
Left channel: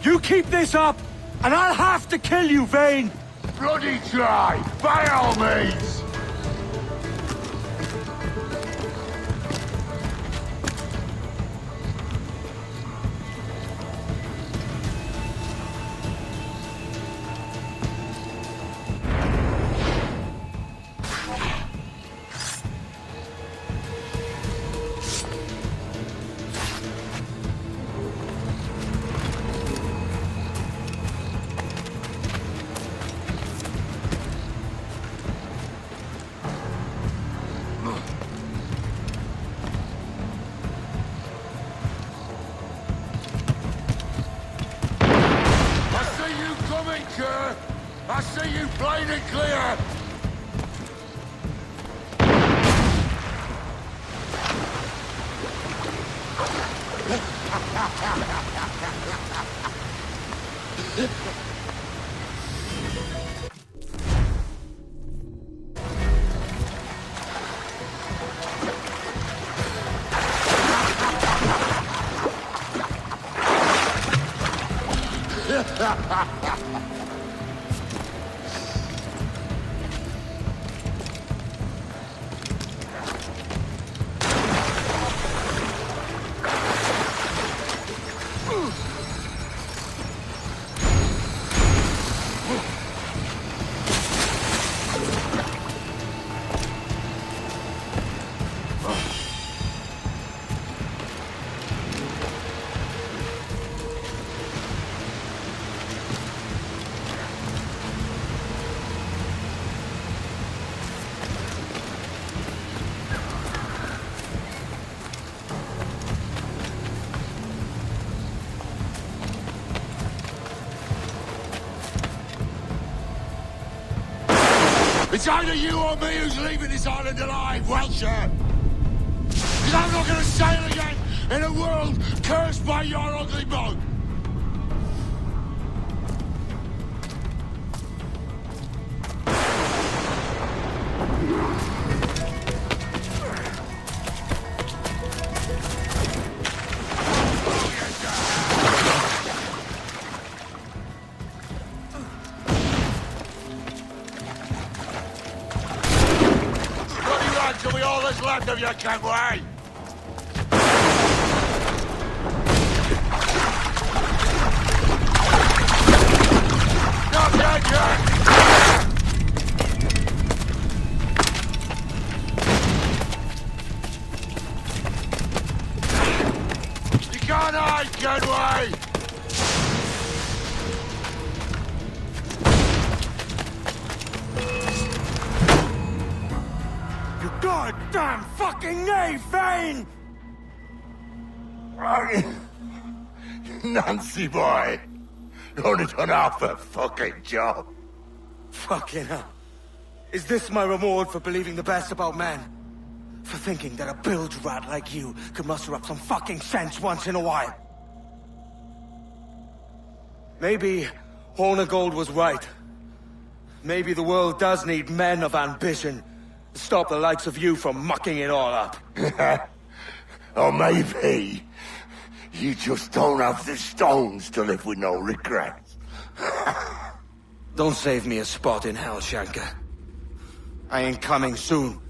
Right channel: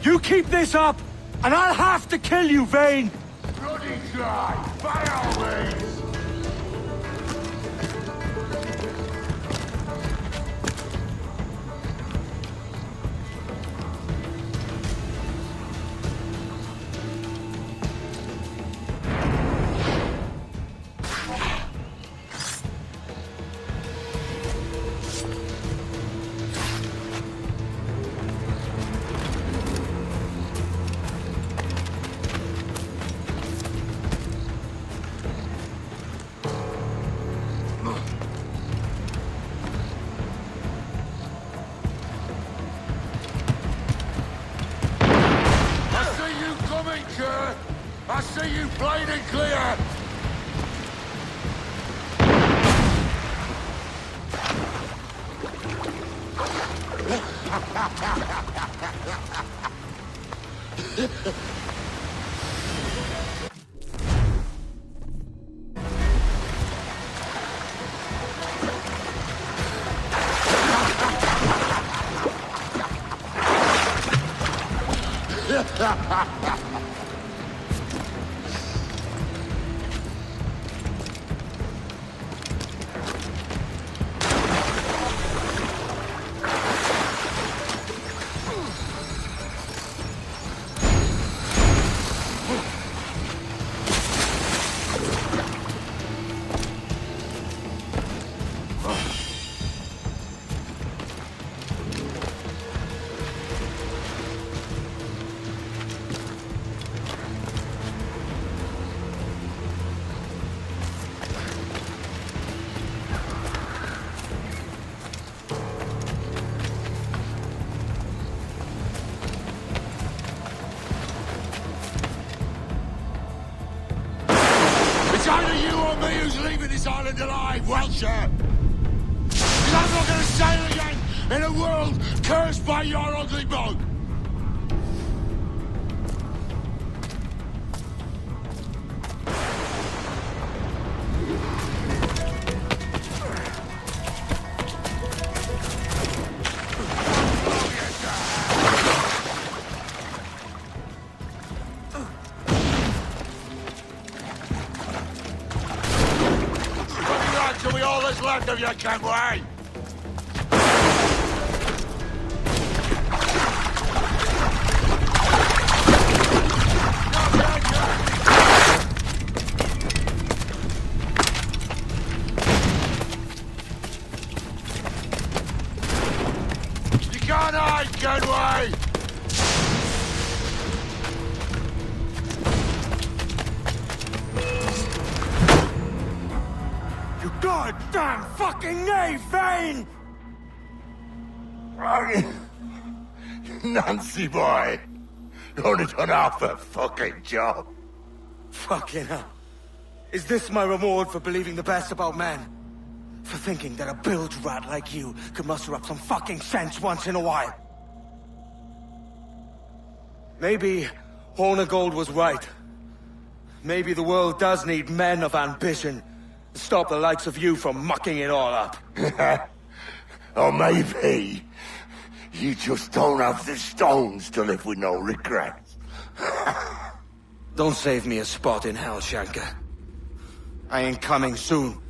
You keep this up, and I'll have to kill you, Vane! Bloody try, by all means! I see you plain and clear! It's either you or me who's leaving this island alive, Welsher! Because I'm not going to sail again in a world cursed by your ugly boat! Kenway! You goddamn fucking knave, Vane! Nancy boy, you only done half a fucking job. Fucking hell. Is this my reward for believing the best about men? For thinking that a bilge rat like you could muster up some fucking sense once in a while? Maybe Hornigold was right. Maybe the world does need men of ambition to stop the likes of you from mucking it all up. Or maybe you just don't have the stones to live with no regrets. Don't save me a spot in hell, Shanka. I ain't coming soon.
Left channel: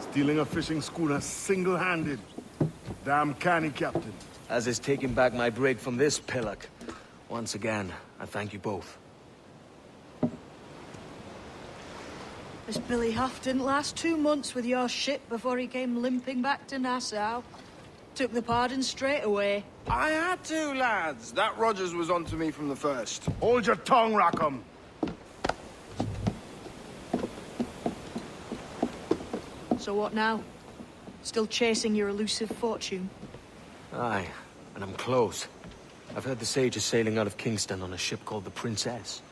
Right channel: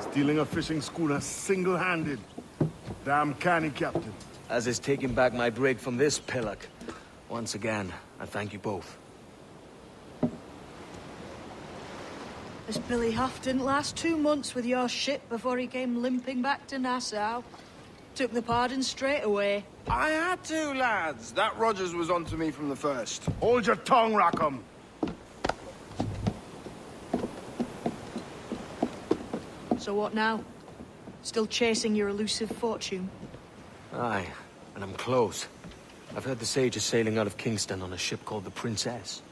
Stealing a fishing schooner single-handed. Damn canny, Captain. As is taking back my brig from this pillock. Once again, I thank you both. This Billy Huff didn't last 2 months with your ship before he came limping back to Nassau. Took the pardon straight away. I had to, lads. That Rogers was onto me from the first. Hold your tongue, Rackham. So what now? Still chasing your elusive fortune? Aye, and I'm close. I've heard the Sage is sailing out of Kingston on a ship called the Princess.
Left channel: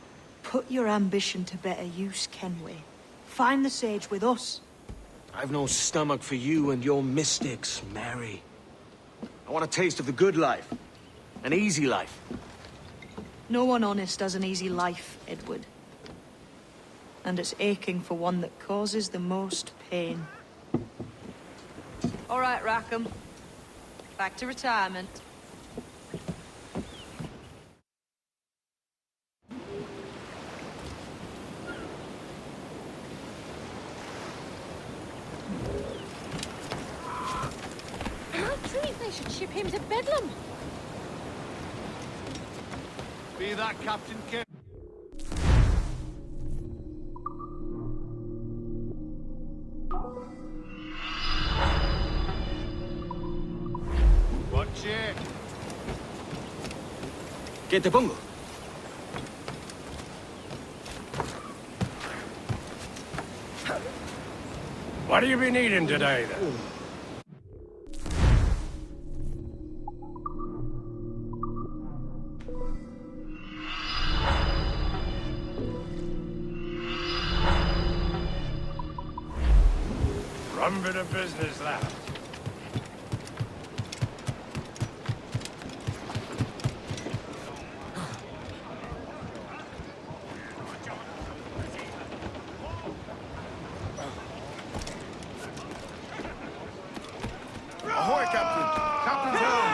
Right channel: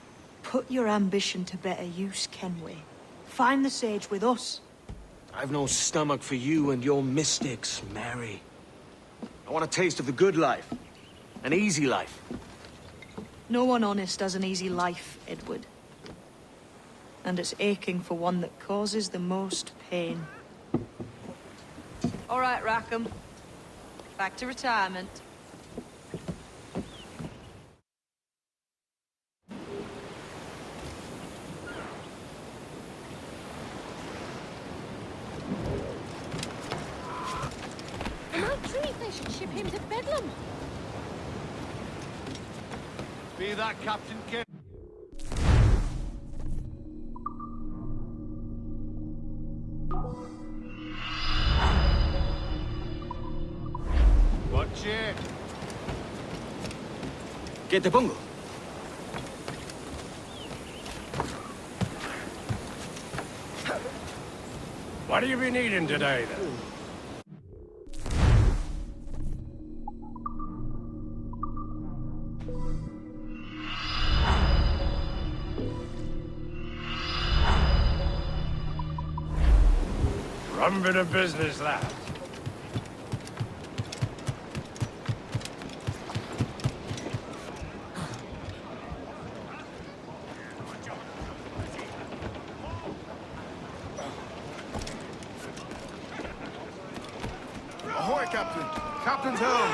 Put your ambition to better use, Kenway. Find the Sage with us. I've no stomach for you and your mystics, Mary. I want a taste of the good life. An easy life. No one honest has an easy life, Edward. And it's aching for one that causes the most pain. All right, Rackham. Back to retirement. Am I treat they should ship him to Bedlam? Be that Captain Ken. Watch it. ¿Qué te pongo? What do you be needing today, then? Rum bit of business, lad. Ahoy, Captain. Captain's helm.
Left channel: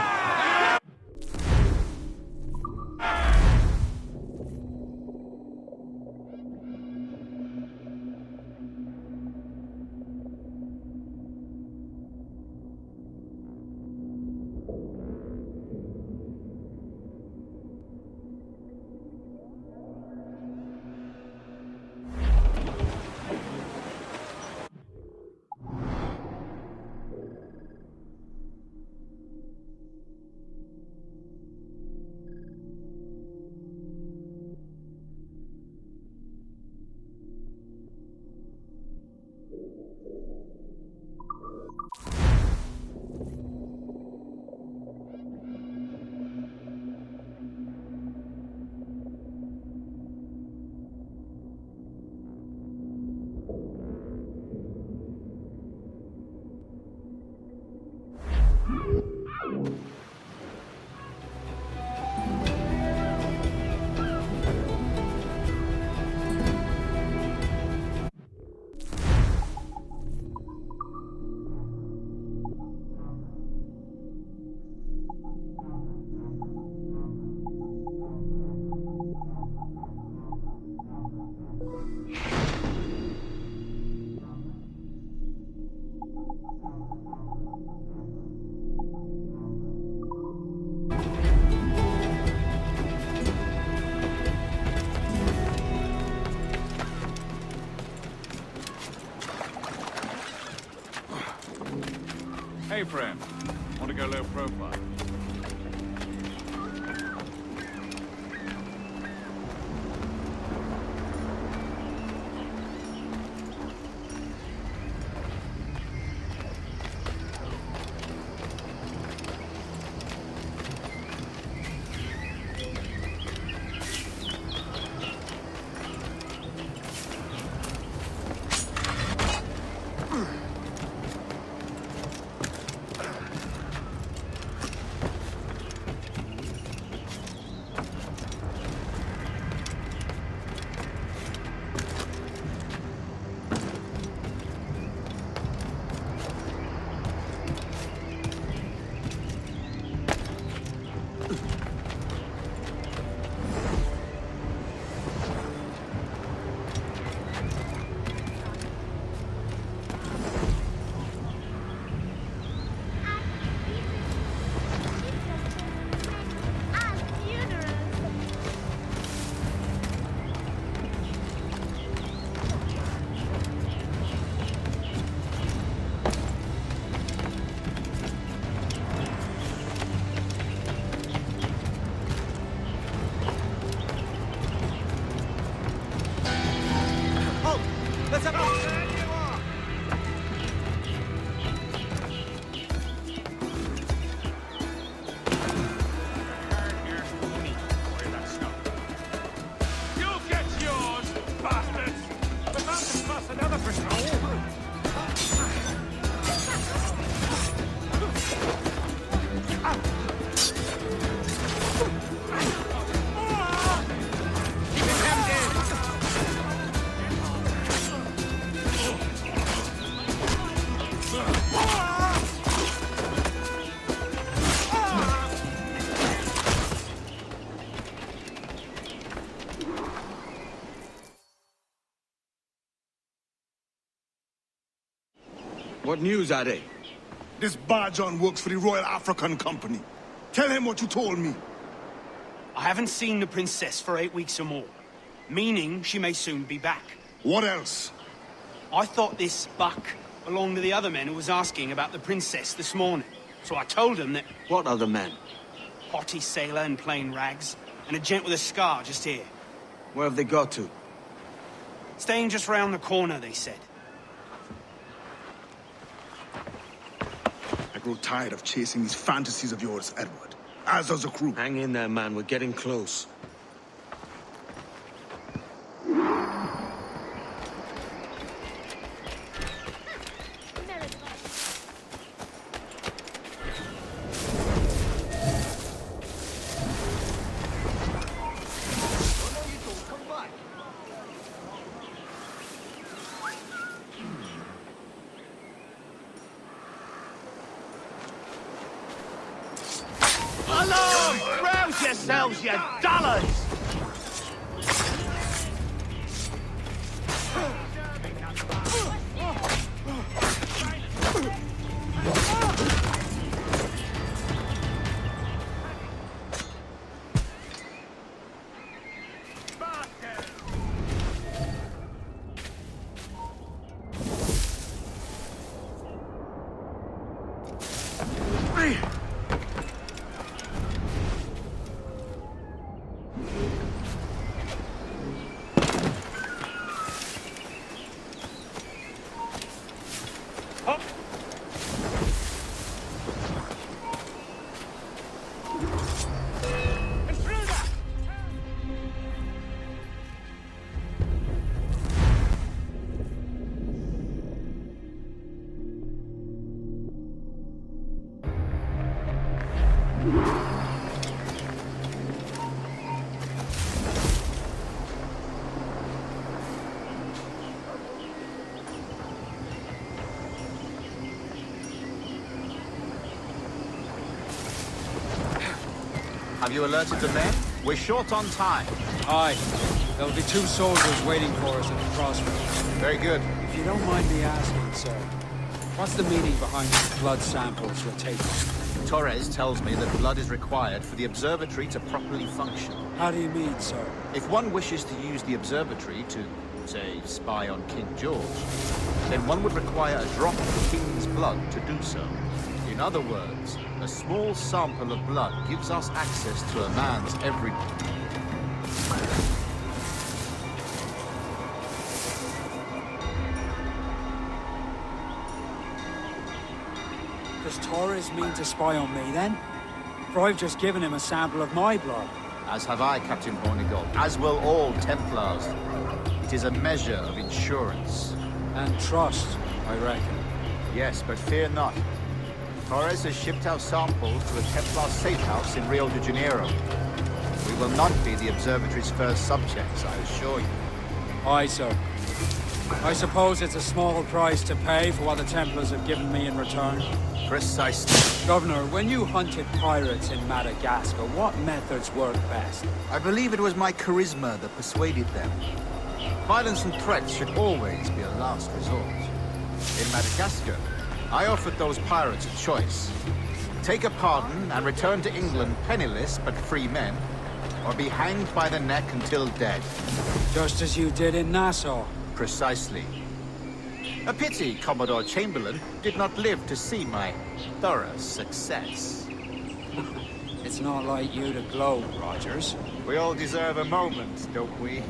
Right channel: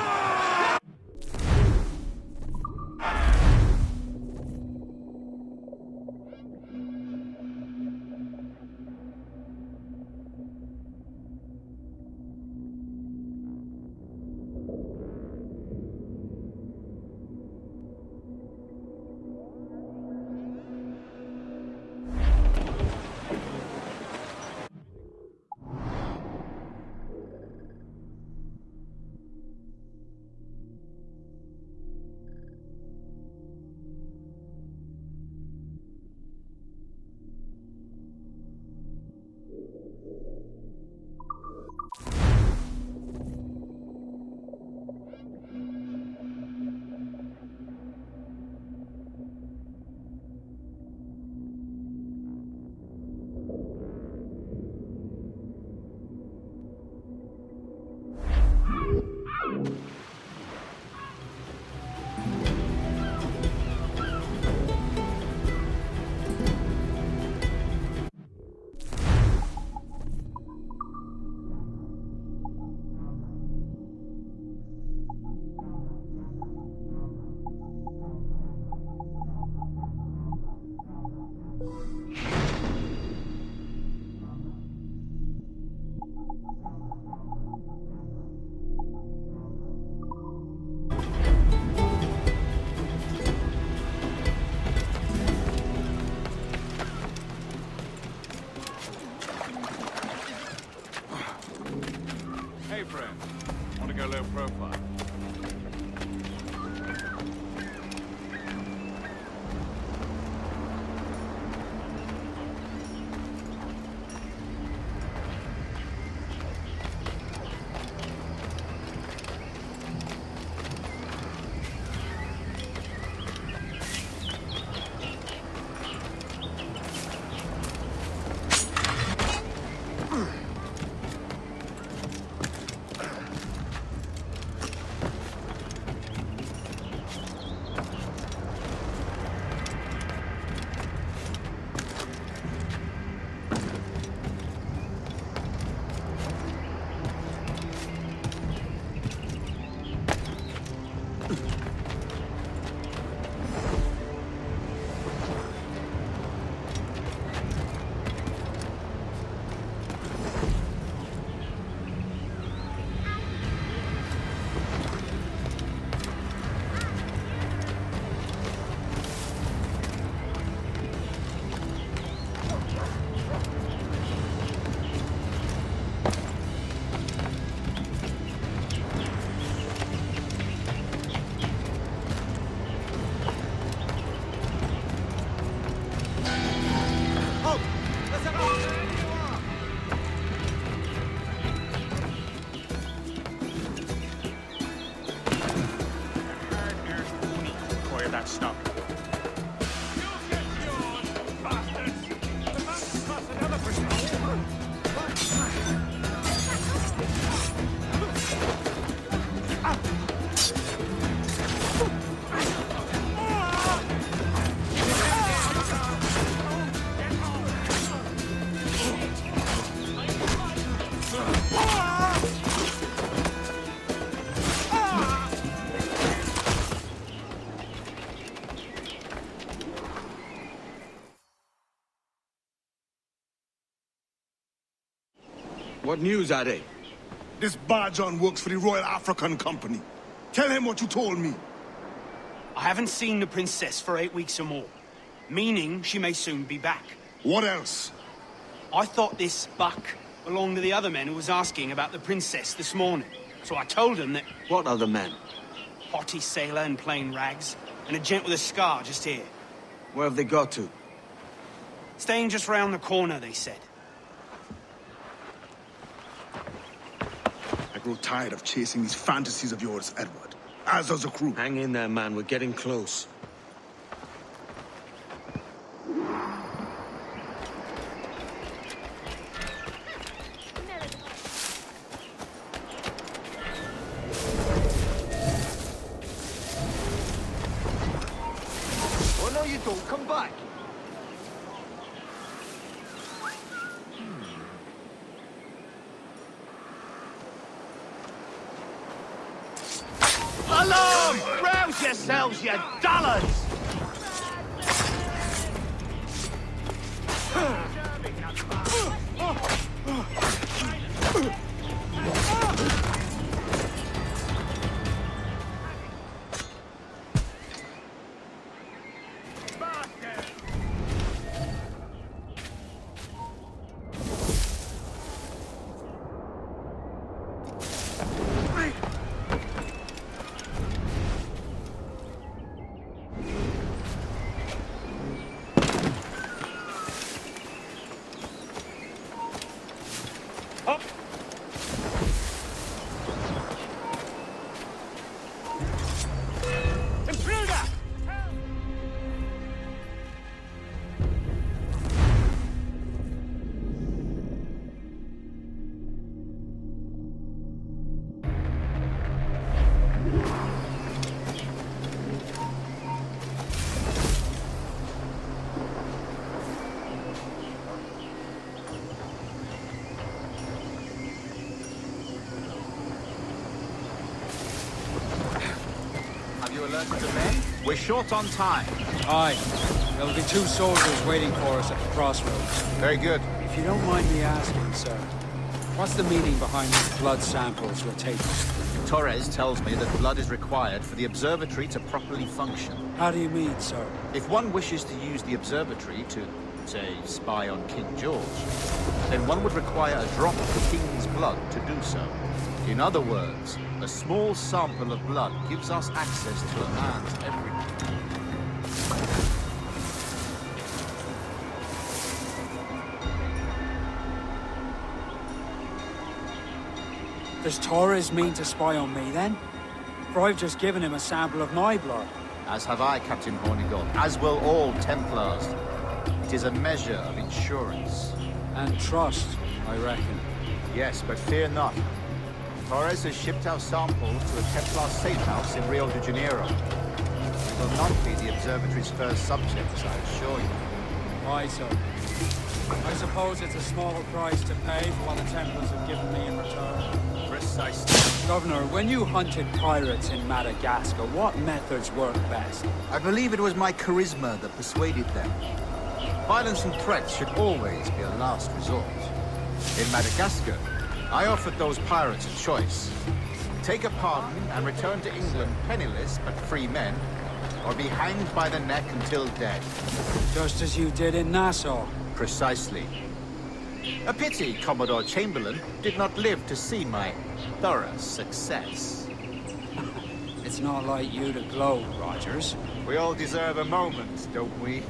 Hey, friend. What news are they? This Barjon works for the Royal African Company. Tell him what you told me. I haven't seen the princess for 8 weeks or more, meaning she may soon be back. What else? I thought this buck belonged to the other men who was asking about the princess this morning. So I told him that... What other men? Haughty sailor in plain rags, and a gent with a scar just here. Where have they got to? Staying just round the corner, they said. I grow tired of chasing these fantasies of yours, Edward. As does the crew. Hang in there, man. We're getting close. Oh, no, you don't. Come back. Alarm! Rouse yourselves, you dullards! Have you alerted the men? We're short on time. Aye. There'll be 2 soldiers waiting for us at the crossroads. Very good. If you don't mind me asking, sir, what's the meaning behind these blood samples we're taking? Torres tells me that blood is required for the observatory to properly function. How do you mean, sir? If one wishes to use the observatory to, say, spy on King George, then one would require a drop of the king's blood to do so. In other words, a small sample of blood gives us access to a man's every... Does Torres mean to spy on me, then? For I've just given him a sample of my blood. As have I, Captain Hornigold, as will all Templars. It is a measure of insurance. And trust, I reckon. Yes, but fear not. Torres has shipped our samples to a Templar safe house in Rio de Janeiro. We will not be the observatory's first subjects, I assure you. Aye, sir. I suppose it's a small price to pay for what the Templars have given me in return. Precisely. Governor, when you hunted pirates in Madagascar, what methods worked best? I believe it was my charisma that persuaded them. Violence and threats should always be a last resort. In Madagascar, I offered those pirates a choice. Take a pardon and return to England penniless but free men, or be hanged by the neck until dead. Just as you did in Nassau. Precisely. A pity Commodore Chamberlain did not live to see my thorough success. It's not like you to gloat, Rogers. We all deserve a moment, don't we?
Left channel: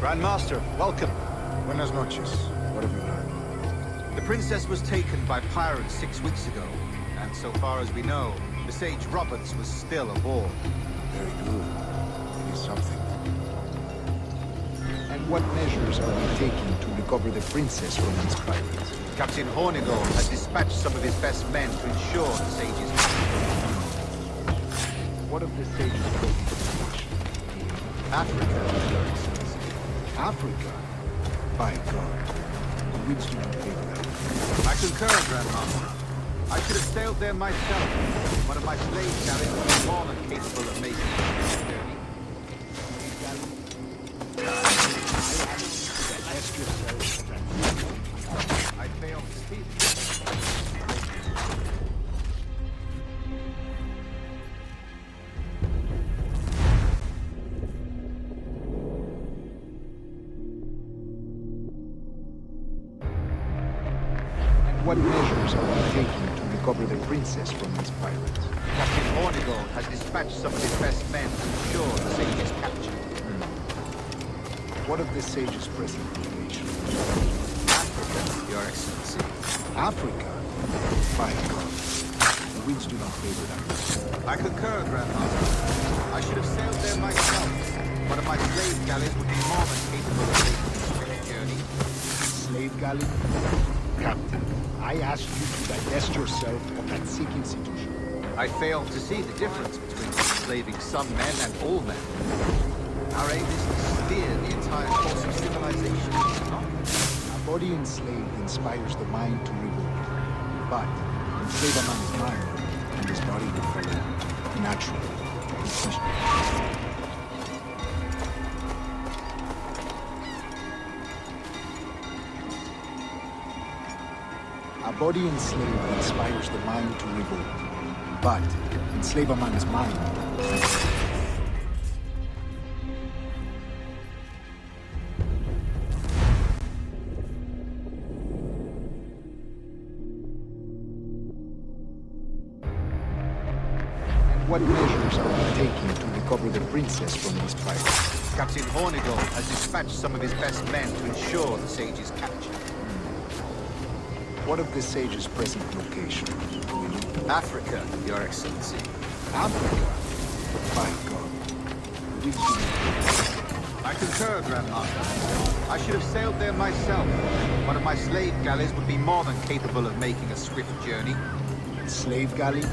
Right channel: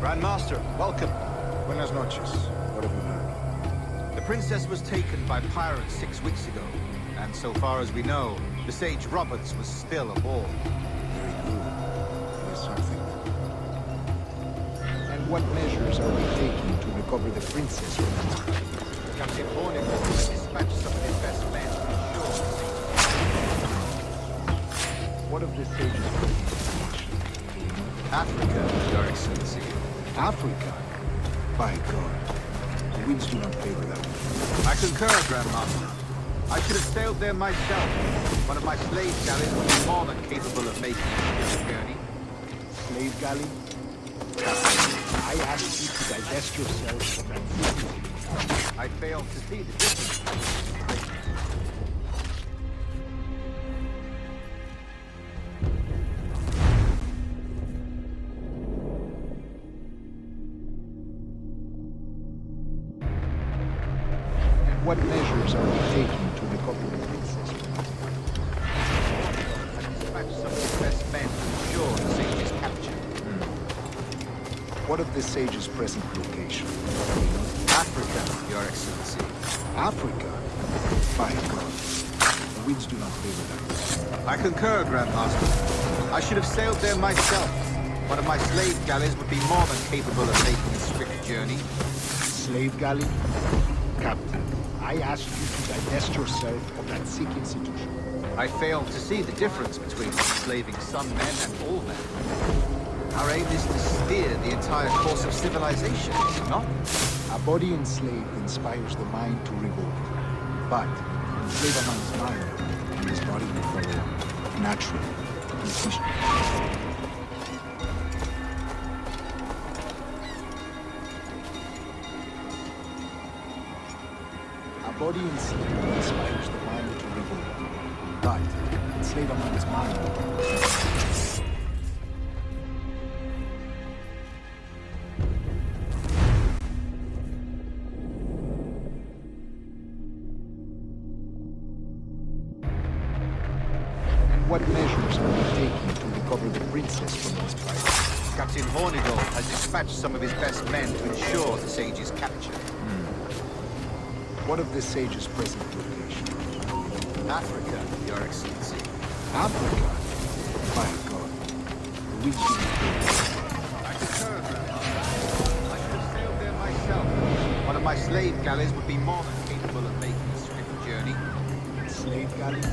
Grandmaster, welcome. Buenas noches. What have you learned? The princess was taken by pirates 6 weeks ago, and so far as we know, the sage Roberts was still aboard. Very good. It is something. And what measures are we taking to recover the princess from these pirates? Captain Hornigold has dispatched some of his best men to ensure the sage's protection. What of the sage's present location? Do we know? Africa, Your Excellency. Africa? By God. The winds do not favor that. I concur, Grandmaster. I should have sailed there myself. One of my slave galleys would be more than capable of making a swift journey. Slave galley? I asked you to divest yourself of that secret. I failed to see the difference. And what measures are we taking to recover the princess from these pirates? Captain Hornigold has dispatched some of his best men to ensure the sage's capture. What of the sage's present location? Africa, Your Excellency. Africa? By God. The winds do not favor that. I concur, Grandmaster. I should have sailed there myself. One of my slave galleys would be more than capable of making a swift journey. Slave galley? Captain, I asked you to divest yourself of that sick institution. I failed to see the difference between enslaving some men and all men. Our aim is to steer the entire course of civilization, is it not? A body enslaved inspires the mind to revolt. But enslave a man's mind, and his body will follow on. Naturally. A body enslaved inspires the mind to revolt. But enslave a man's mind. What measures are we taking to recover the princess from these pirates? Captain Hornigold has dispatched some of his best men to ensure the sage's capture. What of the sage's present location? Africa, Your Excellency. I concur, Grandmaster. I should have sailed there myself. One of my slave galleys would be more than capable of making a swift journey. Slave galley?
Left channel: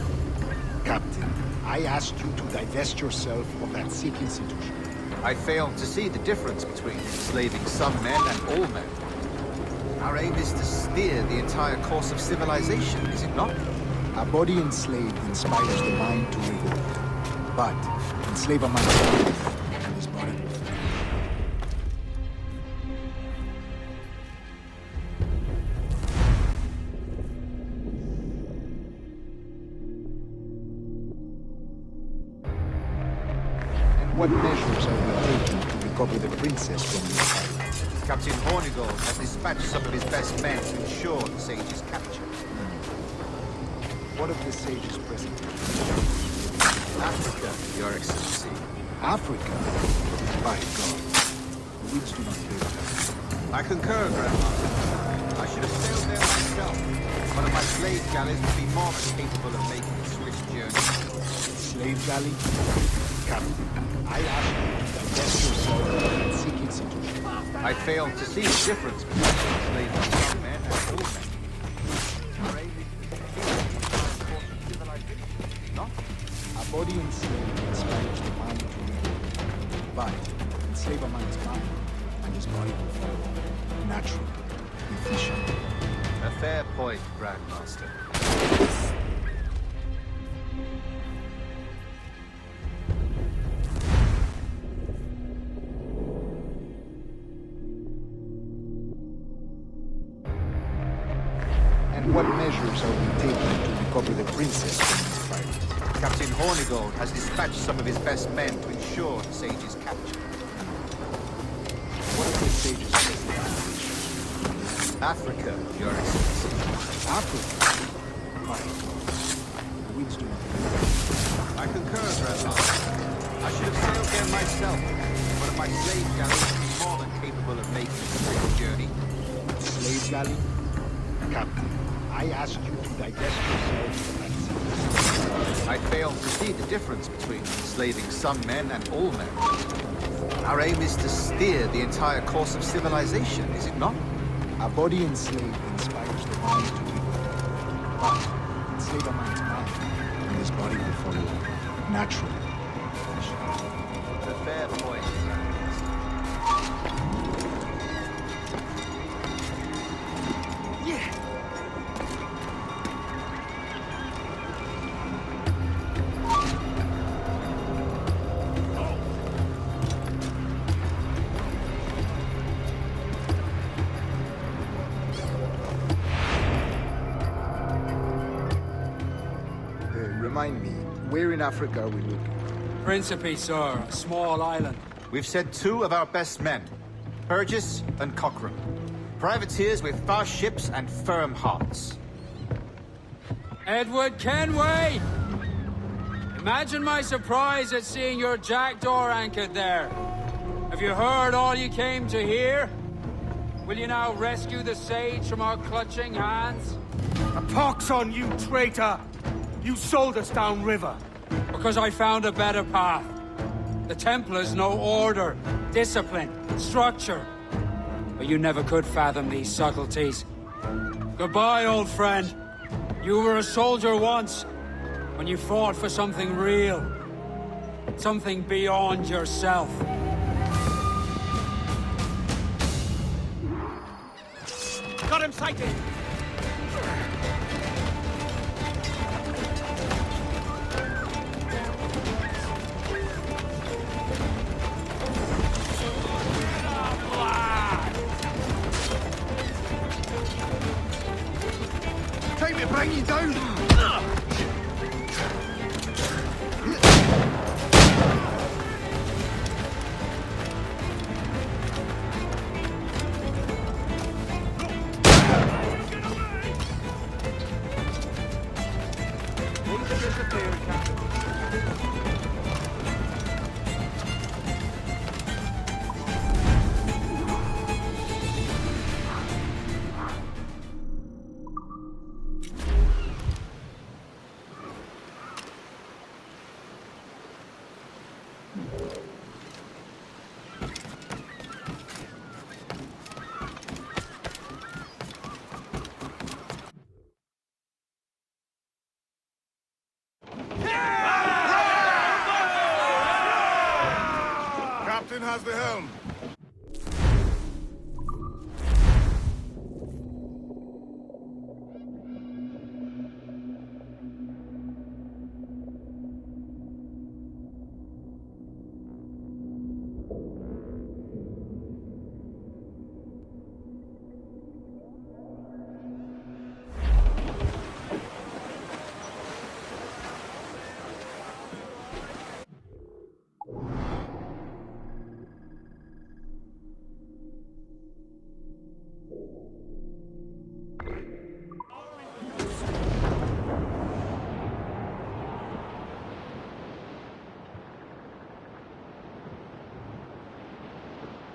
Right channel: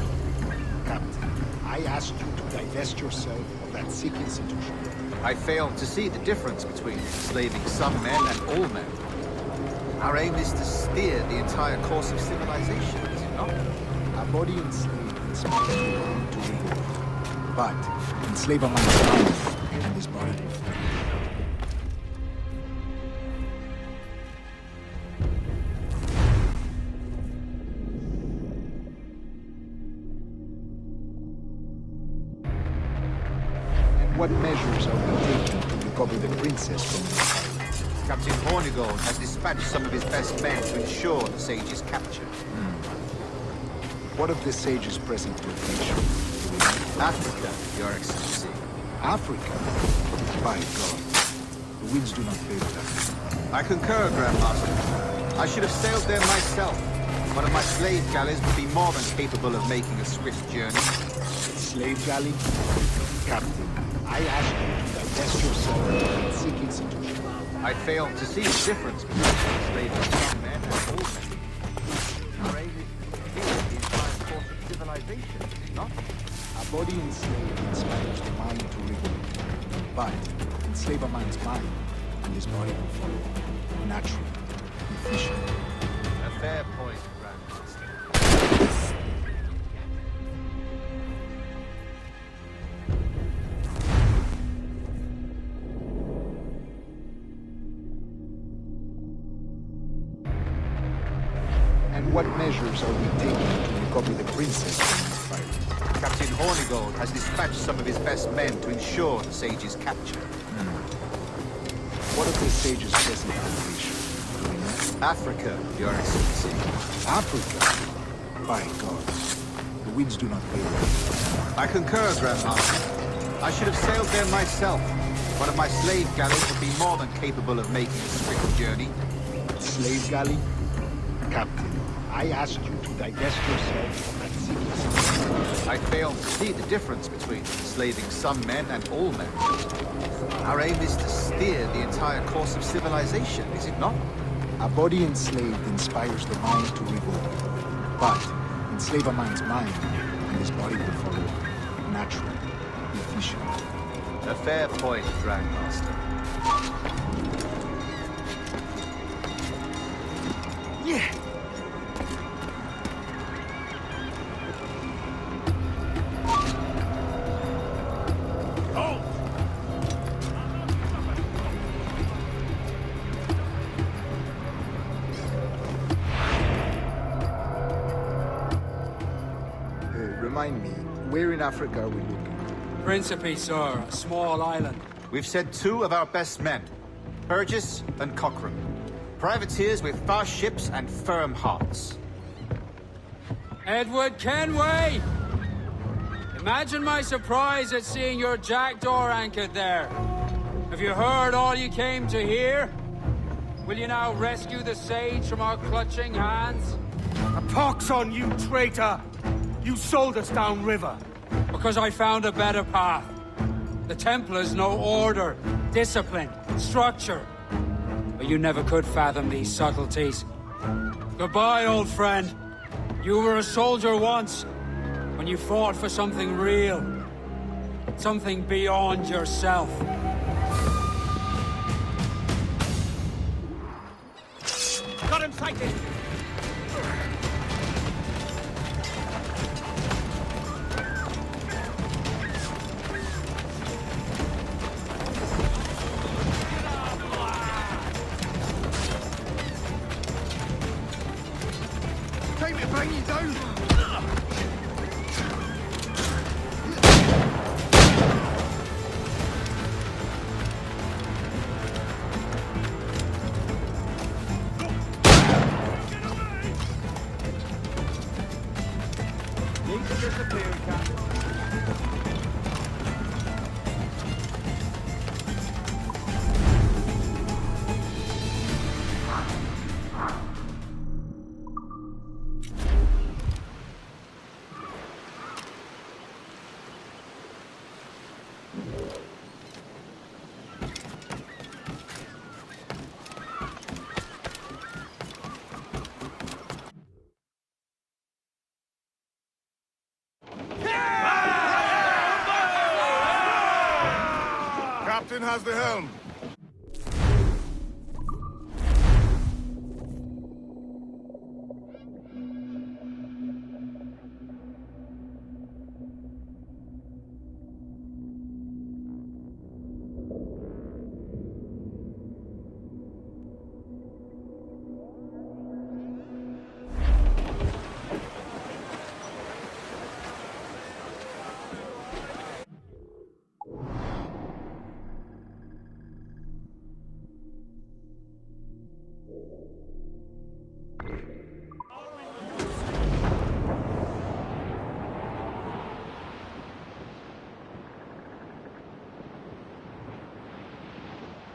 Captain, I asked you to divest yourself of that sick institution. I failed to see the difference between enslaving some men and all men. Our aim is to steer the entire course of civilization, is it not? A body enslaved inspires the mind to revolt. But enslave a man's mind. What measures are we taking to recover the princess from these pirates? Captain Hornigold has dispatched some of his best men to ensure the sage's capture. What of the sage's present location? Africa, Your Excellency. Africa? By God. The winds do not favor that. I concur, Grandmaster. I should have sailed there myself. One of my slave galleys would be more than capable of making a swift journey. Slave galley? Captain, I asked you to divest yourself of that sick institution. I failed to see the difference between enslaving some men and all men. Our aim is to steer the entire course of civilization, is it not? A body enslaved inspires the mind to revolt. But enslave a man's mind, and his body will follow on. Natural, efficient. A fair point, Grandmaster. And what measures are we taking to recover the princess from these pirates? Captain Hornigold has dispatched some of his best men to ensure the sage's capture. What is the sage's present operation? Do we know? Africa, Your Excellency. Africa? By God. The winds do not favor. I concur, Grandmaster. I should have sailed there myself. One of my slave galleys would be more than capable of making a swift journey. Slave galley? Captain, I asked you to divest yourself of that sickness. I failed to see the difference between enslaving some men and all men. Our aim is to steer the entire course of civilization, is it not? A body enslaved inspires the beast to do good. But enslave a man's mind, and his body will follow on. Natural. Efficient. A fair point, Grandmaster. Yeah. Remind me, where in Africa are we looking? Principe, sir. A small island. We've sent 2 of our best men, Burgess and Cochrane. Privateers with fast ships and firm hearts. Edward Kenway! Imagine my surprise at seeing your jackdaw anchored there. Have you heard all you came to hear? Will you now rescue the sage from our clutching hands? A pox on you, traitor! You sold us downriver. Because I found a better path. The Templars know order, discipline, structure. But you never could fathom these subtleties. Goodbye, old friend. You were a soldier once, when you fought for something real. Something beyond yourself. Got him sighted! Captain has the helm.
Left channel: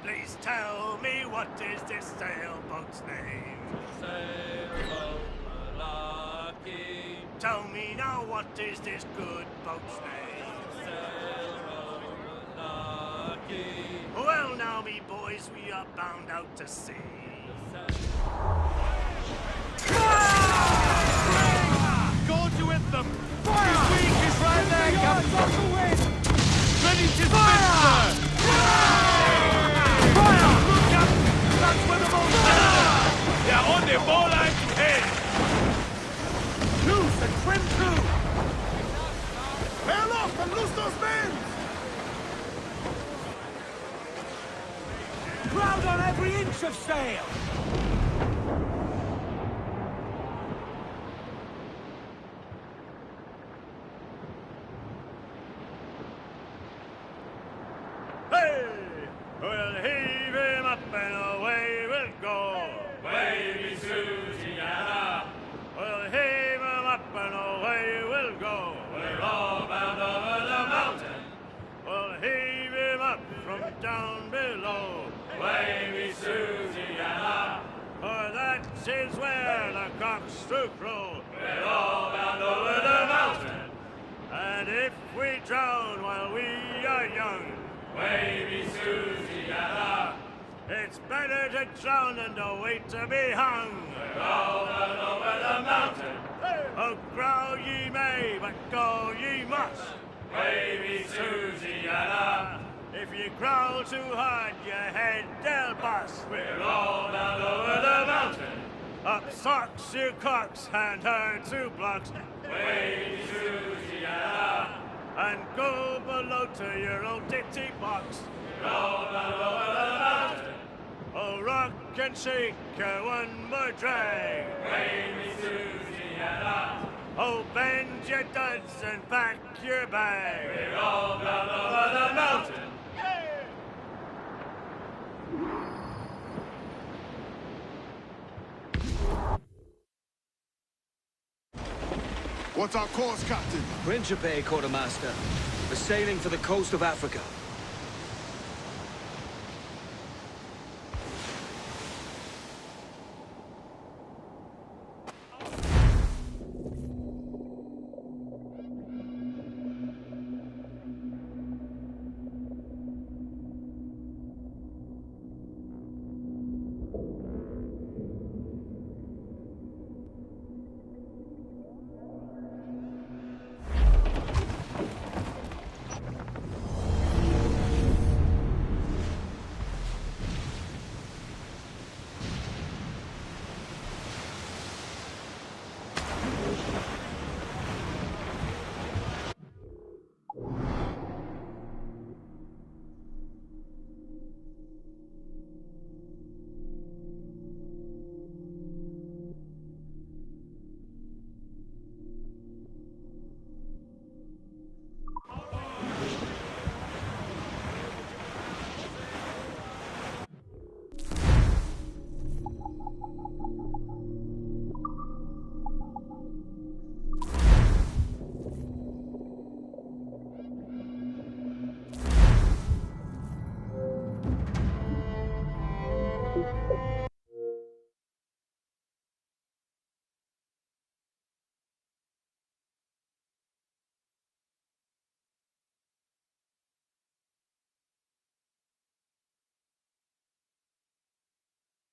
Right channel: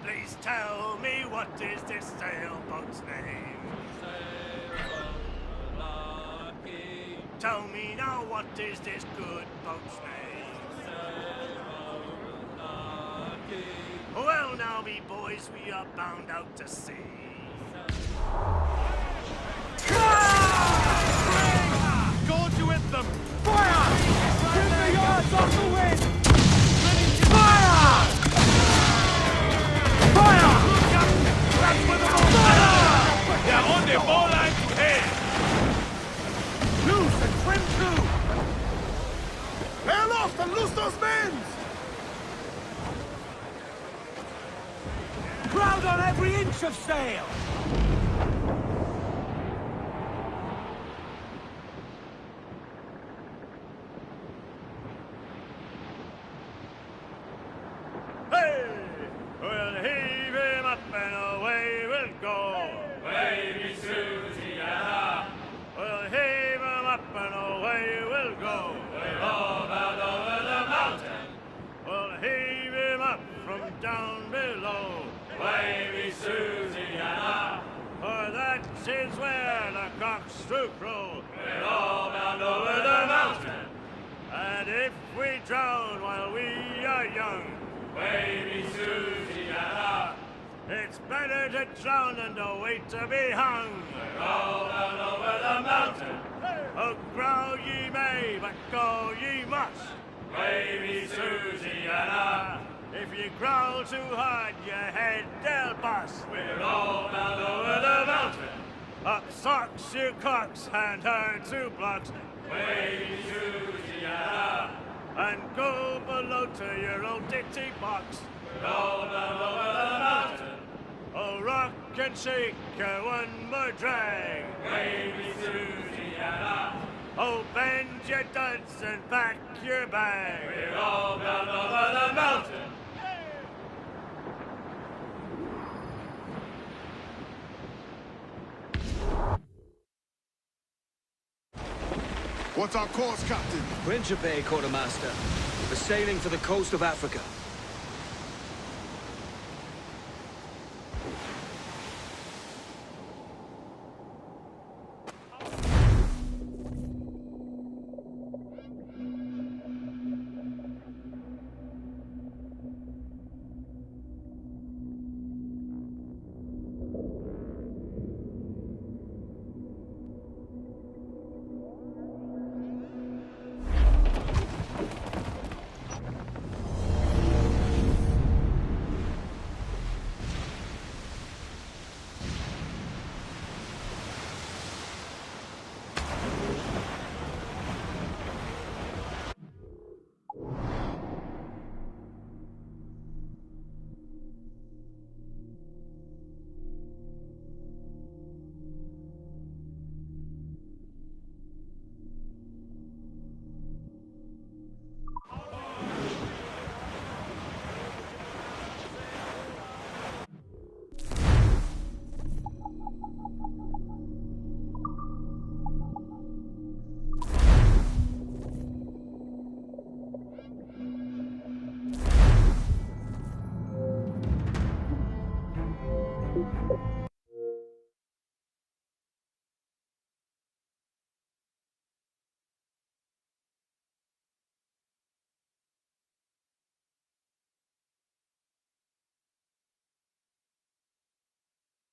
Please tell me, what is this sailboat's name? Sailboat Lucky. Tell me now, what is this good boat's name? Lucky. Well now, me boys, we are bound out to sea. Gorge you with them! Fire! His wing is right there, the yards off the wind! Ready to fire! Fire! Look, Captain! That's where the boat's headed! They're on the ball line to head! Loose and trim to! Hail off and loose those men! Crowd on every inch of sail! Hey! We'll heave him up and away we'll go. Wavy Susiana. We'll heave him up and away we'll go. We're all bound over the mountain. We'll heave him up from down below. Wavy Susiana. For that is where the cocks do crow. We're all bound over the mountain. And if we drown while we are young, Wavy Susiana. It's better to drown than to wait to be hung. Roll down over the mountain. Oh, growl ye may, but go ye must. Wavy Susiana. If you growl too hard, your head they'll bust. We roll down over the mountain. Up socks, you cocks, and her 2 blocks. Wavy Susiana. And go below to your own ditty box. Roll down over the mountain. Oh, rock and shake, one more drag. Wavy Susiana. Oh, bend your duds and pack your bag. Roll down over the mountain. What's our course, Captain? Principe, Quartermaster. We're sailing for the coast of Africa.